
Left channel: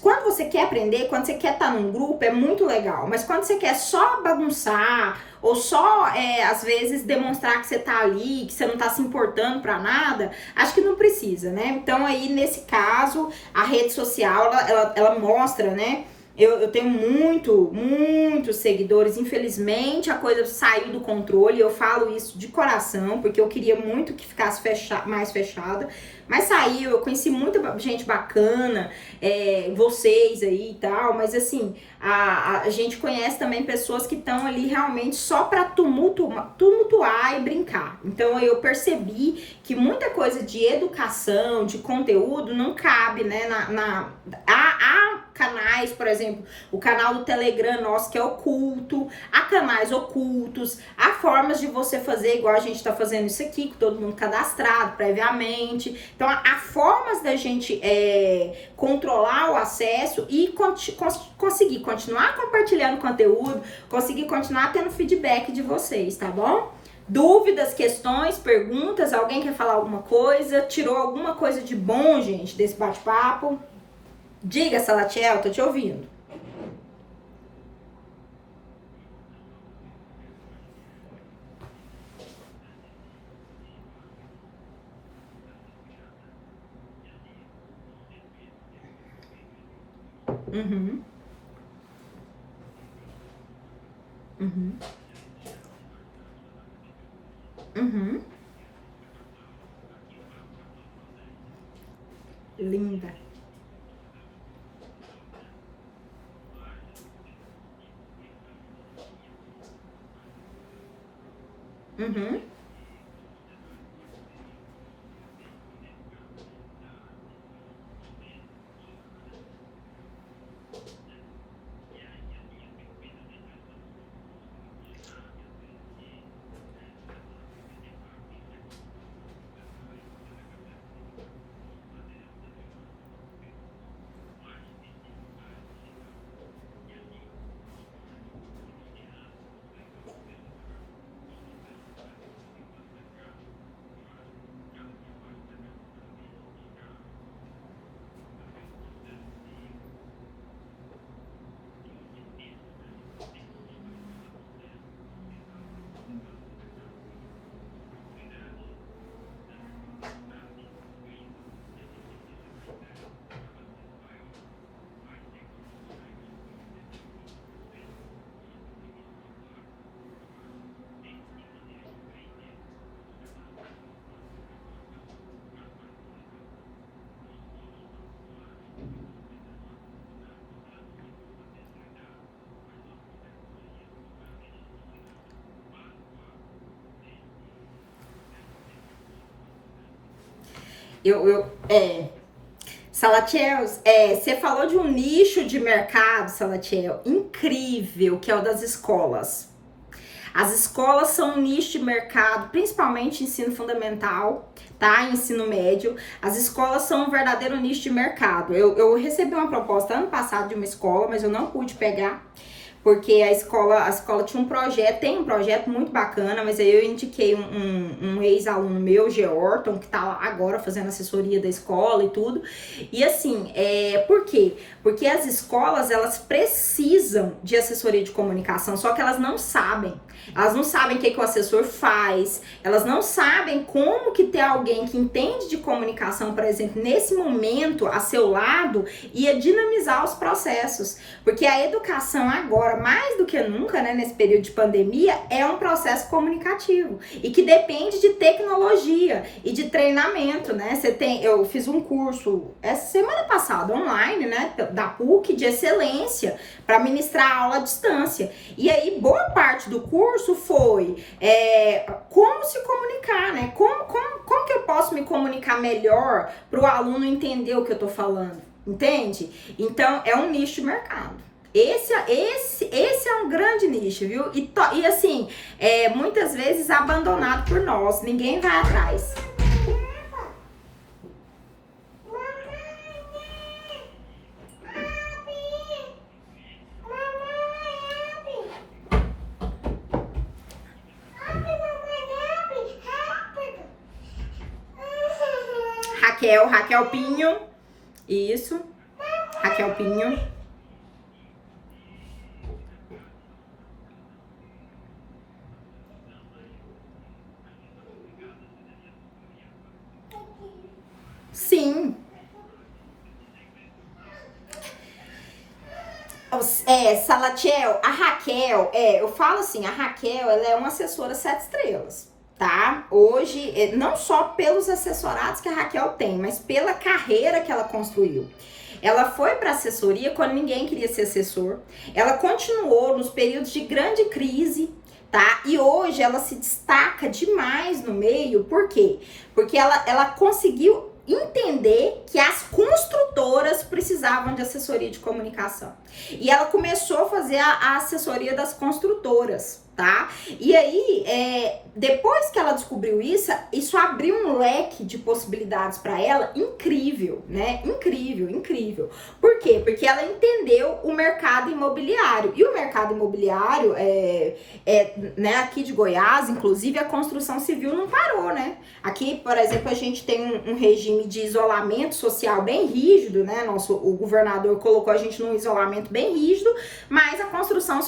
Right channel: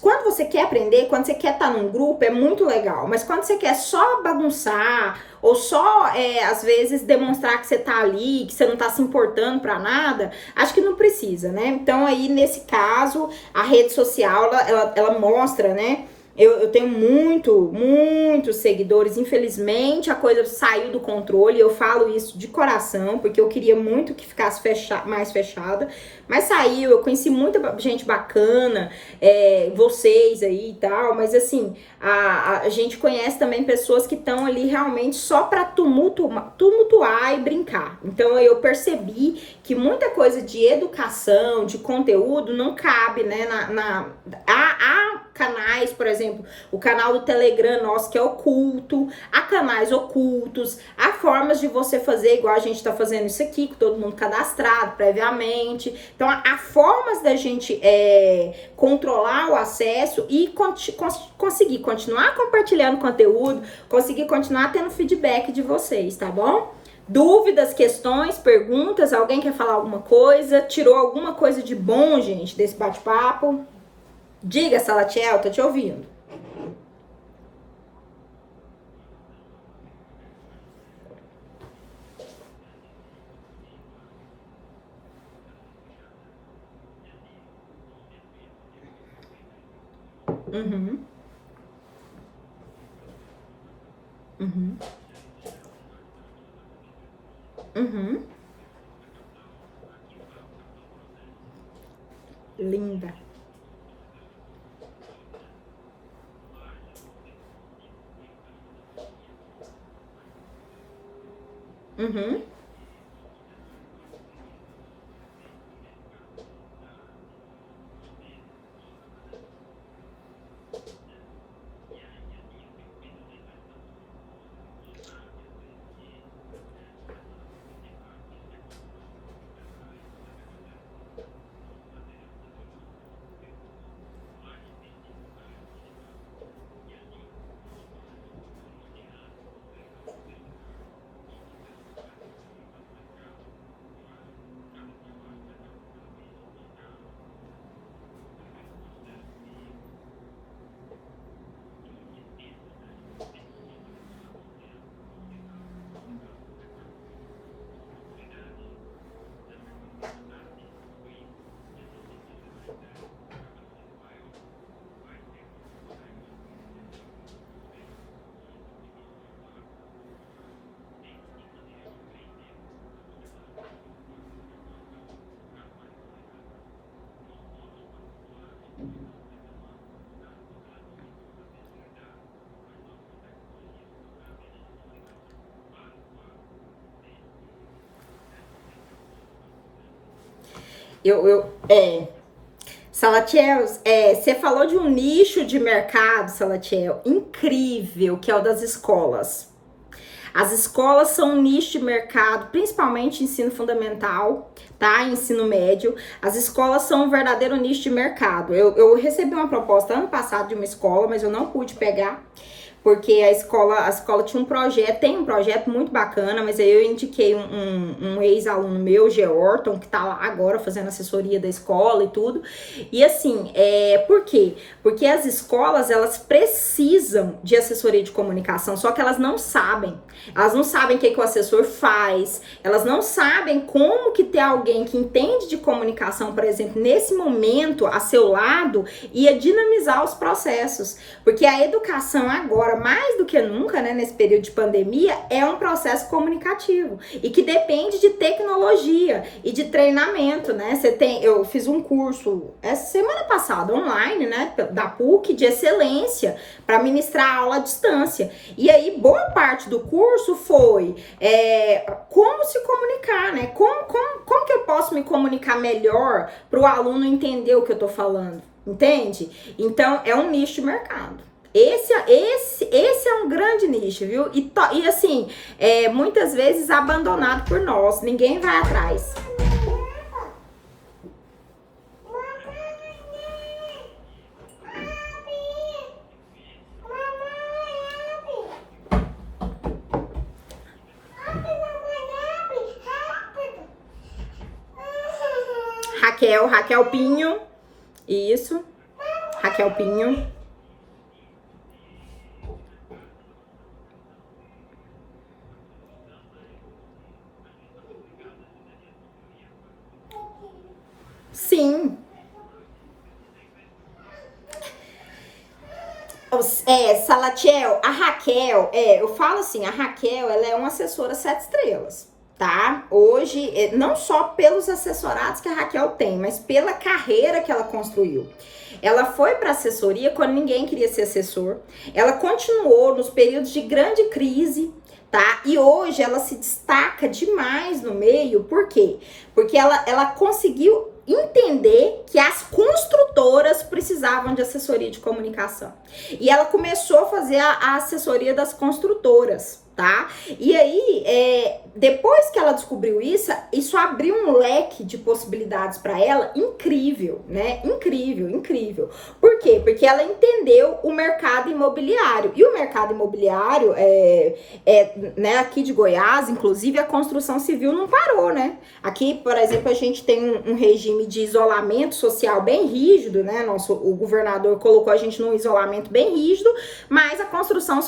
quando você quer aprender, quando você quer estar num grupo, é muito legal, mas quando você quer só bagunçar, ou só, às vezes, demonstrar que você tá ali, que você não tá se importando pra nada, acho que não precisa, né? Então, aí, nesse caso, a rede social, ela mostra, né? Eu tenho muitos seguidores. Infelizmente, a coisa saiu do controle. Eu falo isso de coração, porque eu queria muito que ficasse mais fechada. Mas saiu, eu conheci muita gente bacana, vocês aí e tal, mas assim, a gente conhece também pessoas que estão ali realmente só pra tumultuar e brincar. Então eu percebi que muita coisa de educação, de conteúdo, não cabe, né, há canais, por exemplo, o canal do Telegram nosso que é oculto, há canais ocultos, há formas de você fazer igual a gente tá fazendo isso aqui, com todo mundo cadastrado previamente. Então há formas da gente controlar o acesso e conseguir continuar compartilhando conteúdo, conseguir continuar tendo feedback de vocês, tá bom? Dúvidas, questões, perguntas, alguém quer falar alguma coisa? Tirou alguma coisa de bom, gente, desse bate-papo? Diga, Salatiel, tô te ouvindo. Uhum, uhum, uhum. Linda. Uhum. Salatiel, você falou de um nicho de mercado, Salatiel, incrível, que é o das escolas. As escolas são um nicho de mercado, principalmente ensino fundamental, tá? Ensino médio. As escolas são um verdadeiro nicho de mercado. Eu recebi uma proposta ano passado de uma escola, mas eu não pude pegar, porque a escola tinha um projeto, tem um projeto muito bacana, mas aí eu indiquei um ex-aluno meu, Georton, que tá lá agora fazendo assessoria da escola e tudo. E assim, por quê? Porque as escolas, elas precisam de assessoria de comunicação, só que elas não sabem. Elas não sabem o que o assessor faz, elas não sabem como que ter alguém que entende de comunicação, por exemplo, nesse momento, a seu lado, ia dinamizar os processos. Porque a educação agora, mais do que nunca, né, nesse período de pandemia, é um processo comunicativo e que depende de tecnologia e de treinamento, né? Eu fiz um curso essa semana passada online, né, da PUC de excelência para ministrar aula à distância. E aí boa parte do curso foi como se comunicar, né? Como que eu posso me comunicar melhor para o aluno entender o que eu tô falando? Entende? Então, é um nicho de mercado. Esse é um grande nicho, viu? E assim, muitas vezes abandonado por nós. Ninguém vai atrás. Raquel Pinho. Isso. Raquel Pinho. Sim. Salatiel, a Raquel, eu falo assim, a Raquel, ela é uma assessora 7 estrelas. tá? Hoje, não só pelos assessorados que a Raquel tem, mas pela carreira que ela construiu. Ela foi para assessoria quando ninguém queria ser assessor. Ela continuou nos períodos de grande crise, tá? E hoje ela se destaca demais no meio. Por quê? Porque ela conseguiu entender que as construtoras precisavam de assessoria de comunicação. E ela começou a fazer a assessoria das construtoras, tá? E aí, depois que ela descobriu isso abriu um leque de possibilidades para ela incrível, né? Incrível, incrível. Por quê? Porque ela entendeu o mercado imobiliário. E o mercado imobiliário, né, aqui de Goiás, inclusive, a construção civil não parou, né? Aqui, por exemplo, a gente tem um regime de isolamento social bem rígido, né? O governador colocou a gente num isolamento bem rígido, mas a construção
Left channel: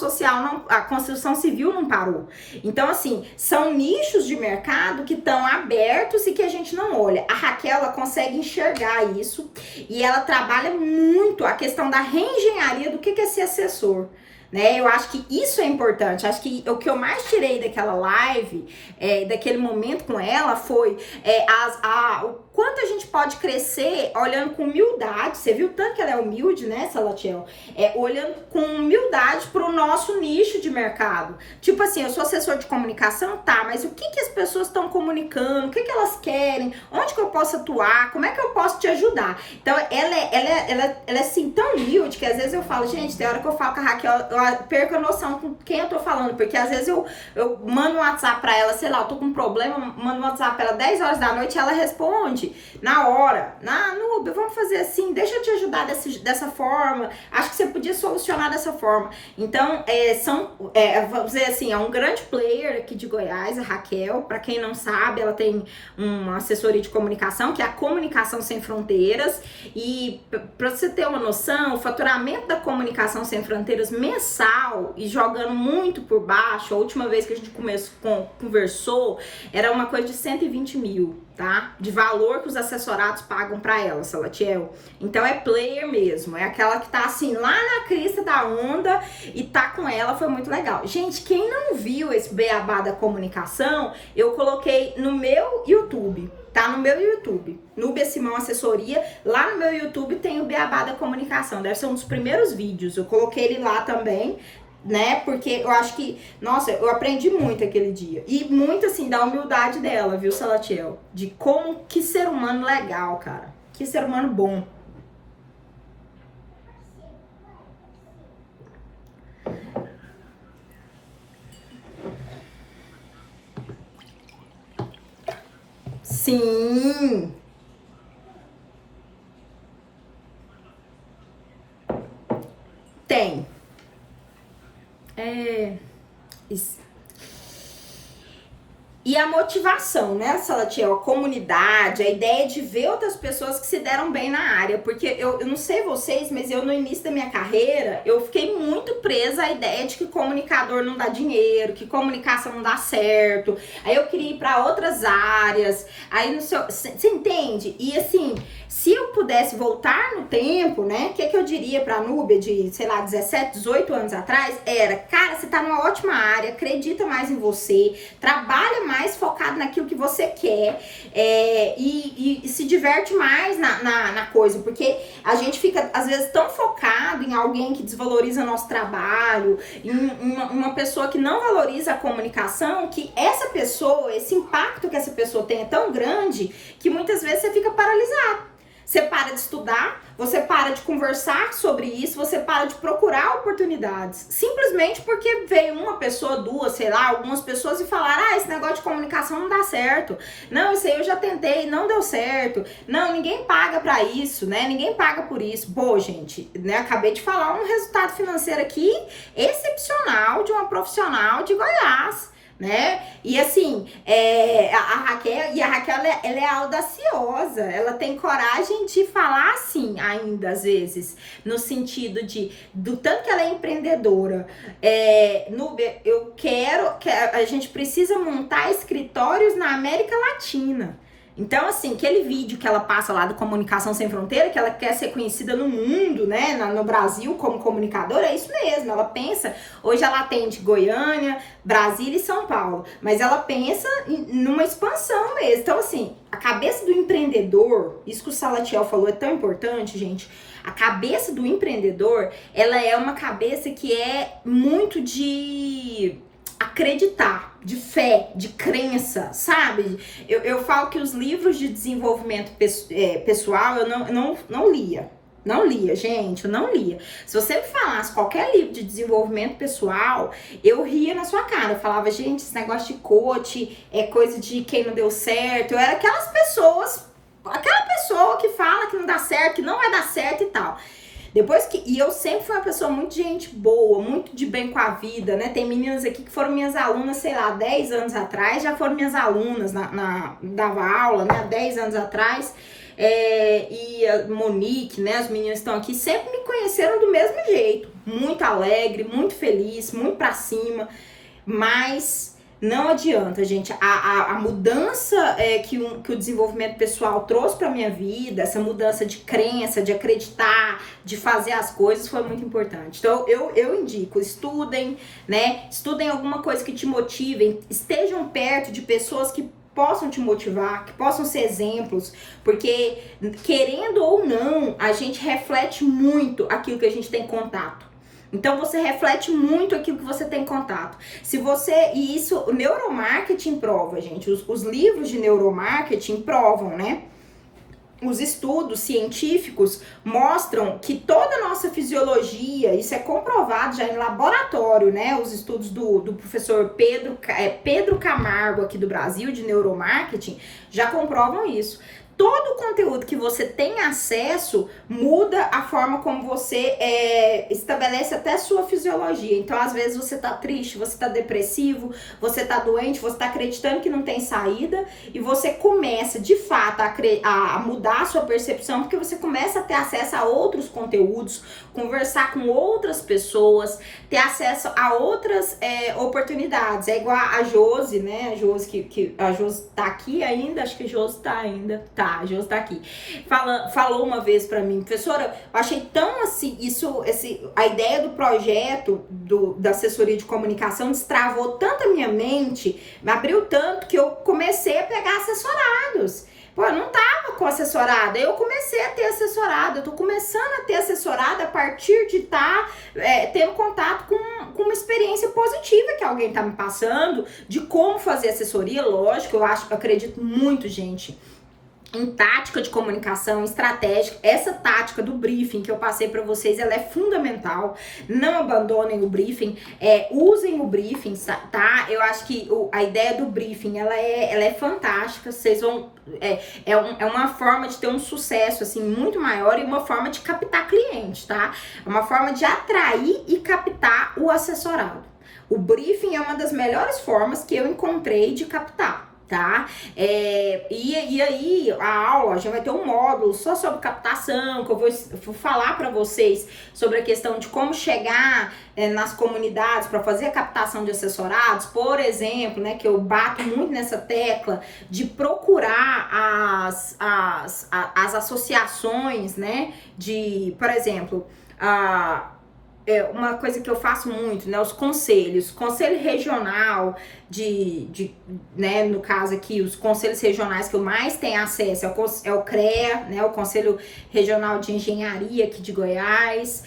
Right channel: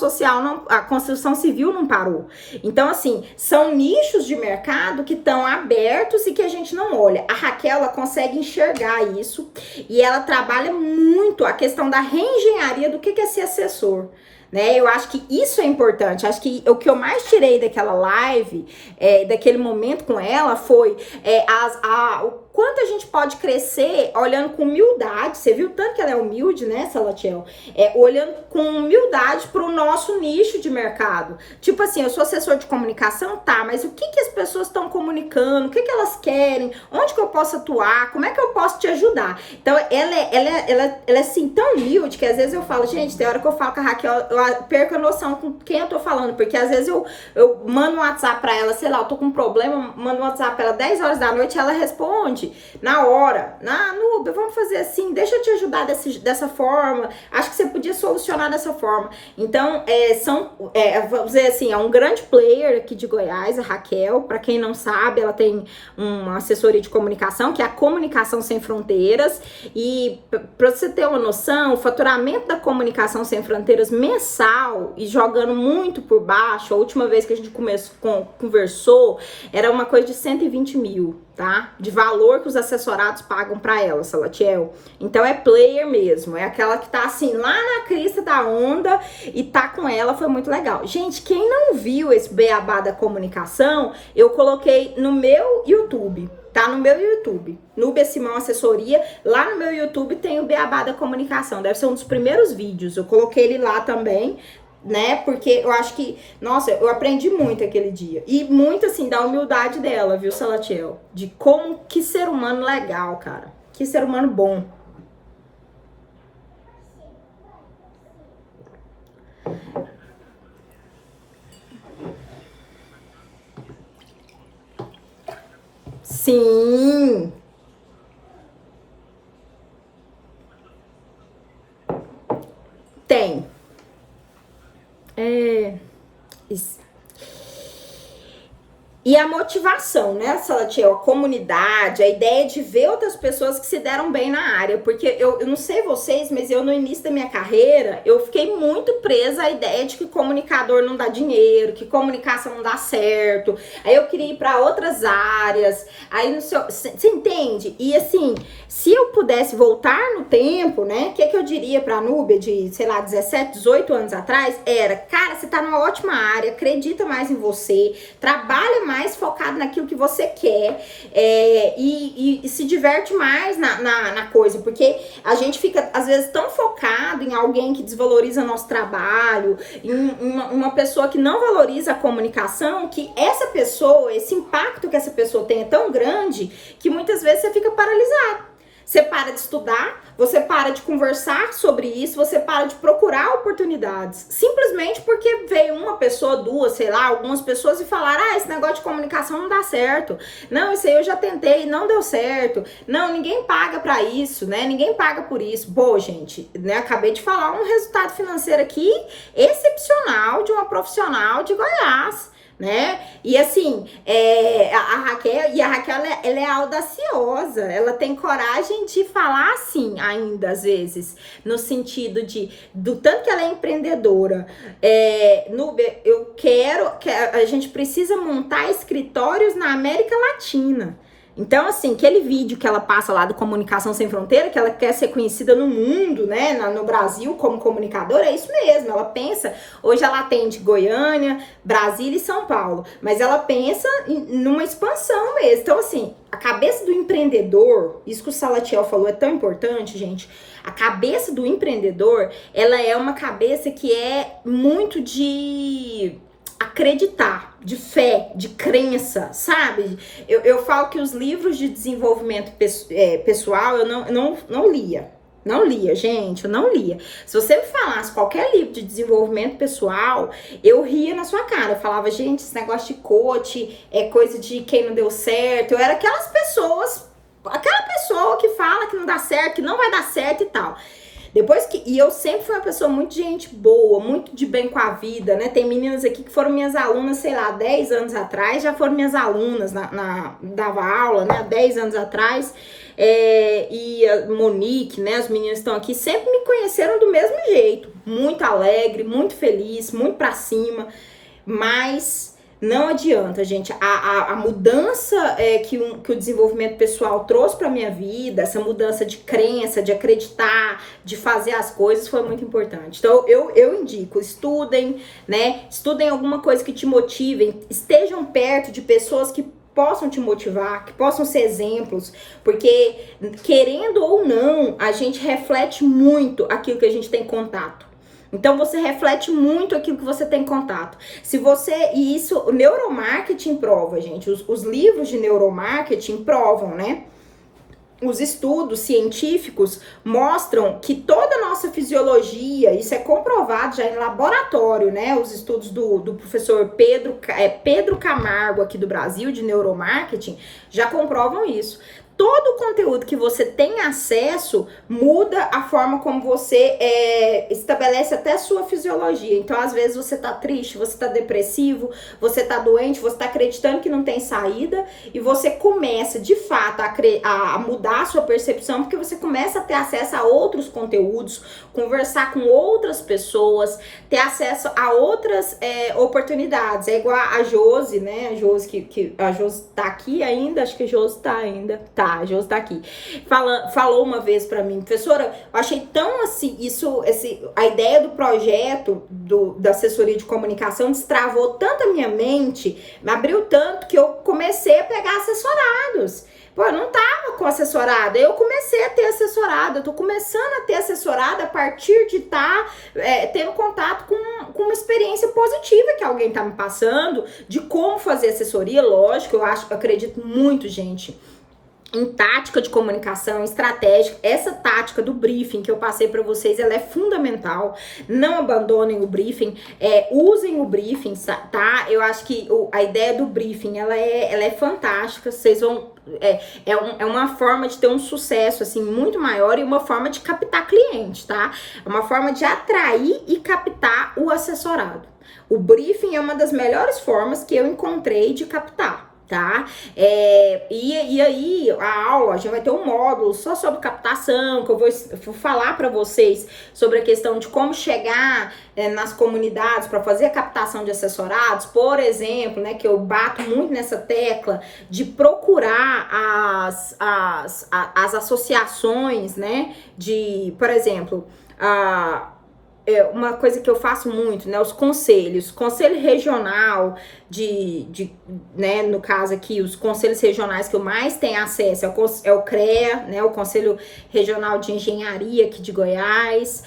a construção civil não parou. Então, assim, são nichos de mercado que estão abertos e que a gente não olha. A Raquel, ela consegue enxergar isso e ela trabalha muito a questão da reengenharia do que é ser assessor. Né? Eu acho que isso é importante. Acho que o que eu mais tirei daquela live, daquele momento com ela, foi o quanto a gente pode crescer olhando com humildade. Você viu tanto que ela é humilde, né, Salatiel? Olhando com humildade para o nosso nicho de mercado. Tipo assim, eu sou assessor de comunicação, tá, mas o que as pessoas estão comunicando? O que elas querem? Onde que eu posso atuar? Como é que eu posso te ajudar? Então, ela é assim, tão humilde que às vezes eu falo, gente, tem hora que eu falo com a Raquel, eu perco a noção com quem eu tô falando, porque às vezes eu mando um WhatsApp pra ela, sei lá, eu tô com um problema, mando um WhatsApp pra ela 10 horas da noite e ela responde na hora. Nubia, vamos fazer assim, deixa eu te ajudar dessa forma, acho que você podia solucionar dessa forma. Então, vamos dizer assim, é um grande player aqui de Goiás, a Raquel. Pra quem não sabe, ela tem uma assessoria de comunicação, que é a Comunicação Sem Fronteiras, e pra você ter uma noção, o faturamento da Comunicação Sem Fronteiras mensal, e jogando muito por baixo, a última vez que a gente conversou, era uma coisa de 120 mil, tá? De valor que os assessorados pagam pra ela, Salatiel. Então é player mesmo, é aquela que tá assim, lá na crista da onda e tá com ela, foi muito legal. Gente, quem não viu esse beabá da comunicação, eu coloquei no meu YouTube. Tá no meu YouTube, Nubia Simão Assessoria. Lá no meu YouTube tem o Beabá da Comunicação. Deve ser um dos primeiros vídeos. Eu coloquei ele lá também, né? Porque eu acho que, nossa, eu aprendi muito aquele dia. E muito, assim, da humildade dela, viu, Salatiel? De como, que ser humano legal, cara. Que ser humano bom. Sim, tem. Isso. E a motivação, né, Salatiel? A comunidade, a ideia de ver outras pessoas que se deram bem na área. Porque eu não sei vocês, mas eu no início da minha carreira, eu fiquei muito presa à ideia de que comunicador não dá dinheiro, que comunicação não dá certo. Aí eu queria ir para outras áreas. Aí no seu. Você entende? E assim, se eu pudesse voltar no tempo, né, o que eu diria pra Nubia de, sei lá, 17, 18 anos atrás? Era, cara, você tá numa ótima área, acredita mais em você, trabalha mais focado naquilo que você quer, e se diverte mais na coisa, porque a gente fica, às vezes, tão focado em alguém que desvaloriza nosso trabalho, em uma pessoa que não valoriza a comunicação, que essa pessoa, esse impacto que essa pessoa tem é tão grande, que muitas vezes você fica paralisado. Você para de estudar, você para de conversar sobre isso, você para de procurar oportunidades. Simplesmente porque veio uma pessoa, duas, sei lá, algumas pessoas e falaram, esse negócio de comunicação não dá certo. Não, isso aí eu já tentei, não deu certo. Não, ninguém paga pra isso, né? Ninguém paga por isso. Pô, gente, né? Acabei de falar um resultado financeiro aqui excepcional de uma profissional de Goiás, né? E assim, a Raquel ela é audaciosa, ela tem coragem de falar assim ainda às vezes, no sentido do tanto que ela é empreendedora. Nubia, eu quero que a gente precisa montar escritórios na América Latina. Então, assim, aquele vídeo que ela passa lá do Comunicação Sem Fronteira, que ela quer ser conhecida no mundo, né, no Brasil como comunicadora, é isso mesmo. Ela pensa, hoje ela atende Goiânia, Brasília e São Paulo, mas ela pensa numa expansão mesmo. Então, assim, a cabeça do empreendedor, isso que o Salatiel falou é tão importante, gente. A cabeça do empreendedor, ela é uma cabeça que é muito de acreditar, de fé, de crença, sabe? Eu falo que os livros de desenvolvimento pessoal eu não lia. Não lia, gente, eu não lia. Se você me falasse qualquer livro de desenvolvimento pessoal, eu ria na sua cara. Eu falava, gente, esse negócio de coach é coisa de quem não deu certo. Eu era aquela pessoa que fala que não dá certo, que não vai dar certo e tal. E eu sempre fui uma pessoa muito de gente boa, muito de bem com a vida, né? Tem meninas aqui que foram minhas alunas, sei lá, 10 anos atrás, já foram minhas alunas, dava aula, né? 10 anos atrás. E a Monique, né? As meninas estão aqui, sempre me conheceram do mesmo jeito. Muito alegre, muito feliz, muito pra cima, mas não adianta, gente. A mudança que o desenvolvimento pessoal trouxe pra minha vida, essa mudança de crença, de acreditar, de fazer as coisas, foi muito importante. Então, eu indico, estudem, né? Estudem alguma coisa que te motivem, estejam perto de pessoas que possam te motivar, que possam ser exemplos, porque, querendo ou não, a gente reflete muito aquilo que a gente tem contato. Então, você reflete muito aquilo que você tem contato. E isso, o neuromarketing prova, gente. Os livros de neuromarketing provam, né? Os estudos científicos mostram que toda a nossa fisiologia, isso é comprovado já em laboratório, né? Os estudos do professor Pedro Camargo aqui do Brasil, de neuromarketing, já comprovam isso. Todo o conteúdo que você tem acesso muda a forma como você estabelece até a sua fisiologia. Então, às vezes, você tá triste, você tá depressivo, você tá doente, você tá acreditando que não tem saída e você começa, de fato, a mudar a sua percepção, porque você começa a ter acesso a outros conteúdos, conversar com outras pessoas, ter acesso a outras oportunidades. É igual a Josi, né? A Josi tá aqui ainda, acho que a Josi tá ainda. A Josi tá aqui. Falou uma vez pra mim, professora, eu achei tão assim, a ideia do projeto da assessoria de comunicação destravou tanto a minha mente, me abriu tanto que eu comecei a pegar assessorados. Pô, eu não tava com assessorada, eu comecei a ter assessorada, eu tô começando a ter assessorada a partir de estar tendo contato com uma experiência positiva que alguém tá me passando, de como fazer assessoria, lógico, eu acredito muito, gente, em tática de comunicação, estratégia. Essa tática do briefing que eu passei para vocês, ela é fundamental. Não abandonem o briefing, usem o briefing, tá? Eu acho que a ideia do briefing, ela é fantástica. Vocês vão... É uma forma de ter um sucesso, assim, muito maior e uma forma de captar cliente, tá? É uma forma de atrair e captar o assessorado. O briefing é uma das melhores formas que eu encontrei de captar, tá? E aí a aula já vai ter um módulo só sobre captação, que eu vou falar para vocês sobre a questão de como chegar nas comunidades para fazer a captação de assessorados, por exemplo, né, que eu bato muito nessa tecla de procurar as associações, né, por exemplo, uma coisa que eu faço muito, né, os conselhos, conselho regional né, no caso aqui, os conselhos regionais que eu mais tenho acesso é o CREA, né, o Conselho Regional de Engenharia aqui de Goiás,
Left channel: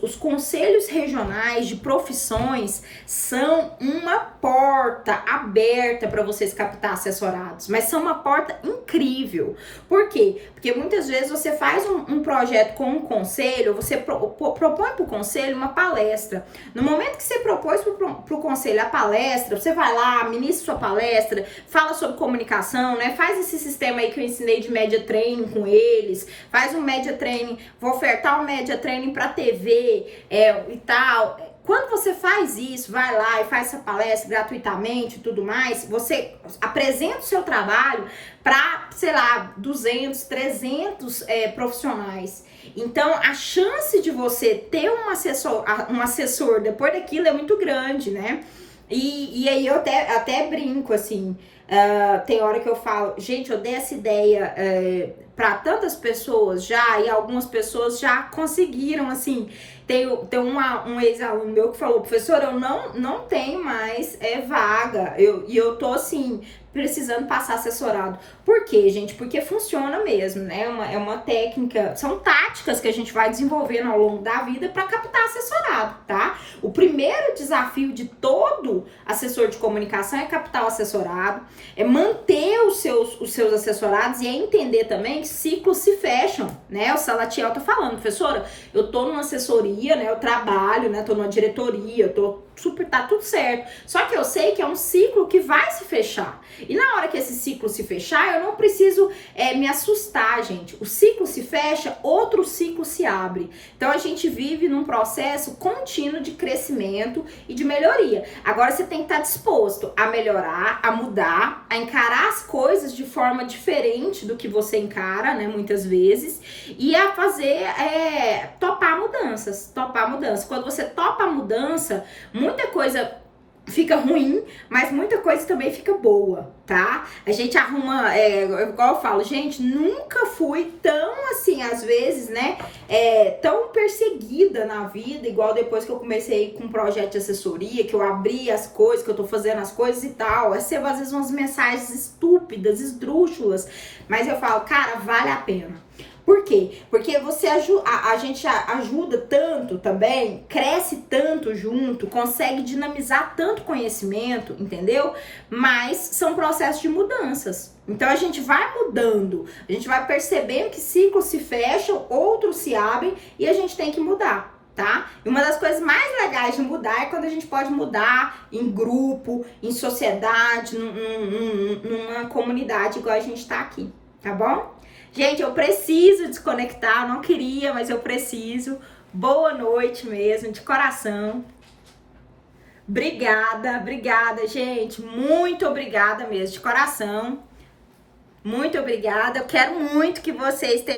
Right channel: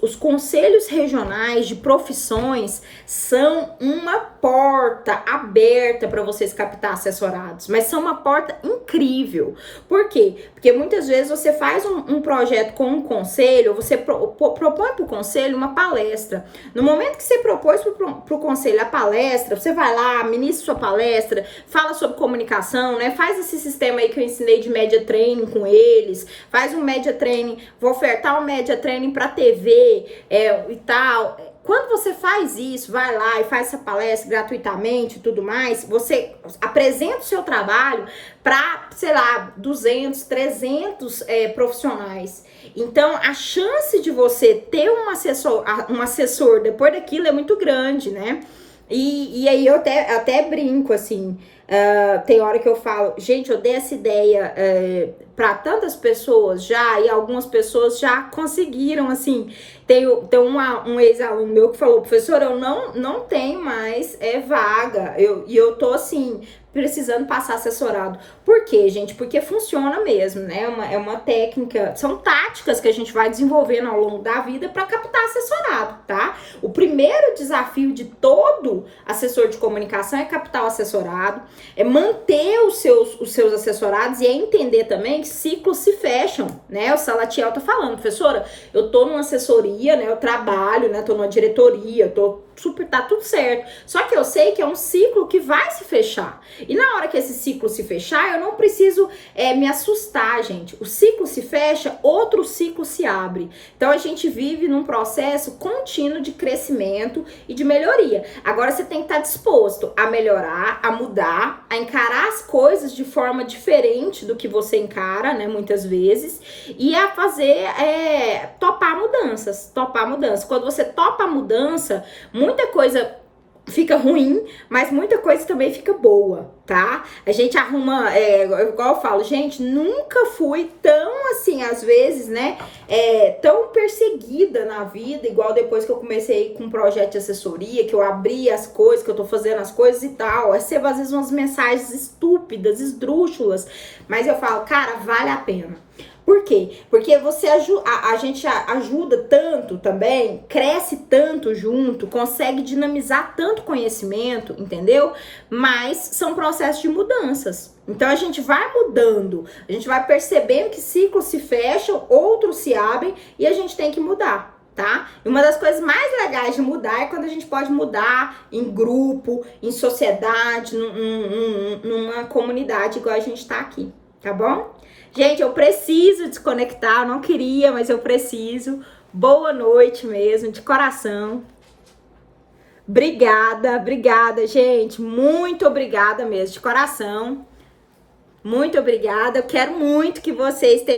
os conselhos regionais de profissões são uma porta aberta para vocês captar assessorados, mas são uma porta incrível. Por quê? Porque muitas vezes você faz um projeto com um conselho, você propõe para o conselho uma palestra. No momento que você propôs para o conselho a palestra, você vai lá, ministra sua palestra, fala sobre comunicação, né? Faz esse sistema aí que eu ensinei de media training com eles, faz um media training, vou ofertar um media training para TV e tal. Quando você faz isso, vai lá e faz essa palestra gratuitamente e tudo mais, você apresenta o seu trabalho para, sei lá, 200, 300 profissionais. Então, a chance de você ter um assessor depois daquilo é muito grande, né? E aí eu até brinco, assim, Tem hora que eu falo, gente, eu dei essa ideia para tantas pessoas já, e algumas pessoas já conseguiram, assim. Tem um ex-aluno meu que falou, professora, eu não tenho mais vaga, e eu tô assim, precisando passar assessorado. Por quê, gente? Porque funciona mesmo, né? É uma técnica, são táticas que a gente vai desenvolvendo ao longo da vida para captar assessorado, tá? O primeiro desafio de todo assessor de comunicação é captar o assessorado, é manter os seus assessorados e é entender também que ciclos se fecham, né? O Salatiel tá falando, professora, eu tô numa assessoria, né? Eu trabalho, né? Tô numa diretoria, tá tudo certo. Só que eu sei que é um ciclo que vai se fechar. E na hora que esse ciclo se fechar, eu não preciso me assustar, gente. O ciclo se fecha, outro ciclo se abre. Então a gente vive num processo contínuo de crescimento e de melhoria. Agora você tem que estar disposto a melhorar, a mudar, a encarar as coisas de forma diferente do que você encara, né, muitas vezes, e a fazer, topar mudanças. Quando você topa a mudança, muita coisa fica ruim, mas muita coisa também fica boa, tá? A gente arruma, igual eu falo, gente, nunca fui tão assim, às vezes, né, tão perseguida na vida, igual depois que eu comecei com um projeto de assessoria, que eu abri as coisas, que eu tô fazendo as coisas e tal, recebo às vezes umas mensagens estúpidas, esdrúxulas, mas eu falo, cara, vale a pena. Por quê? Porque a gente ajuda tanto também, cresce tanto junto, consegue dinamizar tanto conhecimento, entendeu? Mas são processos de mudanças. Então a gente vai mudando, a gente vai percebendo que ciclos se fecham, outros se abrem e a gente tem que mudar. Tá? E uma das coisas mais legais de mudar é quando a gente pode mudar em grupo, em sociedade, numa comunidade igual a gente tá aqui, tá bom? Gente, eu preciso desconectar, eu não queria, mas eu preciso. Boa noite mesmo, de coração. Obrigada, gente. Muito obrigada mesmo, de coração. Muito obrigada. Eu quero muito que vocês tenham